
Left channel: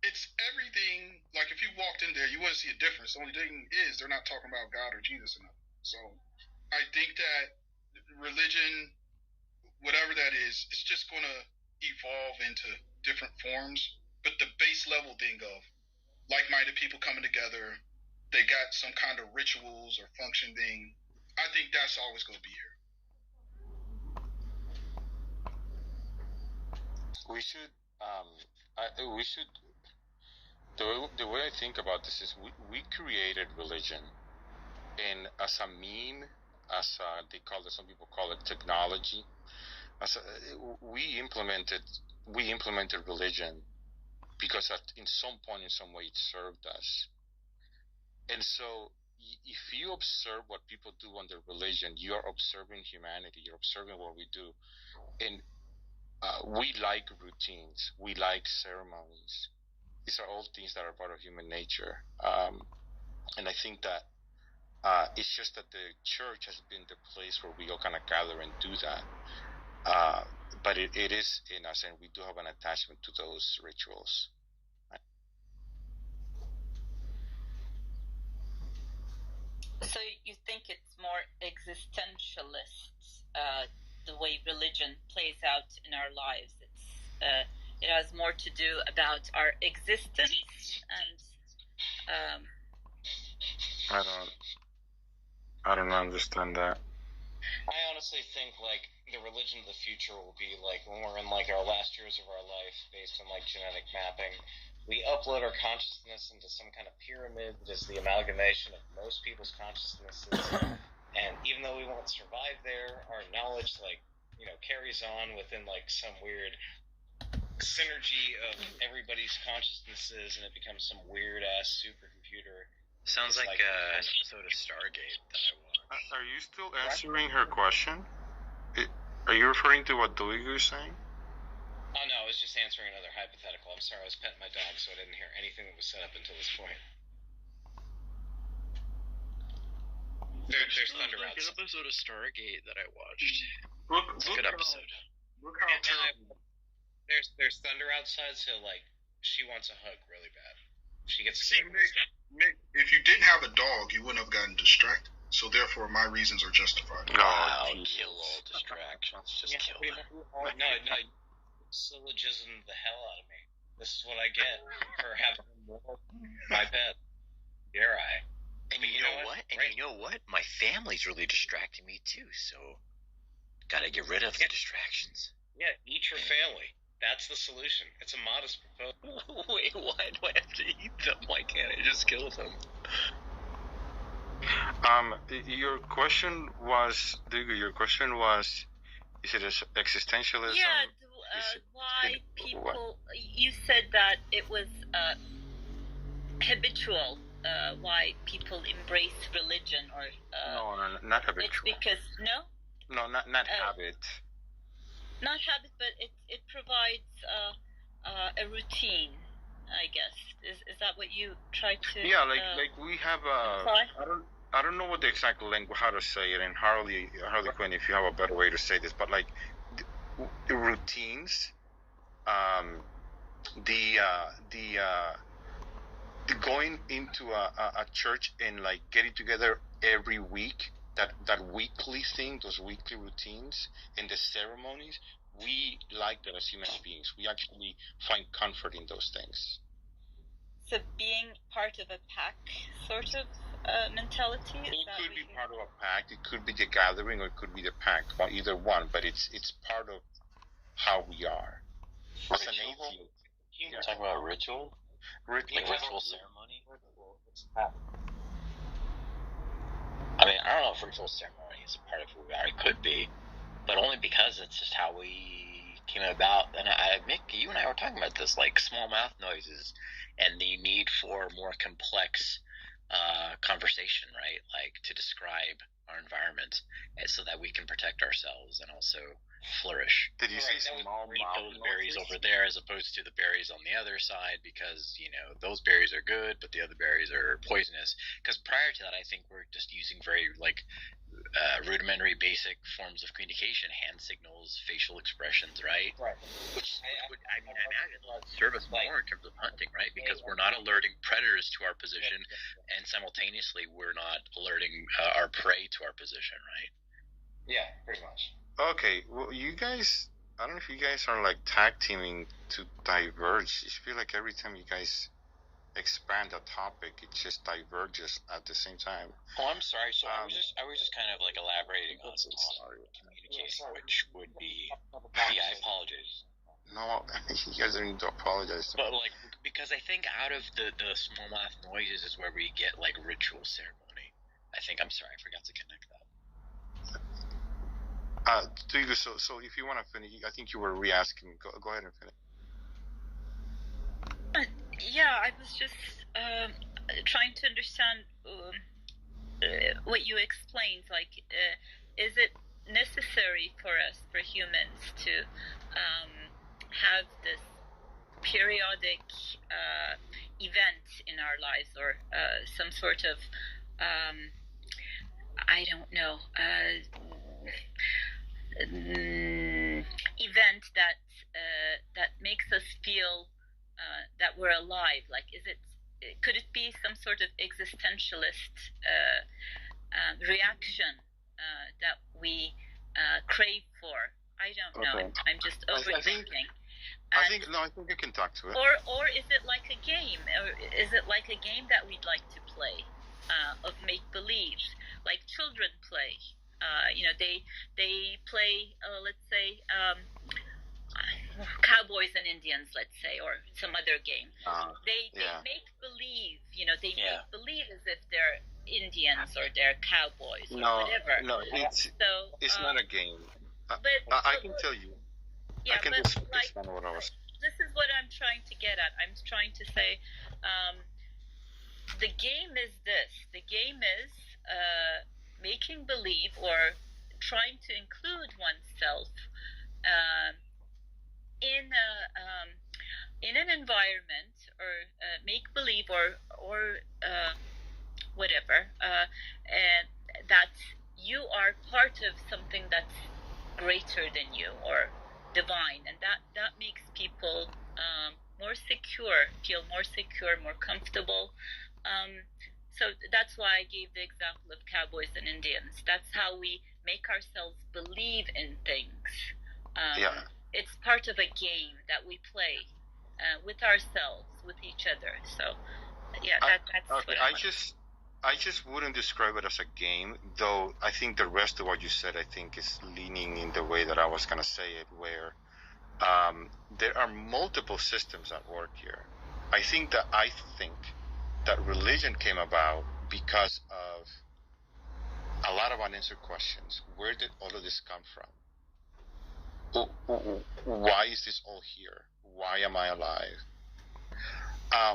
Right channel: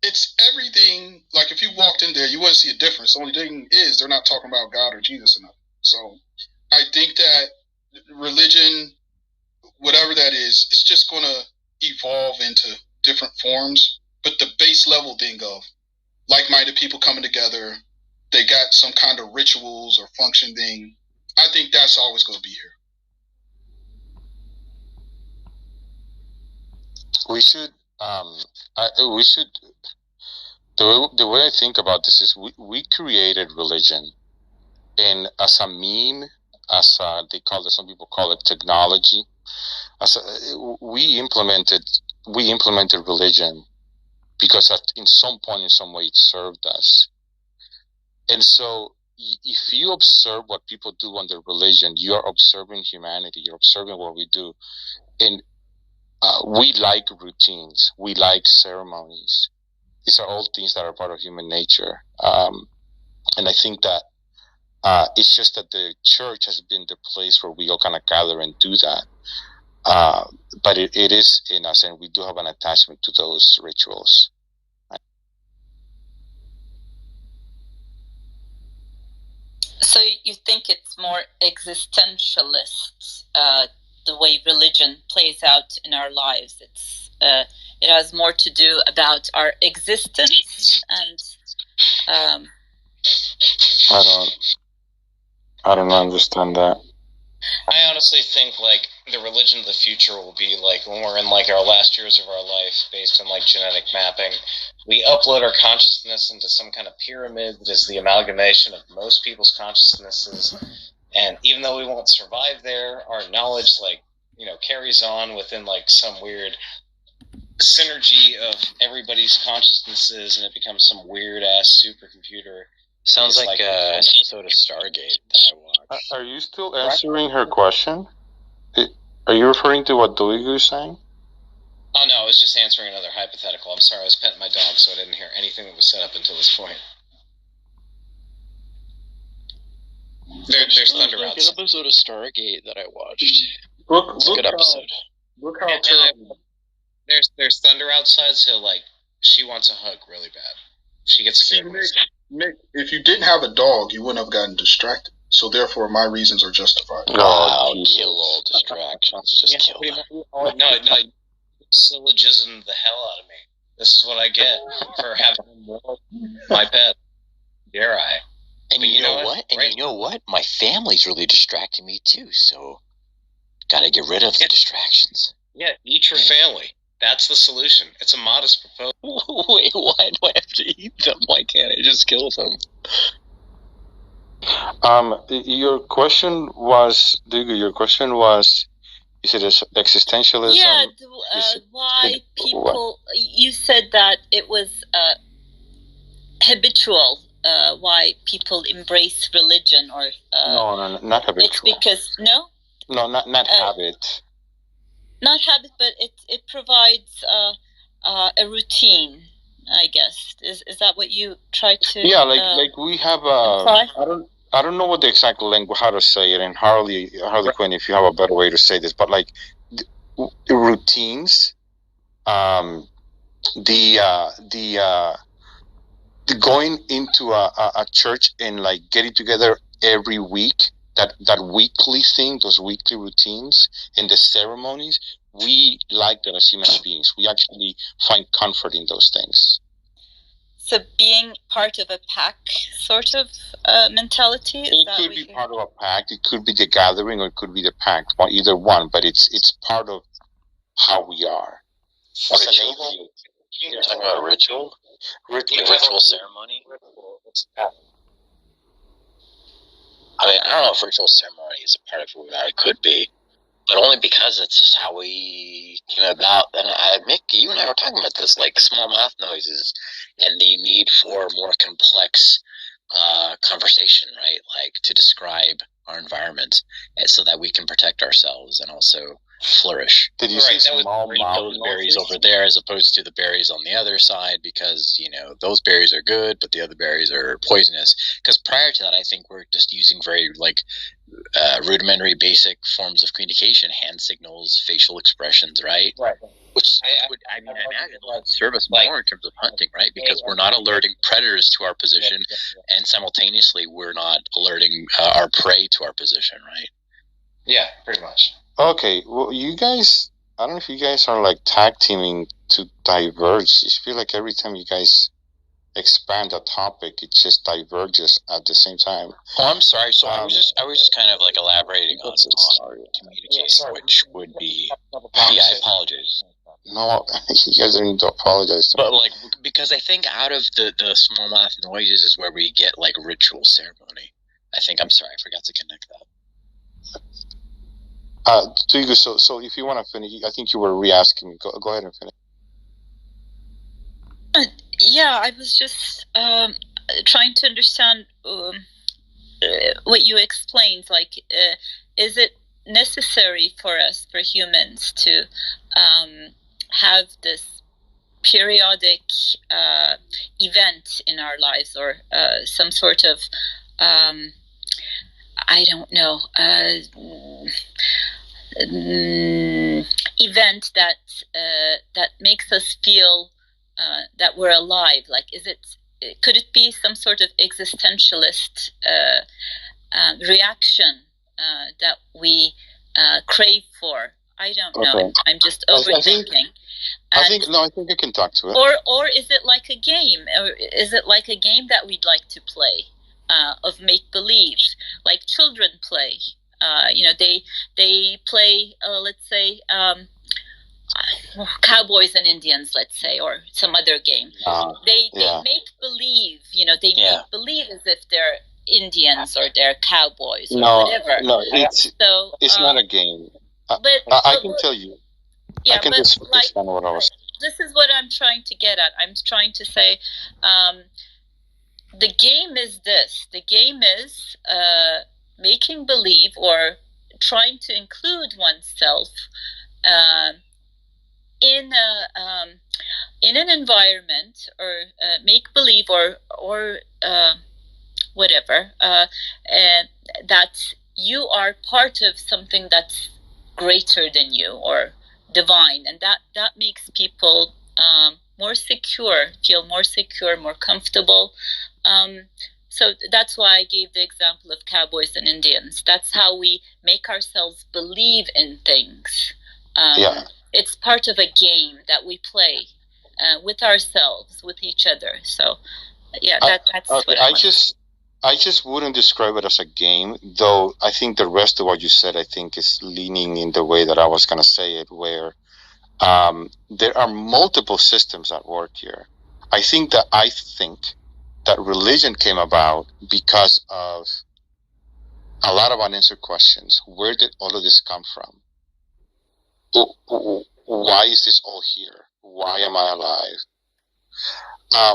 it's everything. Like if you walked in there, you wouldn't see a difference. The only thing is they're not talking about God or Jesus enough. So I think that religion, whatever that is, it's just going to evolve into different forms. But the base level thing of like-minded people coming together, they got some kind of rituals or function thing, I think that's always going to be here. We should, the way I think about this is we created religion, and as a meme, some people call it technology. We implemented religion because in some point, in some way, it served us. And so if you observe what people do under religion, you're observing humanity, you're observing what we do. And we like routines, we like ceremonies. These are all things that are part of human nature. And I think that it's just that the church has been the place where we all kind of gather and do that. But it is in us, and we do have an attachment to those rituals. So you think it's more existentialist, the way religion plays out in our lives? It has more to do about our existence, and I don't understand that. I honestly think like the religion of the future will be like when we're in like our last years of our life, based on like genetic mapping. We upload our consciousness into some kind of pyramid that is the amalgamation of most people's consciousnesses. And even though we won't survive there, our knowledge carries on within like some weird synergy of everybody's consciousnesses, and it becomes some weird ass supercomputer. Sounds like an episode of Stargate that I watched. Are you still answering her question? Are you referring to what Duigu is saying? Oh no, I was just answering another hypothetical. I'm sorry, I was petting my dog, so I didn't hear anything that was said up until this point. There's thunder outside. An episode of Stargate that I watched. It's a good episode. Look how terrible. There's thunder outside, so like she wants a hug really bad. She gets scared. Mick, if you didn't have a dog, you wouldn't have gotten distracted. So therefore, my reasons are justified. Wow, kill all distractions. Just kill them. No, syllogism the hell out of me. This is what I get for having my pet. Dare I? And you know what? And you know what? My family's really distracting me too. So, gotta get rid of the distractions. Yeah, eat your family. That's the solution. It's a modest proposal. Wait, why do I have to eat them? Why can't I just kill them? Your question was, is it existentialism? Yeah, why people... You said that it was habitual, why people embrace religion, or... No, not habitual. It's because... No? No, not habit. Not habit, but it provides a routine, I guess. Is that what you try to? Yeah, like we have I don't know what the exact language, how to say it, and Harley Quinn, if you have a better way to say this, but like routines, the going into a church and like getting together every week, that weekly thing, those weekly routines and the ceremonies, we like that as human beings. We actually find comfort in those things. So being part of a pack sort of mentality? It could be part of a pack, it could be the gathering, or it could be the pack, or either one, but it's part of how we are. Ritual? You're talking about ritual? Ritual ceremony? I mean, I don't know if ritual ceremony is a part of who we are. It could be, but only because it's just how we came about. And Mick, you and I were talking about this, like small mouth noises and the need for more complex conversation, right? Like to describe our environment, and so that we can protect ourselves and also flourish. Did you say small mouth those berries over there as opposed to the berries on the other side, because those berries are good but the other berries are poisonous? Because prior to that, I think we're just using very rudimentary basic forms of communication, hand signals, facial expressions, right? Which I imagine would serve us more in terms of hunting, right? Because we're not alerting predators to our position, and simultaneously we're not alerting our prey to our position, right? Yeah, pretty much. Okay, well, you guys, I don't know if you guys are like tag teaming to diverge. I feel like every time you guys expand a topic, it just diverges at the same time. Oh, I'm sorry. So I was just kind of like elaborating on communicating, which would be. Yeah, I apologize. No, you guys don't need to apologize. But because I think out of the smallmouth noises is where we get like ritual ceremony. I think, I'm sorry, I forgot to connect that. So if you want to finish, I think you were re-asking me. Go ahead and finish. Yeah, I was just trying to understand what you explained. Like, is it necessary for us, for humans, to have this periodic event in our lives, or some sort of I don't know, event that makes us feel that we're alive? Like, could it be some sort of existentialist reaction that we crave for? I don't know. Okay. I'm just overthinking. I think I can talk to it. Or is it like a game? Or is it like a game that we'd like to play, of make believe, like children play? They play, let's say, Cowboys and Indians, let's say, or some other game. They make believe, they make believe as if they're Indians or they're cowboys or whatever. No, it's not a game. But I can tell you. Yeah, I can just understand what I was. This is what I'm trying to get at. I'm trying to say, the game is this. The game is making believe, or trying to include oneself in an environment, or make believe, or whatever, and that you are part of something that's greater than you, or divine, and that makes people more secure, feel more secure, more comfortable. So that's why I gave the example of Cowboys and Indians. That's how we make ourselves believe in things. It's part of a game that we play with ourselves, with each other. So that's what I just wouldn't describe it as a game, though. I think the rest of what you said, I think, is leaning in the way that I was going to say it, where there are multiple systems at work here. I think that religion came about because of a lot of unanswered questions. Where did all of this come from? Why is this all here? Why am I alive?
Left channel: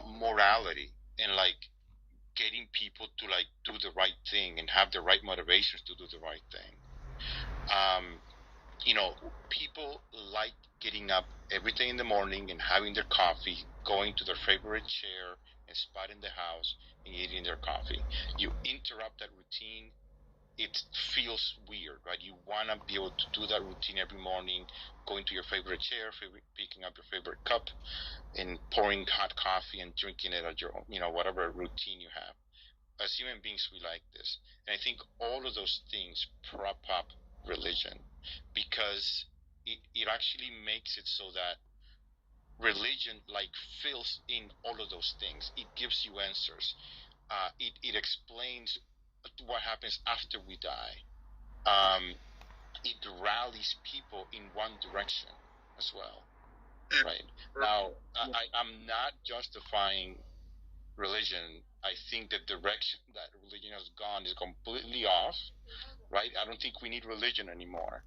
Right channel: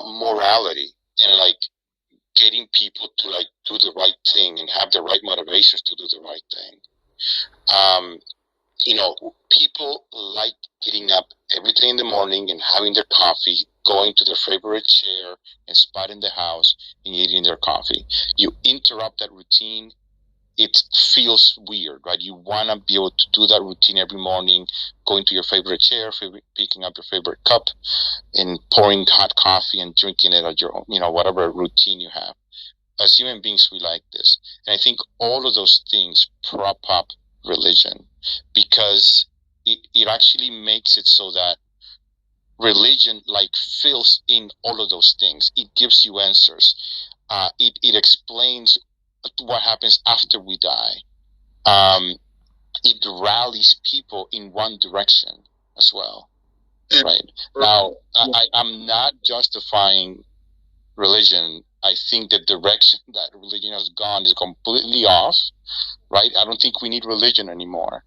Morality, and getting people to do the right thing and have the right motivations to do the right thing. People like getting up every day in the morning and having their coffee, going to their favorite chair and spot in the house and eating their coffee. You interrupt that routine, it feels weird, right? You want to be able to do that routine every morning, going to your favorite chair, picking up your favorite cup, and pouring hot coffee and drinking it at your, whatever routine you have. As human beings, we like this. And I think all of those things prop up religion, because it actually makes it so that religion fills in all of those things. It gives you answers. It explains what happens after we die. It rallies people in one direction as well, right? Now, I'm not justifying religion. I think the direction that religion has gone is completely off, right? I don't think we need religion anymore.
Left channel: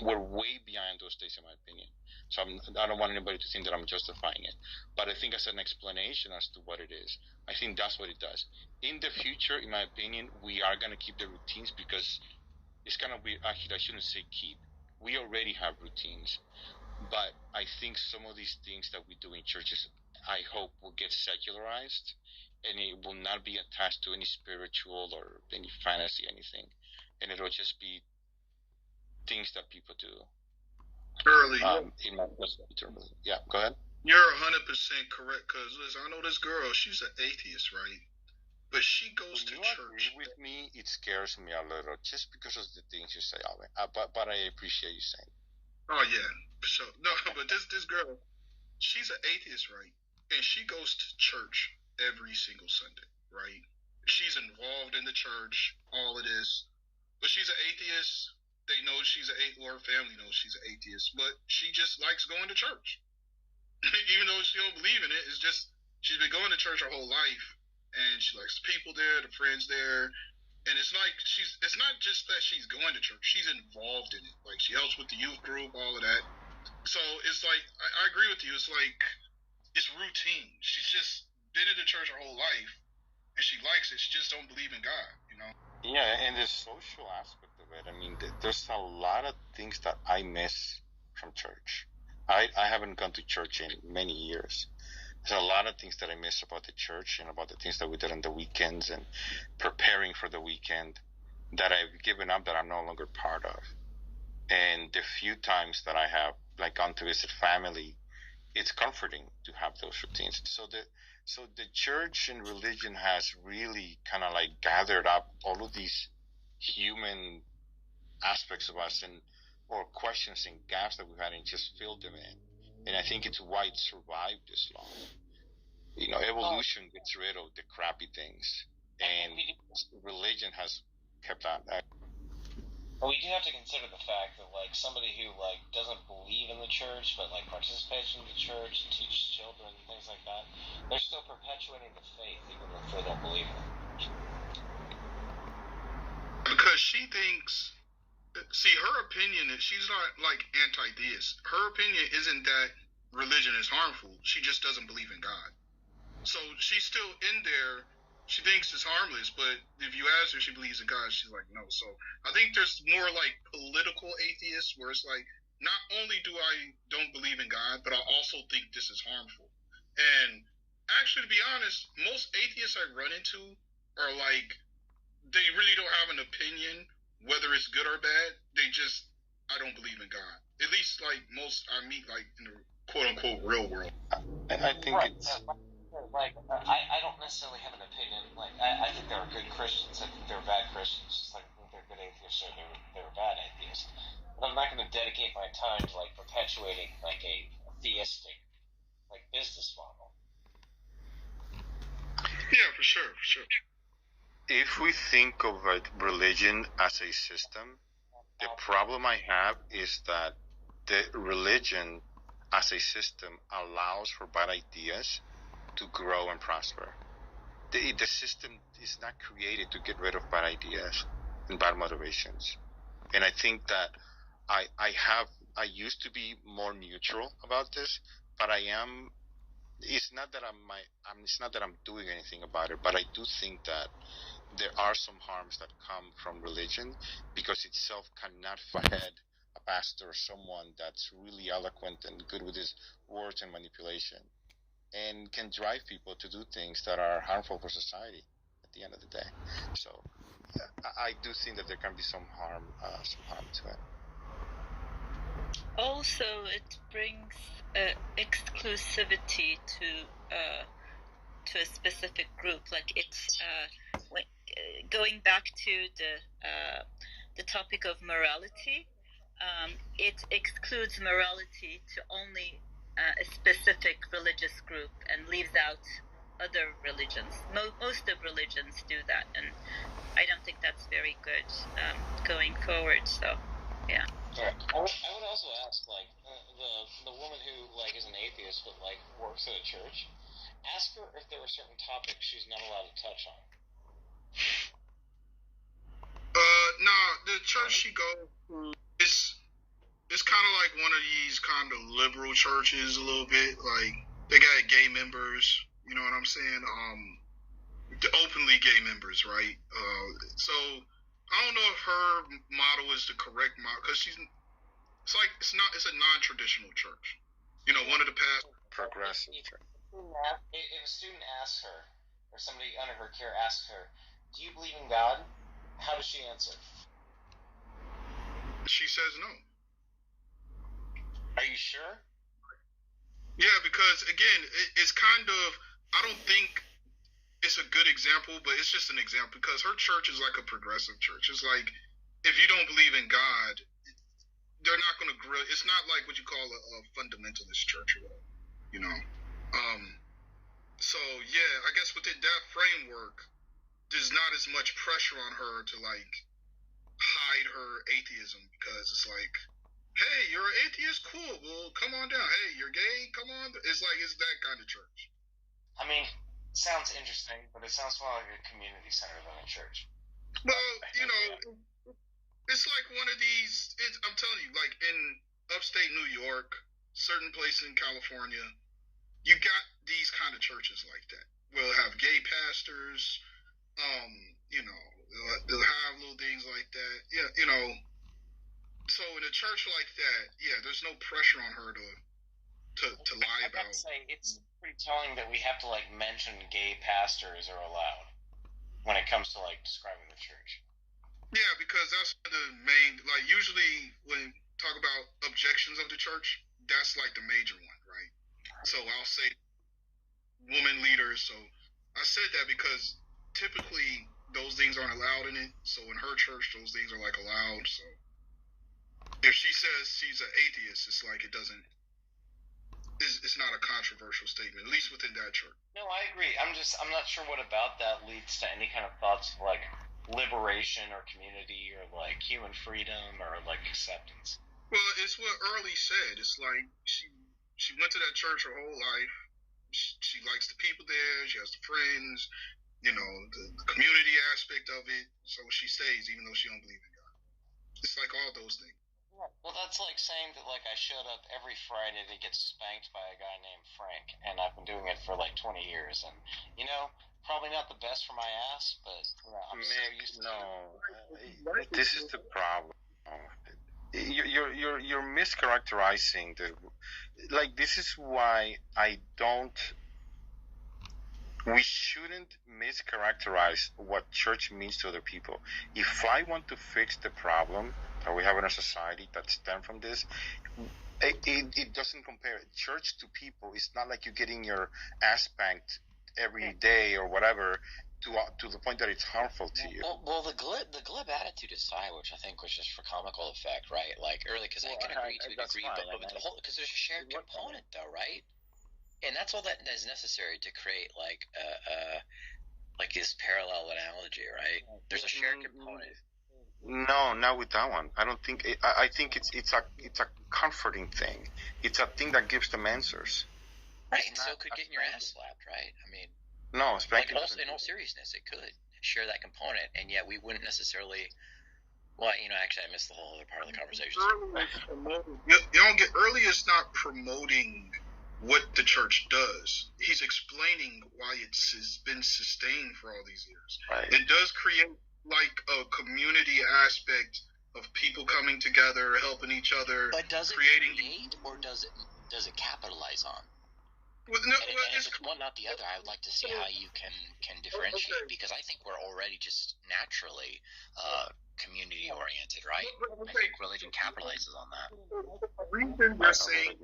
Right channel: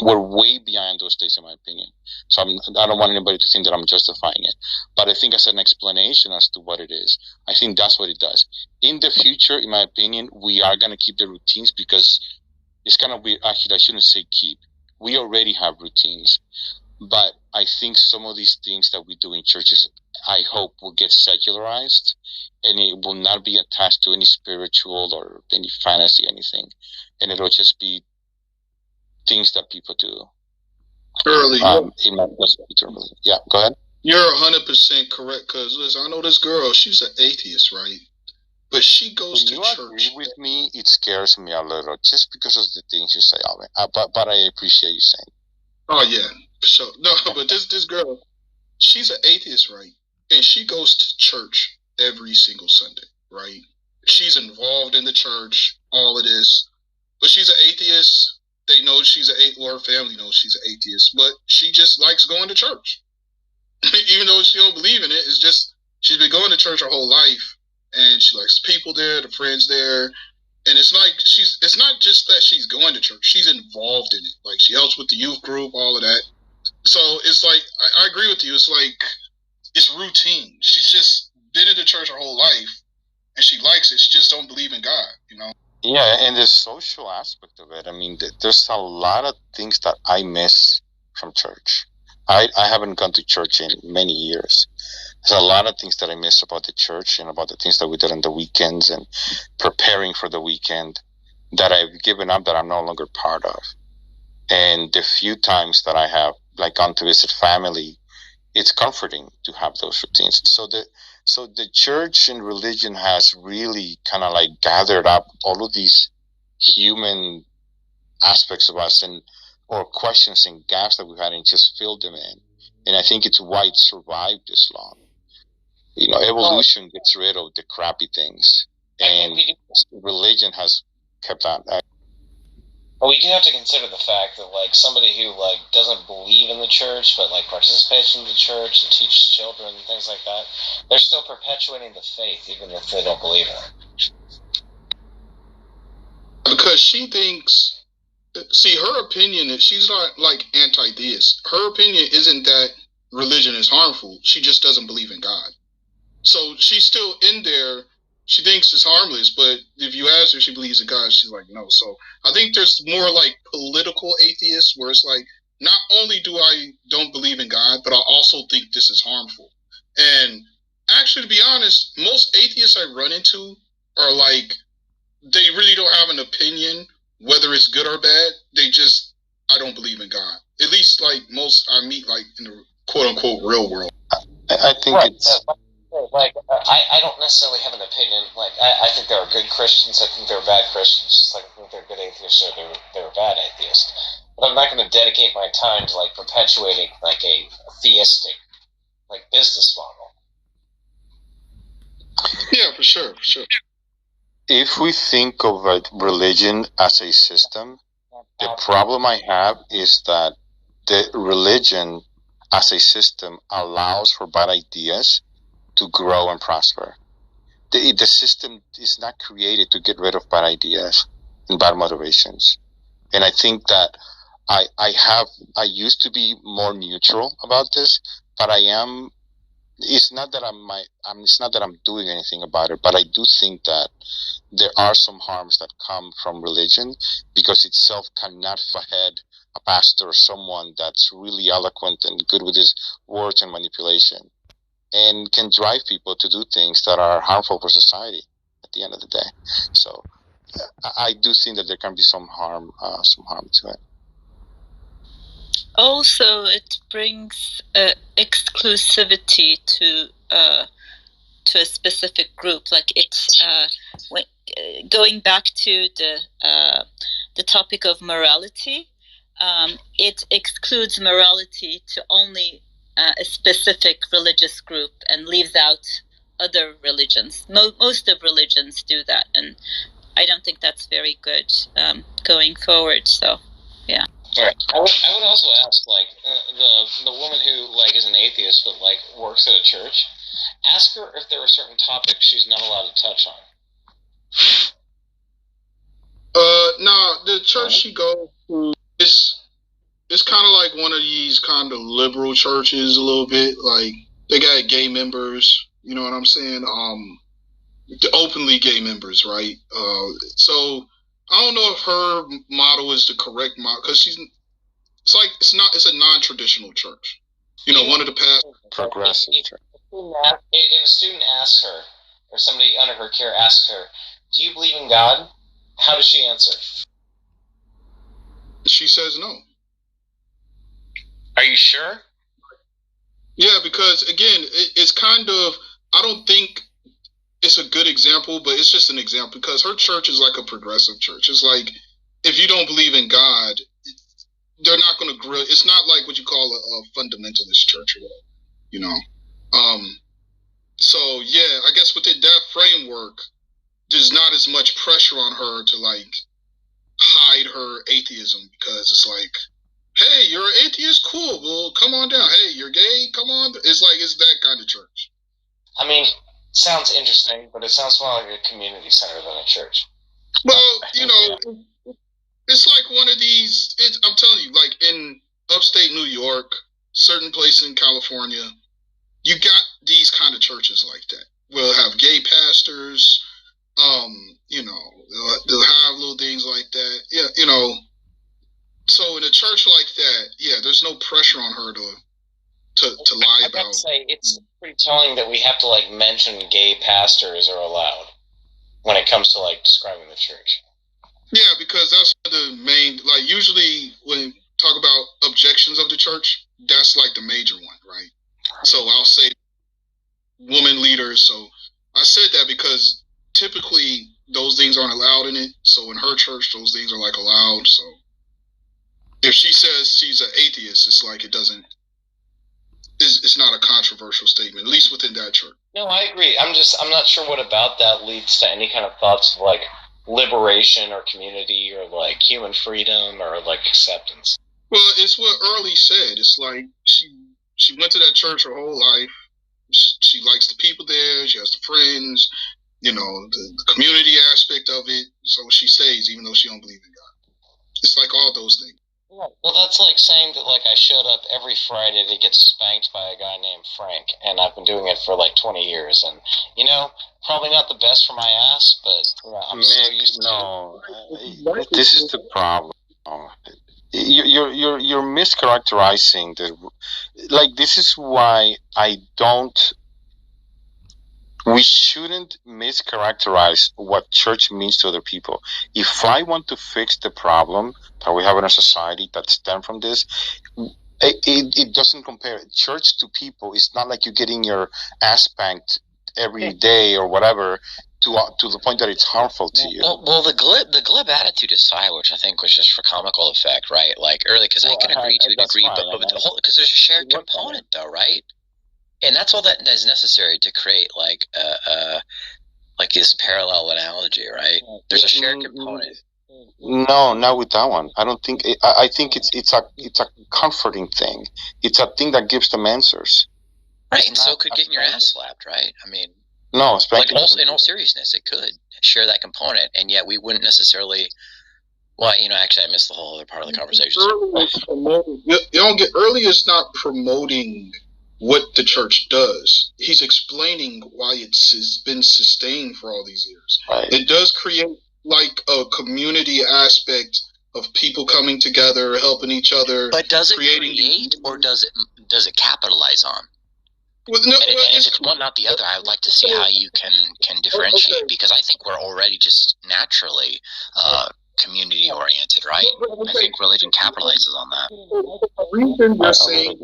We're way beyond those days, in my opinion. So I don't want anybody to think that I'm justifying it. But I think as an explanation as to what it is, I think that's what it does. In the future, in my opinion, we are going to keep the routines, because it's kind of weird. Actually, I shouldn't say keep. We already have routines. But I think some of these things that we do in churches, I hope, will get secularized, and it will not be attached to any spiritual or any fantasy, anything. And it'll just be things that people do. Early. Yeah, go ahead. You're 100% correct, because listen, I know this girl, she's an atheist, right? But she goes to church. Agree with me, it scares me a little, just because of the things you say, Alvin. But I appreciate you saying. Oh, yeah. So, no, but this girl, she's an atheist, right? And she goes to church every single Sunday, right? She's involved in the church, all of this. But she's an atheist. They know she's an atheist, or her family knows she's an atheist. But she just likes going to church. Even though she don't believe in it, it's just, she's been going to church her whole life. And she likes the people there, the friends there. And it's like, it's not just that she's going to church. She's involved in it. Like, she helps with the youth group, all of that. So it's like, I agree with you. It's like, it's routine. She's just been in the church her whole life, and she likes it. She just don't believe in God, Yeah, and the social aspect of it. I mean, there's a lot of things that I miss from church. I haven't gone to church in many years. There's a lot of things that I miss about the church and about the things that we did on the weekends and preparing for the weekend that I've given up, that I'm no longer part of. And the few times that I have gone to visit family, it's comforting to have those routines. So the church and religion has really kind of gathered up all of these human aspects of us or questions and gaps that we've had, and just filled them in. And I think it's why it survived this long. Evolution gets rid of the crappy things, and religion has kept on. But we do have to consider the fact that somebody who doesn't believe in the church but participates in the church and teaches children and things like that, they're still perpetuating the faith even if they don't believe in it. Because she thinks, see, her opinion is, she's not anti-theist. Her opinion isn't that religion is harmful. She just doesn't believe in God. So she's still in there. She thinks it's harmless, but if you ask her if she believes in God, she's like, no. So I think there's more political atheists, where it's not only do I don't believe in God, but I also think this is harmful. And actually, to be honest, most atheists I run into are they really don't have an opinion whether it's good or bad. They just, I don't believe in God. At least most I meet in the quote unquote real world. I think it's. I don't necessarily have an opinion. I think there are good Christians. I think there are bad Christians. Just like I think there are good atheists or there are bad atheists. But I'm not going to dedicate my time to perpetuating a theistic business model. Yeah, for sure. If we think of religion as a system, the problem I have is that the religion as a system allows for bad ideas to grow and prosper. The system is not created to get rid of bad ideas and bad motivations. And I think that I used to be more neutral about this, but I am. It's not that it's not that I'm doing anything about it, but I do think that there are some harms that come from religion, because itself cannot feed a pastor or someone that's really eloquent and good with his words and manipulation, and can drive people to do things that are harmful for society at the end of the day. So I do think that there can be some harm to it. Also, it brings exclusivity to a specific group. Like it's going back to the topic of morality. It excludes morality to only a specific religious group and leaves out other religions. Most of religions do that, and I don't think that's very good going forward. So, yeah. Right. I would also ask, like, the woman who, like, is an atheist but, like, works at a church, ask her if there are certain topics she's not allowed to touch on. Nah, the church she goes to, it's kind of like one of these kind of liberal churches a little bit. Like, they got gay members, you know what I'm saying? Openly gay members, right? So I don't know if her model is the correct model, because it's a non-traditional church. You know, one of the past progressive. If a student asks her, or somebody under her care asks her, "Do you believe in God?" How does she answer? She says no. Are you sure? Yeah, because again, it's kind of, I don't think it's a good example, but it's just an example, because her church is like a progressive church. It's like, if you don't believe in God, they're not going to grill. It's not like what you call a fundamentalist church or whatever, you know. So yeah, I guess within that framework, there's not as much pressure on her to like hide her atheism, because it's like, hey, you're an atheist, cool, well, come on down. Hey, you're gay, come on. It's like, it's that kind of church. I mean, sounds interesting, but it sounds more like a community center than a church. Well, you know, it's like one of these, I'm telling you, like in upstate New York, certain places in California, you got these kind of churches like that. We'll have gay pastors, you know, they'll have little things like that. Yeah, you know, so in a church like that, yeah, there's no pressure on her to lie about. I gotta say, it's pretty telling that we have to like mention gay pastors are allowed when it comes to like describing the church. Yeah, because that's the main, like, usually when you talk about objections of the church, that's like the major one, right? So I'll say woman leaders. So I said that because typically those things aren't allowed in it. So in her church, those things are like allowed. So if she says she's an atheist, it's like it's not a controversial statement, at least within that church. No, I agree. I'm not sure what about that leads to any kind of thoughts of like liberation or community or like human freedom or like acceptance. Well, it's what Early said. It's like she went to that church her whole life. She likes the people there. She has the friends, you know, the community aspect of it. So she stays, even though she don't believe in God. It's like all those things. Well, that's like saying that like I showed up every Friday to get spanked by a guy named Frank, and I've been doing it for like 20 years, and you know, probably not the best for my ass, but I'm so used to it. This is the problem. You're mischaracterizing the, like, this is why we shouldn't mischaracterize what church means to other people. If I want to fix the problem that we have in our society that stem from this, it doesn't compare church to people. It's not like you're getting your ass spanked every day or whatever to the point that it's harmful to you. Well, the glib attitude aside, which I think was just for comical effect, right? Like early, because I can agree to a degree, but the whole, because there's a shared component though, right? And that's all that is necessary to create like this parallel analogy, right? There's a shared component. No, not with that one. I don't think. I think it's a comforting thing. It's a thing that gives them answers. Right, and so could getting your ass slapped, right? I mean, no, like in all seriousness, it could share that component, and yet we wouldn't necessarily. Well, you know, actually, I missed the whole other part of the conversation. You don't get early. Is not promoting what the church does. He's explaining why it's been sustained for all these years. Right. It does create like a community aspect of people coming together, helping each other. But does it create, or does it capitalize on? Well, no, and if it's one, not the other, I would like to see how you can differentiate, because I think we're already just naturally community oriented, right? I think religion capitalizes on that. The reason you're saying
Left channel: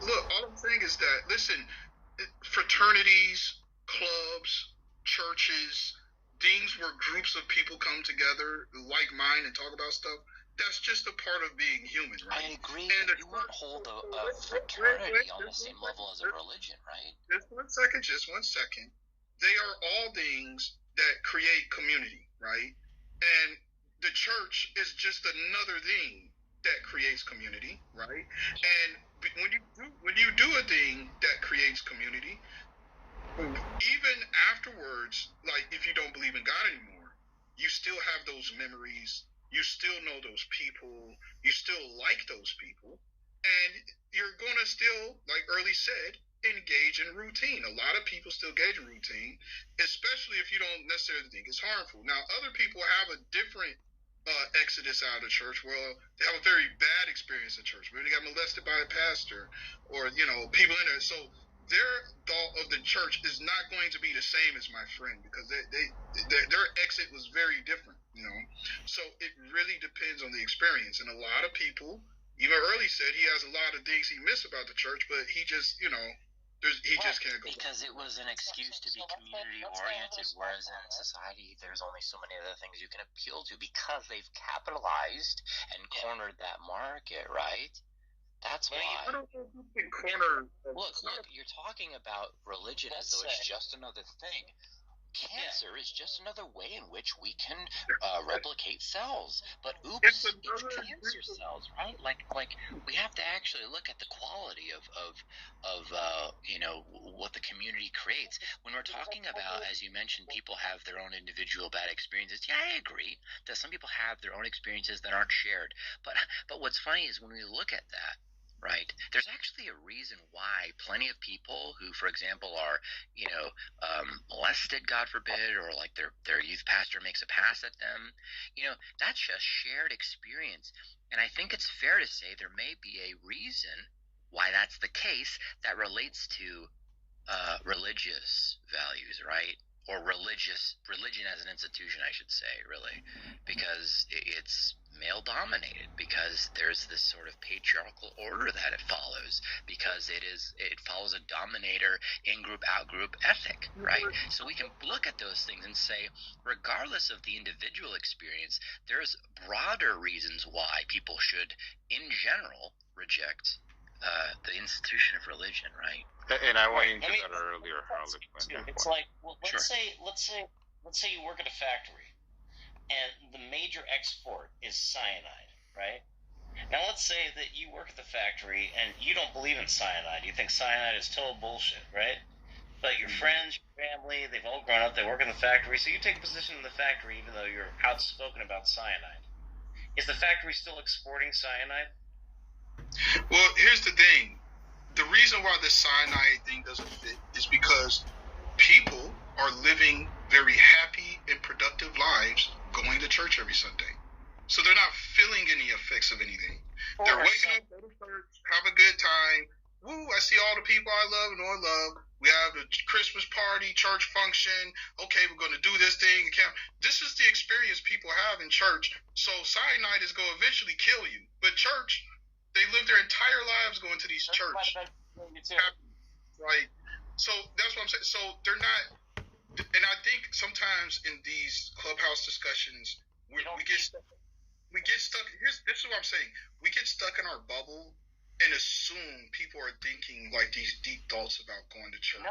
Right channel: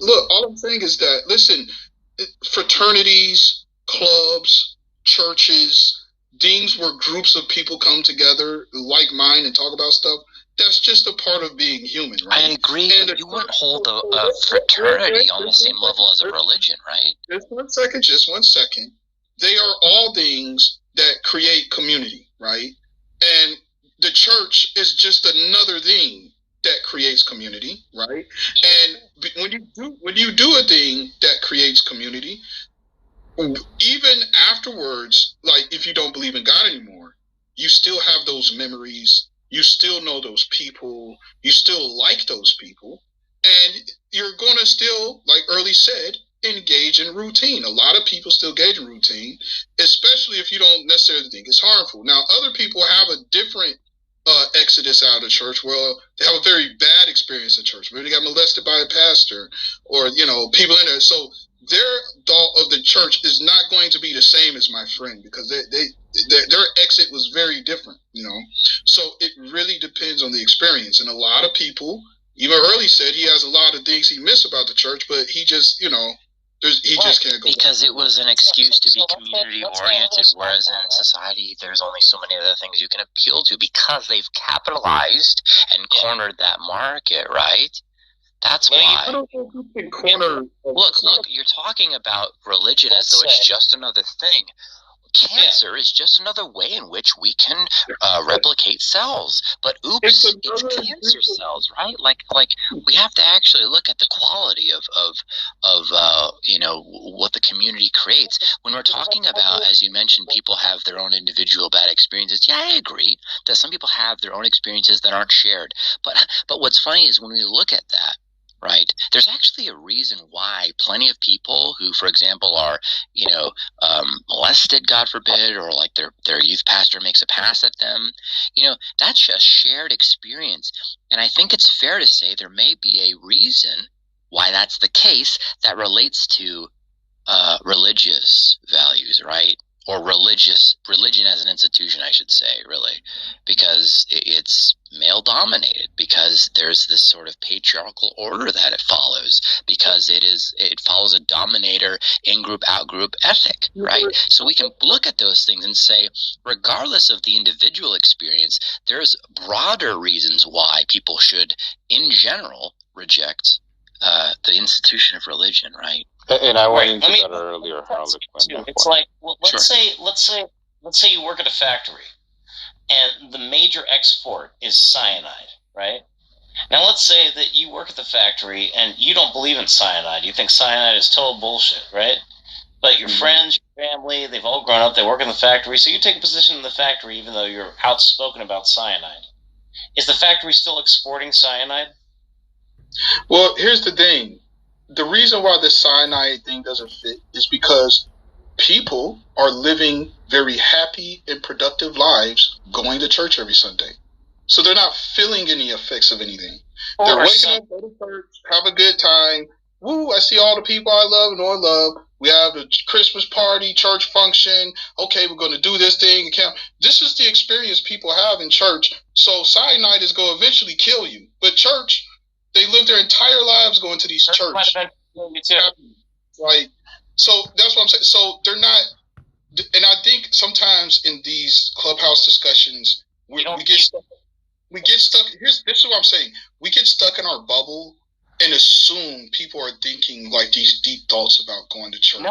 look, all I'm saying is that, listen, fraternities, clubs, churches, things where groups of people come together, like mind, and talk about stuff, that's just a part of being human, right? I agree, but you wouldn't hold a fraternity on the same level as a religion, right? Just one second. They are all things that create community, right? And the church is just another thing that creates community, right? And when you do a thing that creates community, even afterwards, like if you don't believe in God anymore, you still have those memories. You still know those people. You still like those people, and you're gonna still, like Early said, engage in routine. A lot of people still engage in routine, especially if you don't necessarily think it's harmful. Now, other people have a different exodus out of church. Well, they have a very bad experience in church. Maybe they got molested by a pastor, or people in there. So their thought of the church is not going to be the same as my friend, because their exit was very different. So it really depends on the experience. And a lot of people, even Early said, he has a lot of things he missed about the church, but he just just can't go because back. It was an excuse to be community oriented, whereas in society there's only so many other things you can appeal to, because they've capitalized and cornered that market, right? That's why. I don't think you can corner. Look, you're talking about religion as though it's just another thing. Cancer is just another way in which we can replicate cells. But oops, it's cancer cells, right? Like we have to actually look at the quality of what the community creates. When we're talking about, as you mentioned, people have their own individual bad experiences. Yeah, I agree that some people have their own experiences that aren't shared. But what's funny is when we look at that, right, there's actually a reason why plenty of people who, for example, are molested, God forbid, or like their youth pastor makes a pass at them, that's a shared experience. And I think it's fair to say there may be a reason why that's the case that relates to religious values, right? Or religion as an institution, I should say, really, because it's male dominated, because there's this sort of patriarchal order that it follows, because it follows a dominator in-group, out-group ethic, right? So we can look at those things and say, regardless of the individual experience, there's broader reasons why people should, in general, reject the institution of religion, right? And I went into that earlier. It's like, well, let's say you work at a factory, and the major export is cyanide, right? Now let's say that you work at the factory and you don't believe in cyanide. You think cyanide is total bullshit, right? But your friends, your family, they've all grown up, they work in the factory, so you take a position in the factory even though you're outspoken about cyanide. Is the factory still exporting cyanide? Well, here's the thing. The reason why the cyanide thing doesn't fit is because people are living very happy and productive lives going to church every Sunday. So they're not feeling any effects of anything. They're waking up, go to church, have a good time. Woo, I see all the people I love and know I love. We have the Christmas party, church function. Okay, we're going to do this thing. This is the experience people have in church. So cyanide is going to eventually kill you. But church, they live their entire lives going to these churches. Right. So that's what I'm saying. So they're not, and I think sometimes in these clubhouse discussions, we get stuck. This is what I'm saying. We get stuck in our bubble and assume people are thinking like these deep thoughts about going to church. No,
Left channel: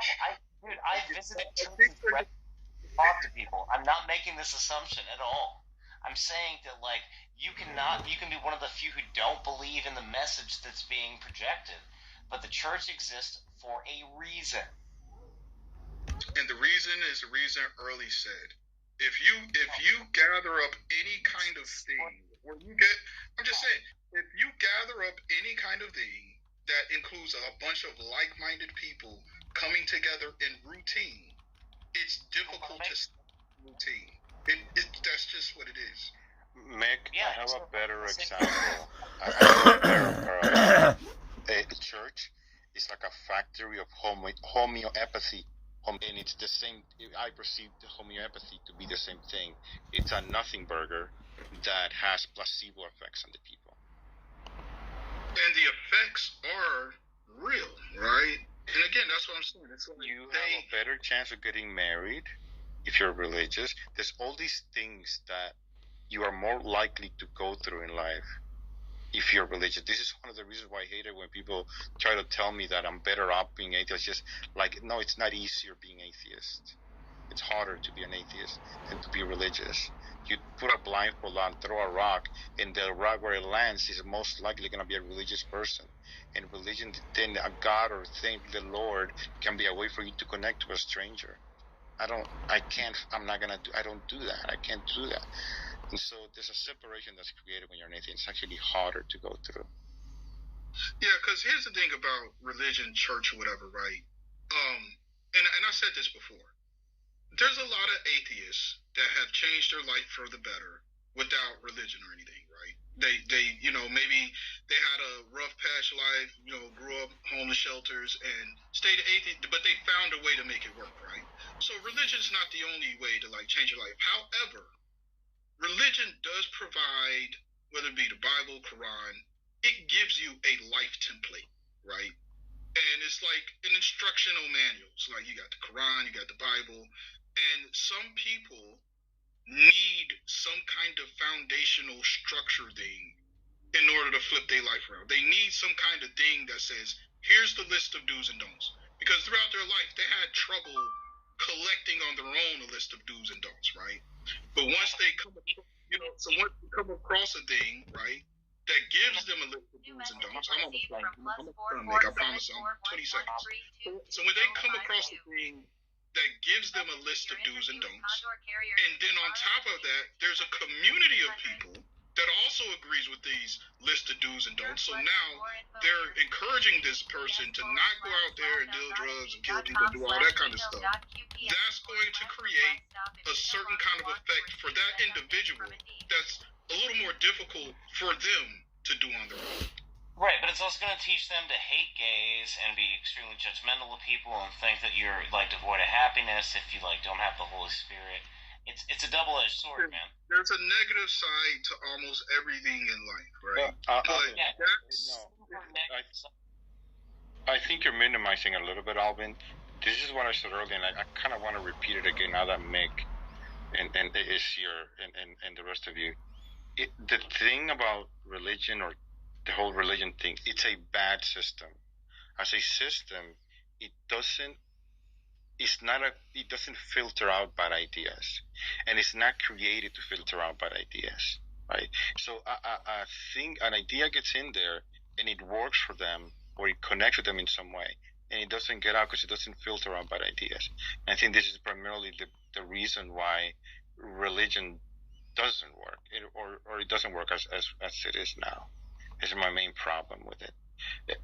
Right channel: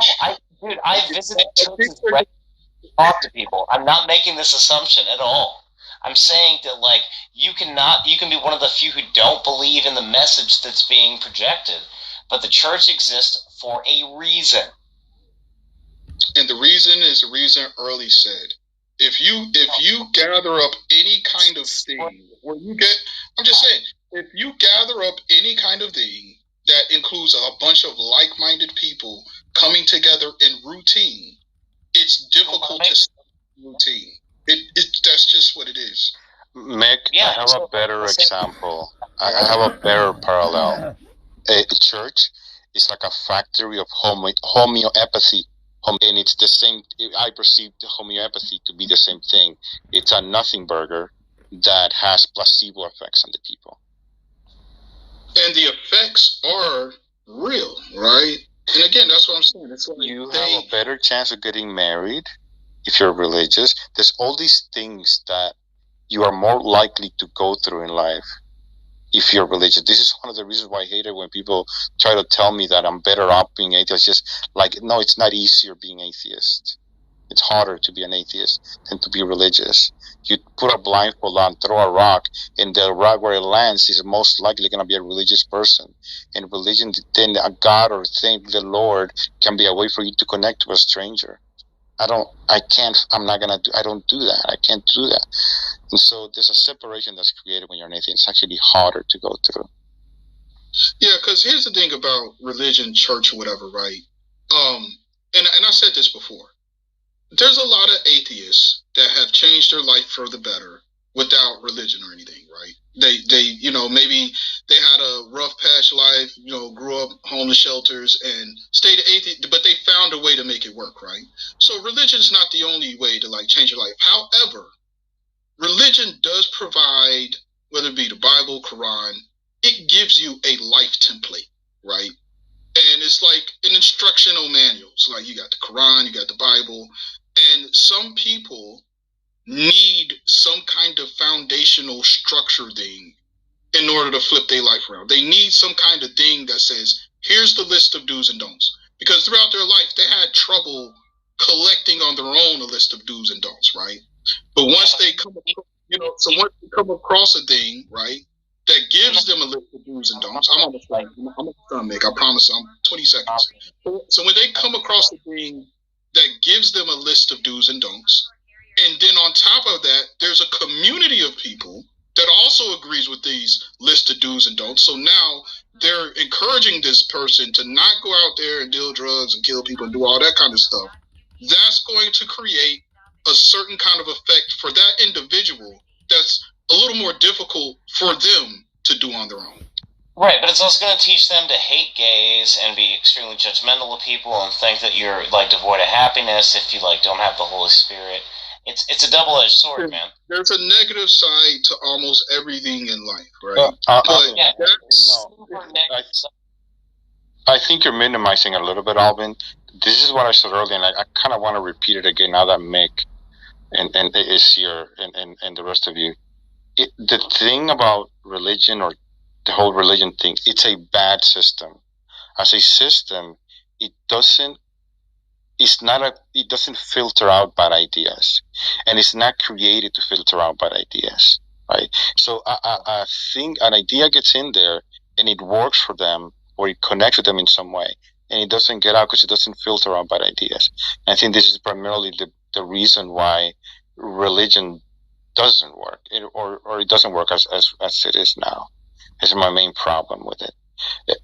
I visited churches, talk to people. I'm not making this assumption at all. I'm saying that, like, you can be one of the few who don't believe in the message that's being projected, but the church exists for a reason. And the reason is the reason Early said. If you gather up any kind of thing, I'm just saying, if you gather up any kind of thing that includes a bunch of like-minded people coming together in routine, it's difficult to stop routine. That's just what it is. Mick, I have a better example. I have a better parallel. A church is like a factory of homeopathy, and it's the same. I perceive the homeopathy to be the same thing. It's a nothing burger that has placebo effects on the people. And the effects are real, right? And again, that's what I'm saying. It's like you have a better chance of getting married if you're religious. There's all these things that you are more likely to go through in life if you're religious. This is one of the reasons why I hate it when people try to tell me that I'm better off being atheist. Just like, no, it's not easier being atheist. It's harder to be an atheist than to be religious. You put a blindfold on, throw a rock, and the rock where it lands is most likely going to be a religious person. And religion, then a God or thing, the Lord, can be a way for you to connect to a stranger. I don't do that. I can't do that. And so there's a separation that's created when you're an atheist. It's actually harder to go through. Yeah, because here's the thing about religion, church, or whatever, right? And I said this before. There's a lot of atheists that have changed their life for the better without religion or anything, right? They maybe they had a rough past life, grew up homeless shelters and stayed atheist, but they found a way to make it work, right? So religion's not the only way to like change your life. However, religion does provide, whether it be the Bible, Quran, it gives you a life template, right? And it's like an instructional manual. So like you got the Quran, you got the Bible, and some people need some kind of foundational structure thing in order to flip their life around. They need some kind of thing that says, here's the list of do's and don'ts. Because throughout their life, they had trouble collecting on their own a list of do's and don'ts, right? But once they come across a thing, right, that gives them a list of do's and don'ts. I'm almost done, Mick. I promise I'm 20 seconds. So when they come across a thing that gives them a list of do's and don'ts, and then on top of that, there's a community of people that also agrees with these list of do's and don'ts. So now they're encouraging this person to not go out there and deal drugs and kill people and do all that kind of stuff. That's going to create a certain kind of effect for that individual that's a little more difficult for them to do on their own. Right, but it's also going to teach them to hate gays and be extremely judgmental of people and think that you're like devoid of happiness if you like don't have the Holy Spirit. It's a double-edged sword, man. There's a negative side to almost everything in life, right? I think you're minimizing a little bit, Alvin. This is what I said earlier, and I kind of want to repeat it again now that Mick and is here and the rest of you. The thing about religion or the whole religion thing, it's a bad system. As a system, it doesn't filter out bad ideas, and it's not created to filter out bad ideas, right? So I think an idea gets in there and it works for them, or it connects with them in some way, and it doesn't get out because it doesn't filter out bad ideas. And I think this is primarily the reason why religion doesn't work, or it doesn't work as it is now. Is my main problem with it.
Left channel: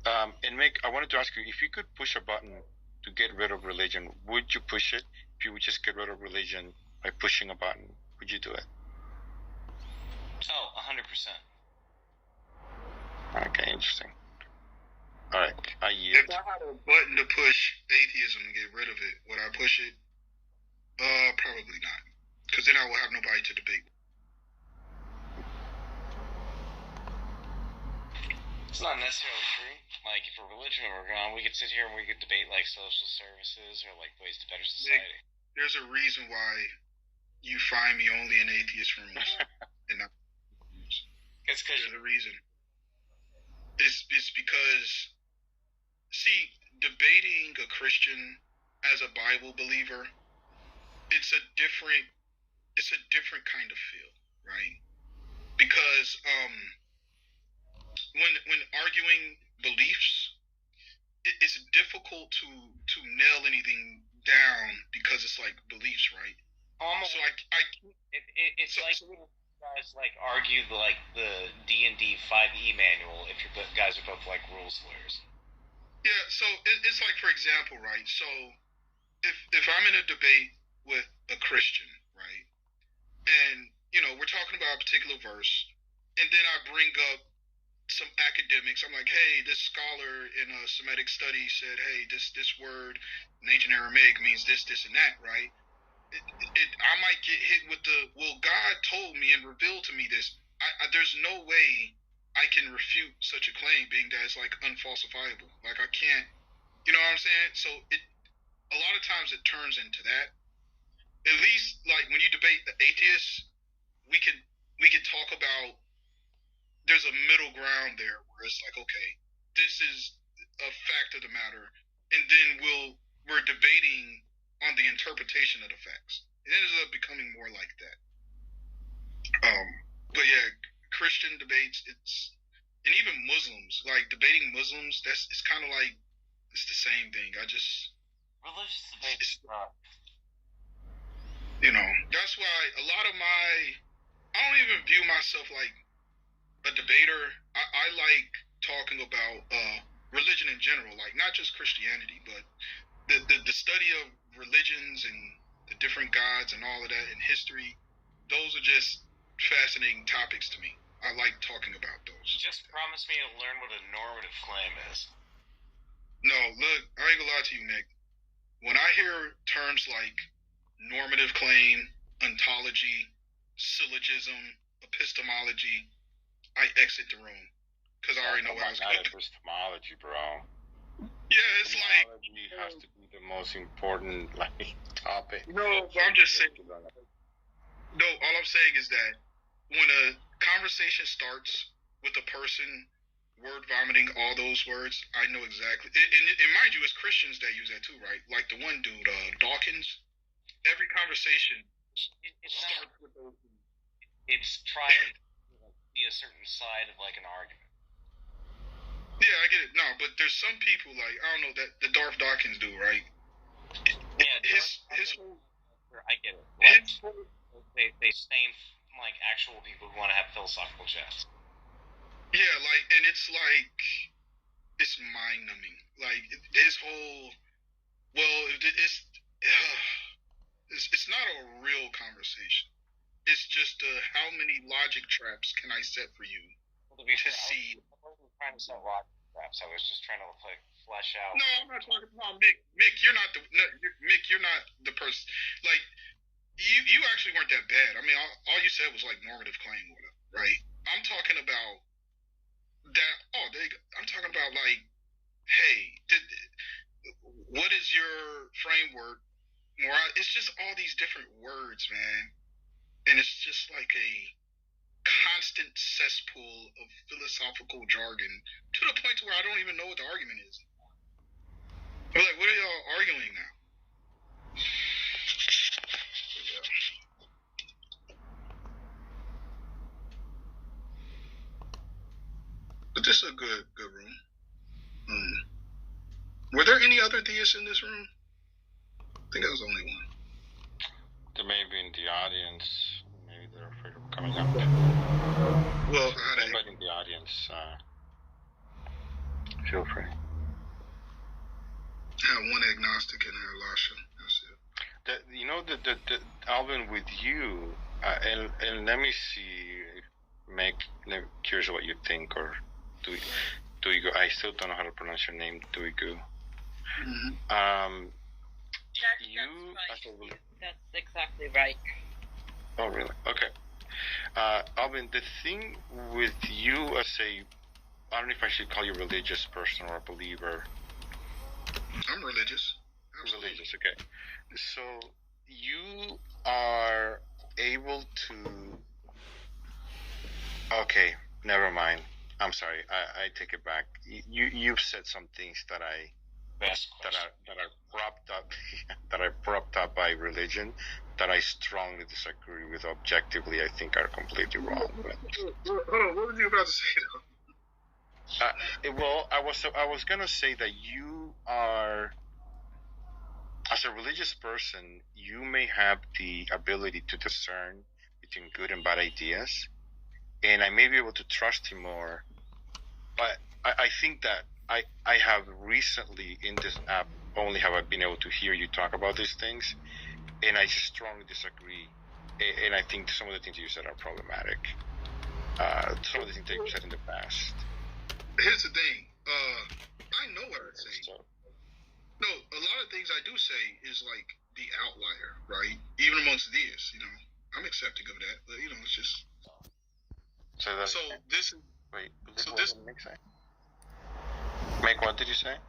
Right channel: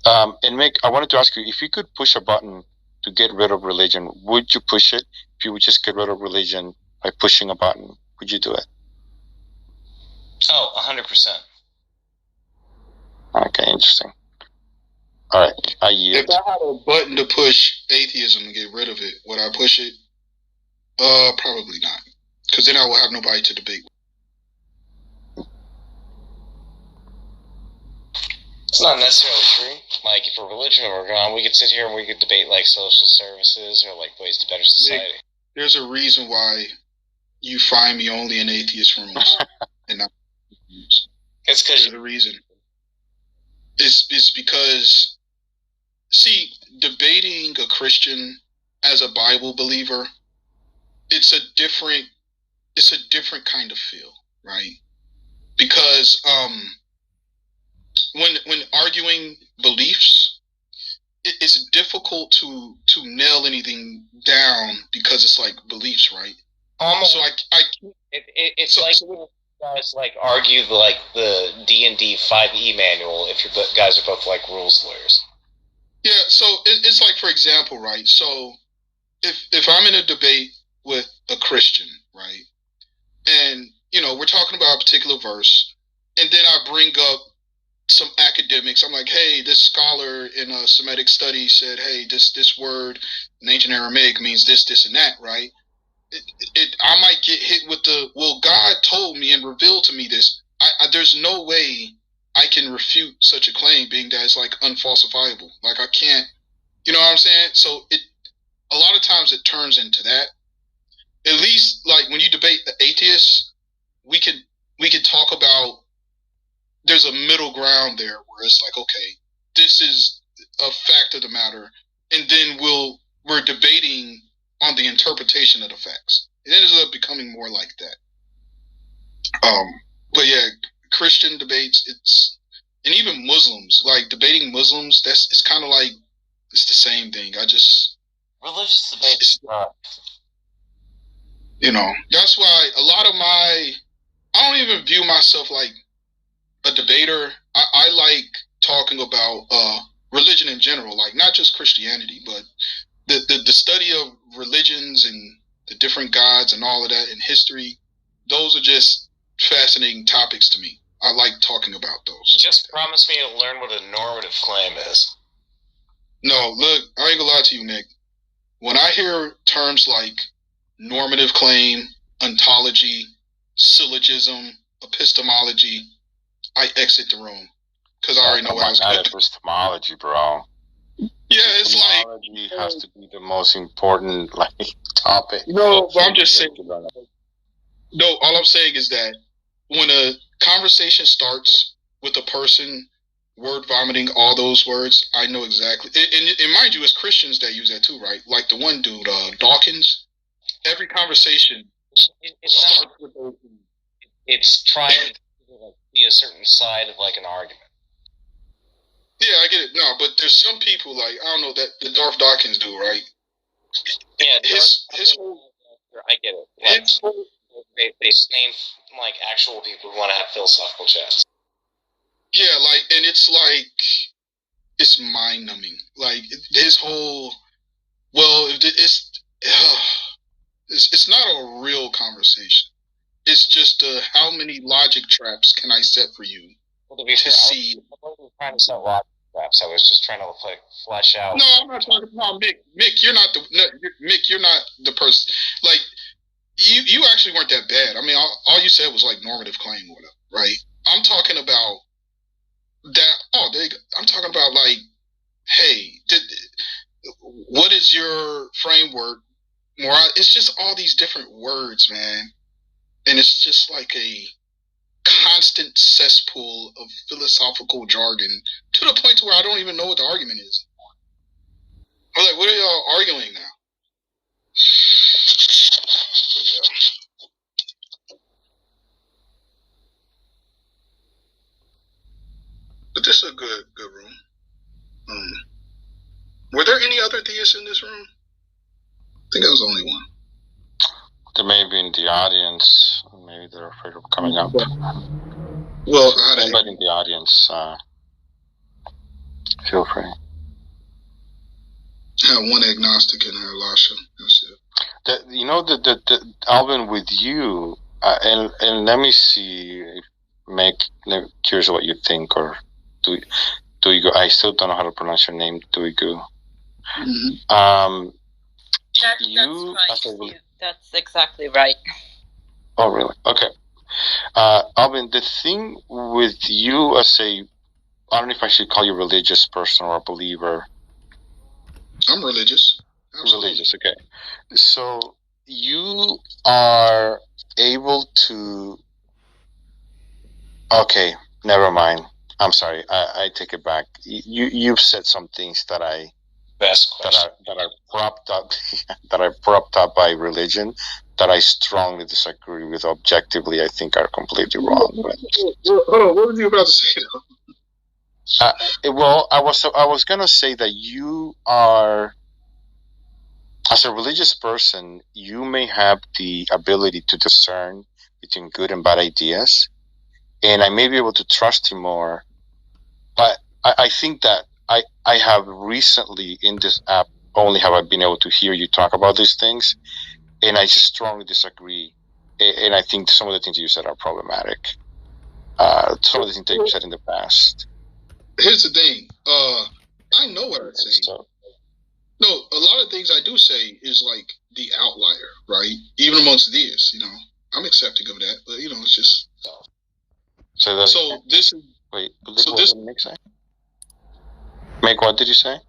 And Mick, I wanted to ask you, if you could push a button to get rid of religion, would you push it? If you would just get rid of religion by pushing a button, would you do it? Oh, 100%. Okay, interesting. All right, I yield. If I had a button to push atheism and get rid of it, would I push it? Probably not, because then I will have nobody to debate with. It's not necessarily true. Like, if a religion were gone, we could sit here and we could debate, like, social services or, like, ways to better society. There's a reason why you find me only in atheist rooms and not. It's because there's a reason. It's because, see, debating a Christian as a Bible believer, it's a different kind of feel, right? Because when arguing beliefs, it's difficult to nail anything down because it's like beliefs, right? So it's like when you guys like argue the D&D 5e manual if you guys are both like rules lawyers. Yeah, so it's like, for example, right? So if I'm in a debate with a Christian, right, and we're talking about a particular verse, and then I bring up some academics. I'm like, hey, this scholar in a Semitic study said, hey, this word in ancient Aramaic means this, and that, right? I might get hit with well, God told me and revealed to me this. There's no way I can refute such a claim, being that it's like unfalsifiable. Like I can't, you know what I'm saying? So a lot of times it turns into that. At least like when you debate the atheists, we could talk about, there's a middle ground there where it's like, okay, this is a fact of the matter, and then we're debating on the interpretation of the facts. It ends up becoming more like that. But yeah, Christian debates, and even Muslims, like debating Muslims, it's kind of like, it's the same thing. Religious debates. You know, that's why a lot of I don't even view myself like a debater. I like talking about religion in general, like not just Christianity, but the study of religions and the different gods and all of that in history. Those are just fascinating topics to me. I like talking about those. Just promise me to learn what a normative claim is. No, look, I ain't gonna lie to you, Nick. When I hear terms like normative claim, ontology, syllogism, epistemology, I exit the room because I already know how it's going. Epistemology, bro. Yeah, it's like epistemology has to be the most important topic. No, but I'm just saying. No, all I'm saying is that when a conversation starts with a person word vomiting all those words, I know exactly. And mind you, it's Christians that use that too, right? Like the one dude, Dawkins. Every conversation starts with those. It's trying to be a certain side of like an argument. Yeah, I get it. No, but there's some people like, I don't know, that the Darth Dawkins dude, right? Yeah, his whole, I get it. Like, they stain like actual people who want to have philosophical chats. Yeah, like, and it's like, it's mind numbing. Like his whole, well, it's not a real conversation. It's just how many logic traps can I set for you to see? I wasn't trying to set logic traps. I was just trying to like flesh out. No, I'm not talking about Mick. Mick, you're not the person. Like you actually weren't that bad. I mean, all you said was like normative claim or whatever, right? I'm talking about that. Oh, I'm talking about like, hey, what is your framework? It's just all these different words, man. And it's just like a constant cesspool of philosophical jargon to the point to where I don't even know what the argument is. I'm like, what are y'all arguing now? But this is a good room. Were there any other theists in this room? I think I was the only one. They may be in the audience. Maybe they're afraid of coming up. Well, anybody in the audience, feel free. I have one agnostic in there, Lasha. That's it. Alvin, with you, and let me see, curious what you think, or do you go? I still don't know how to pronounce your name. Do we go? Mm-hmm. That's right. That's exactly right. Oh, really? Okay. Alvin, the thing with you as I don't know if I should call you a religious person or a believer. I'm religious. Absolutely. Religious, okay. So you are able to... Okay, never mind. I'm sorry. I take it back. You've said some things that are propped up by religion that I strongly disagree with. Objectively, I think are completely wrong. Hold on, what were you about to say? Well, I was gonna say that you are, as a religious person, you may have the ability to discern between good and bad ideas, and I may be able to trust you more. But I think that I have recently in this app only have I been able to hear you talk about these things, and I just strongly disagree. And I think some of the things you said are problematic. Some of the things that you said in the past. here's the thing. I know what I say. No, a lot of things I do say is like the outlier, right? Even amongst theists, I'm accepting of that, but it's just. So this is. Wait, so what did Mick say? Mick, what did you say?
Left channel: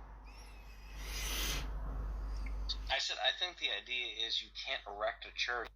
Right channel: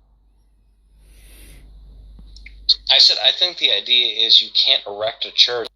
I said I think the idea is you can't erect a church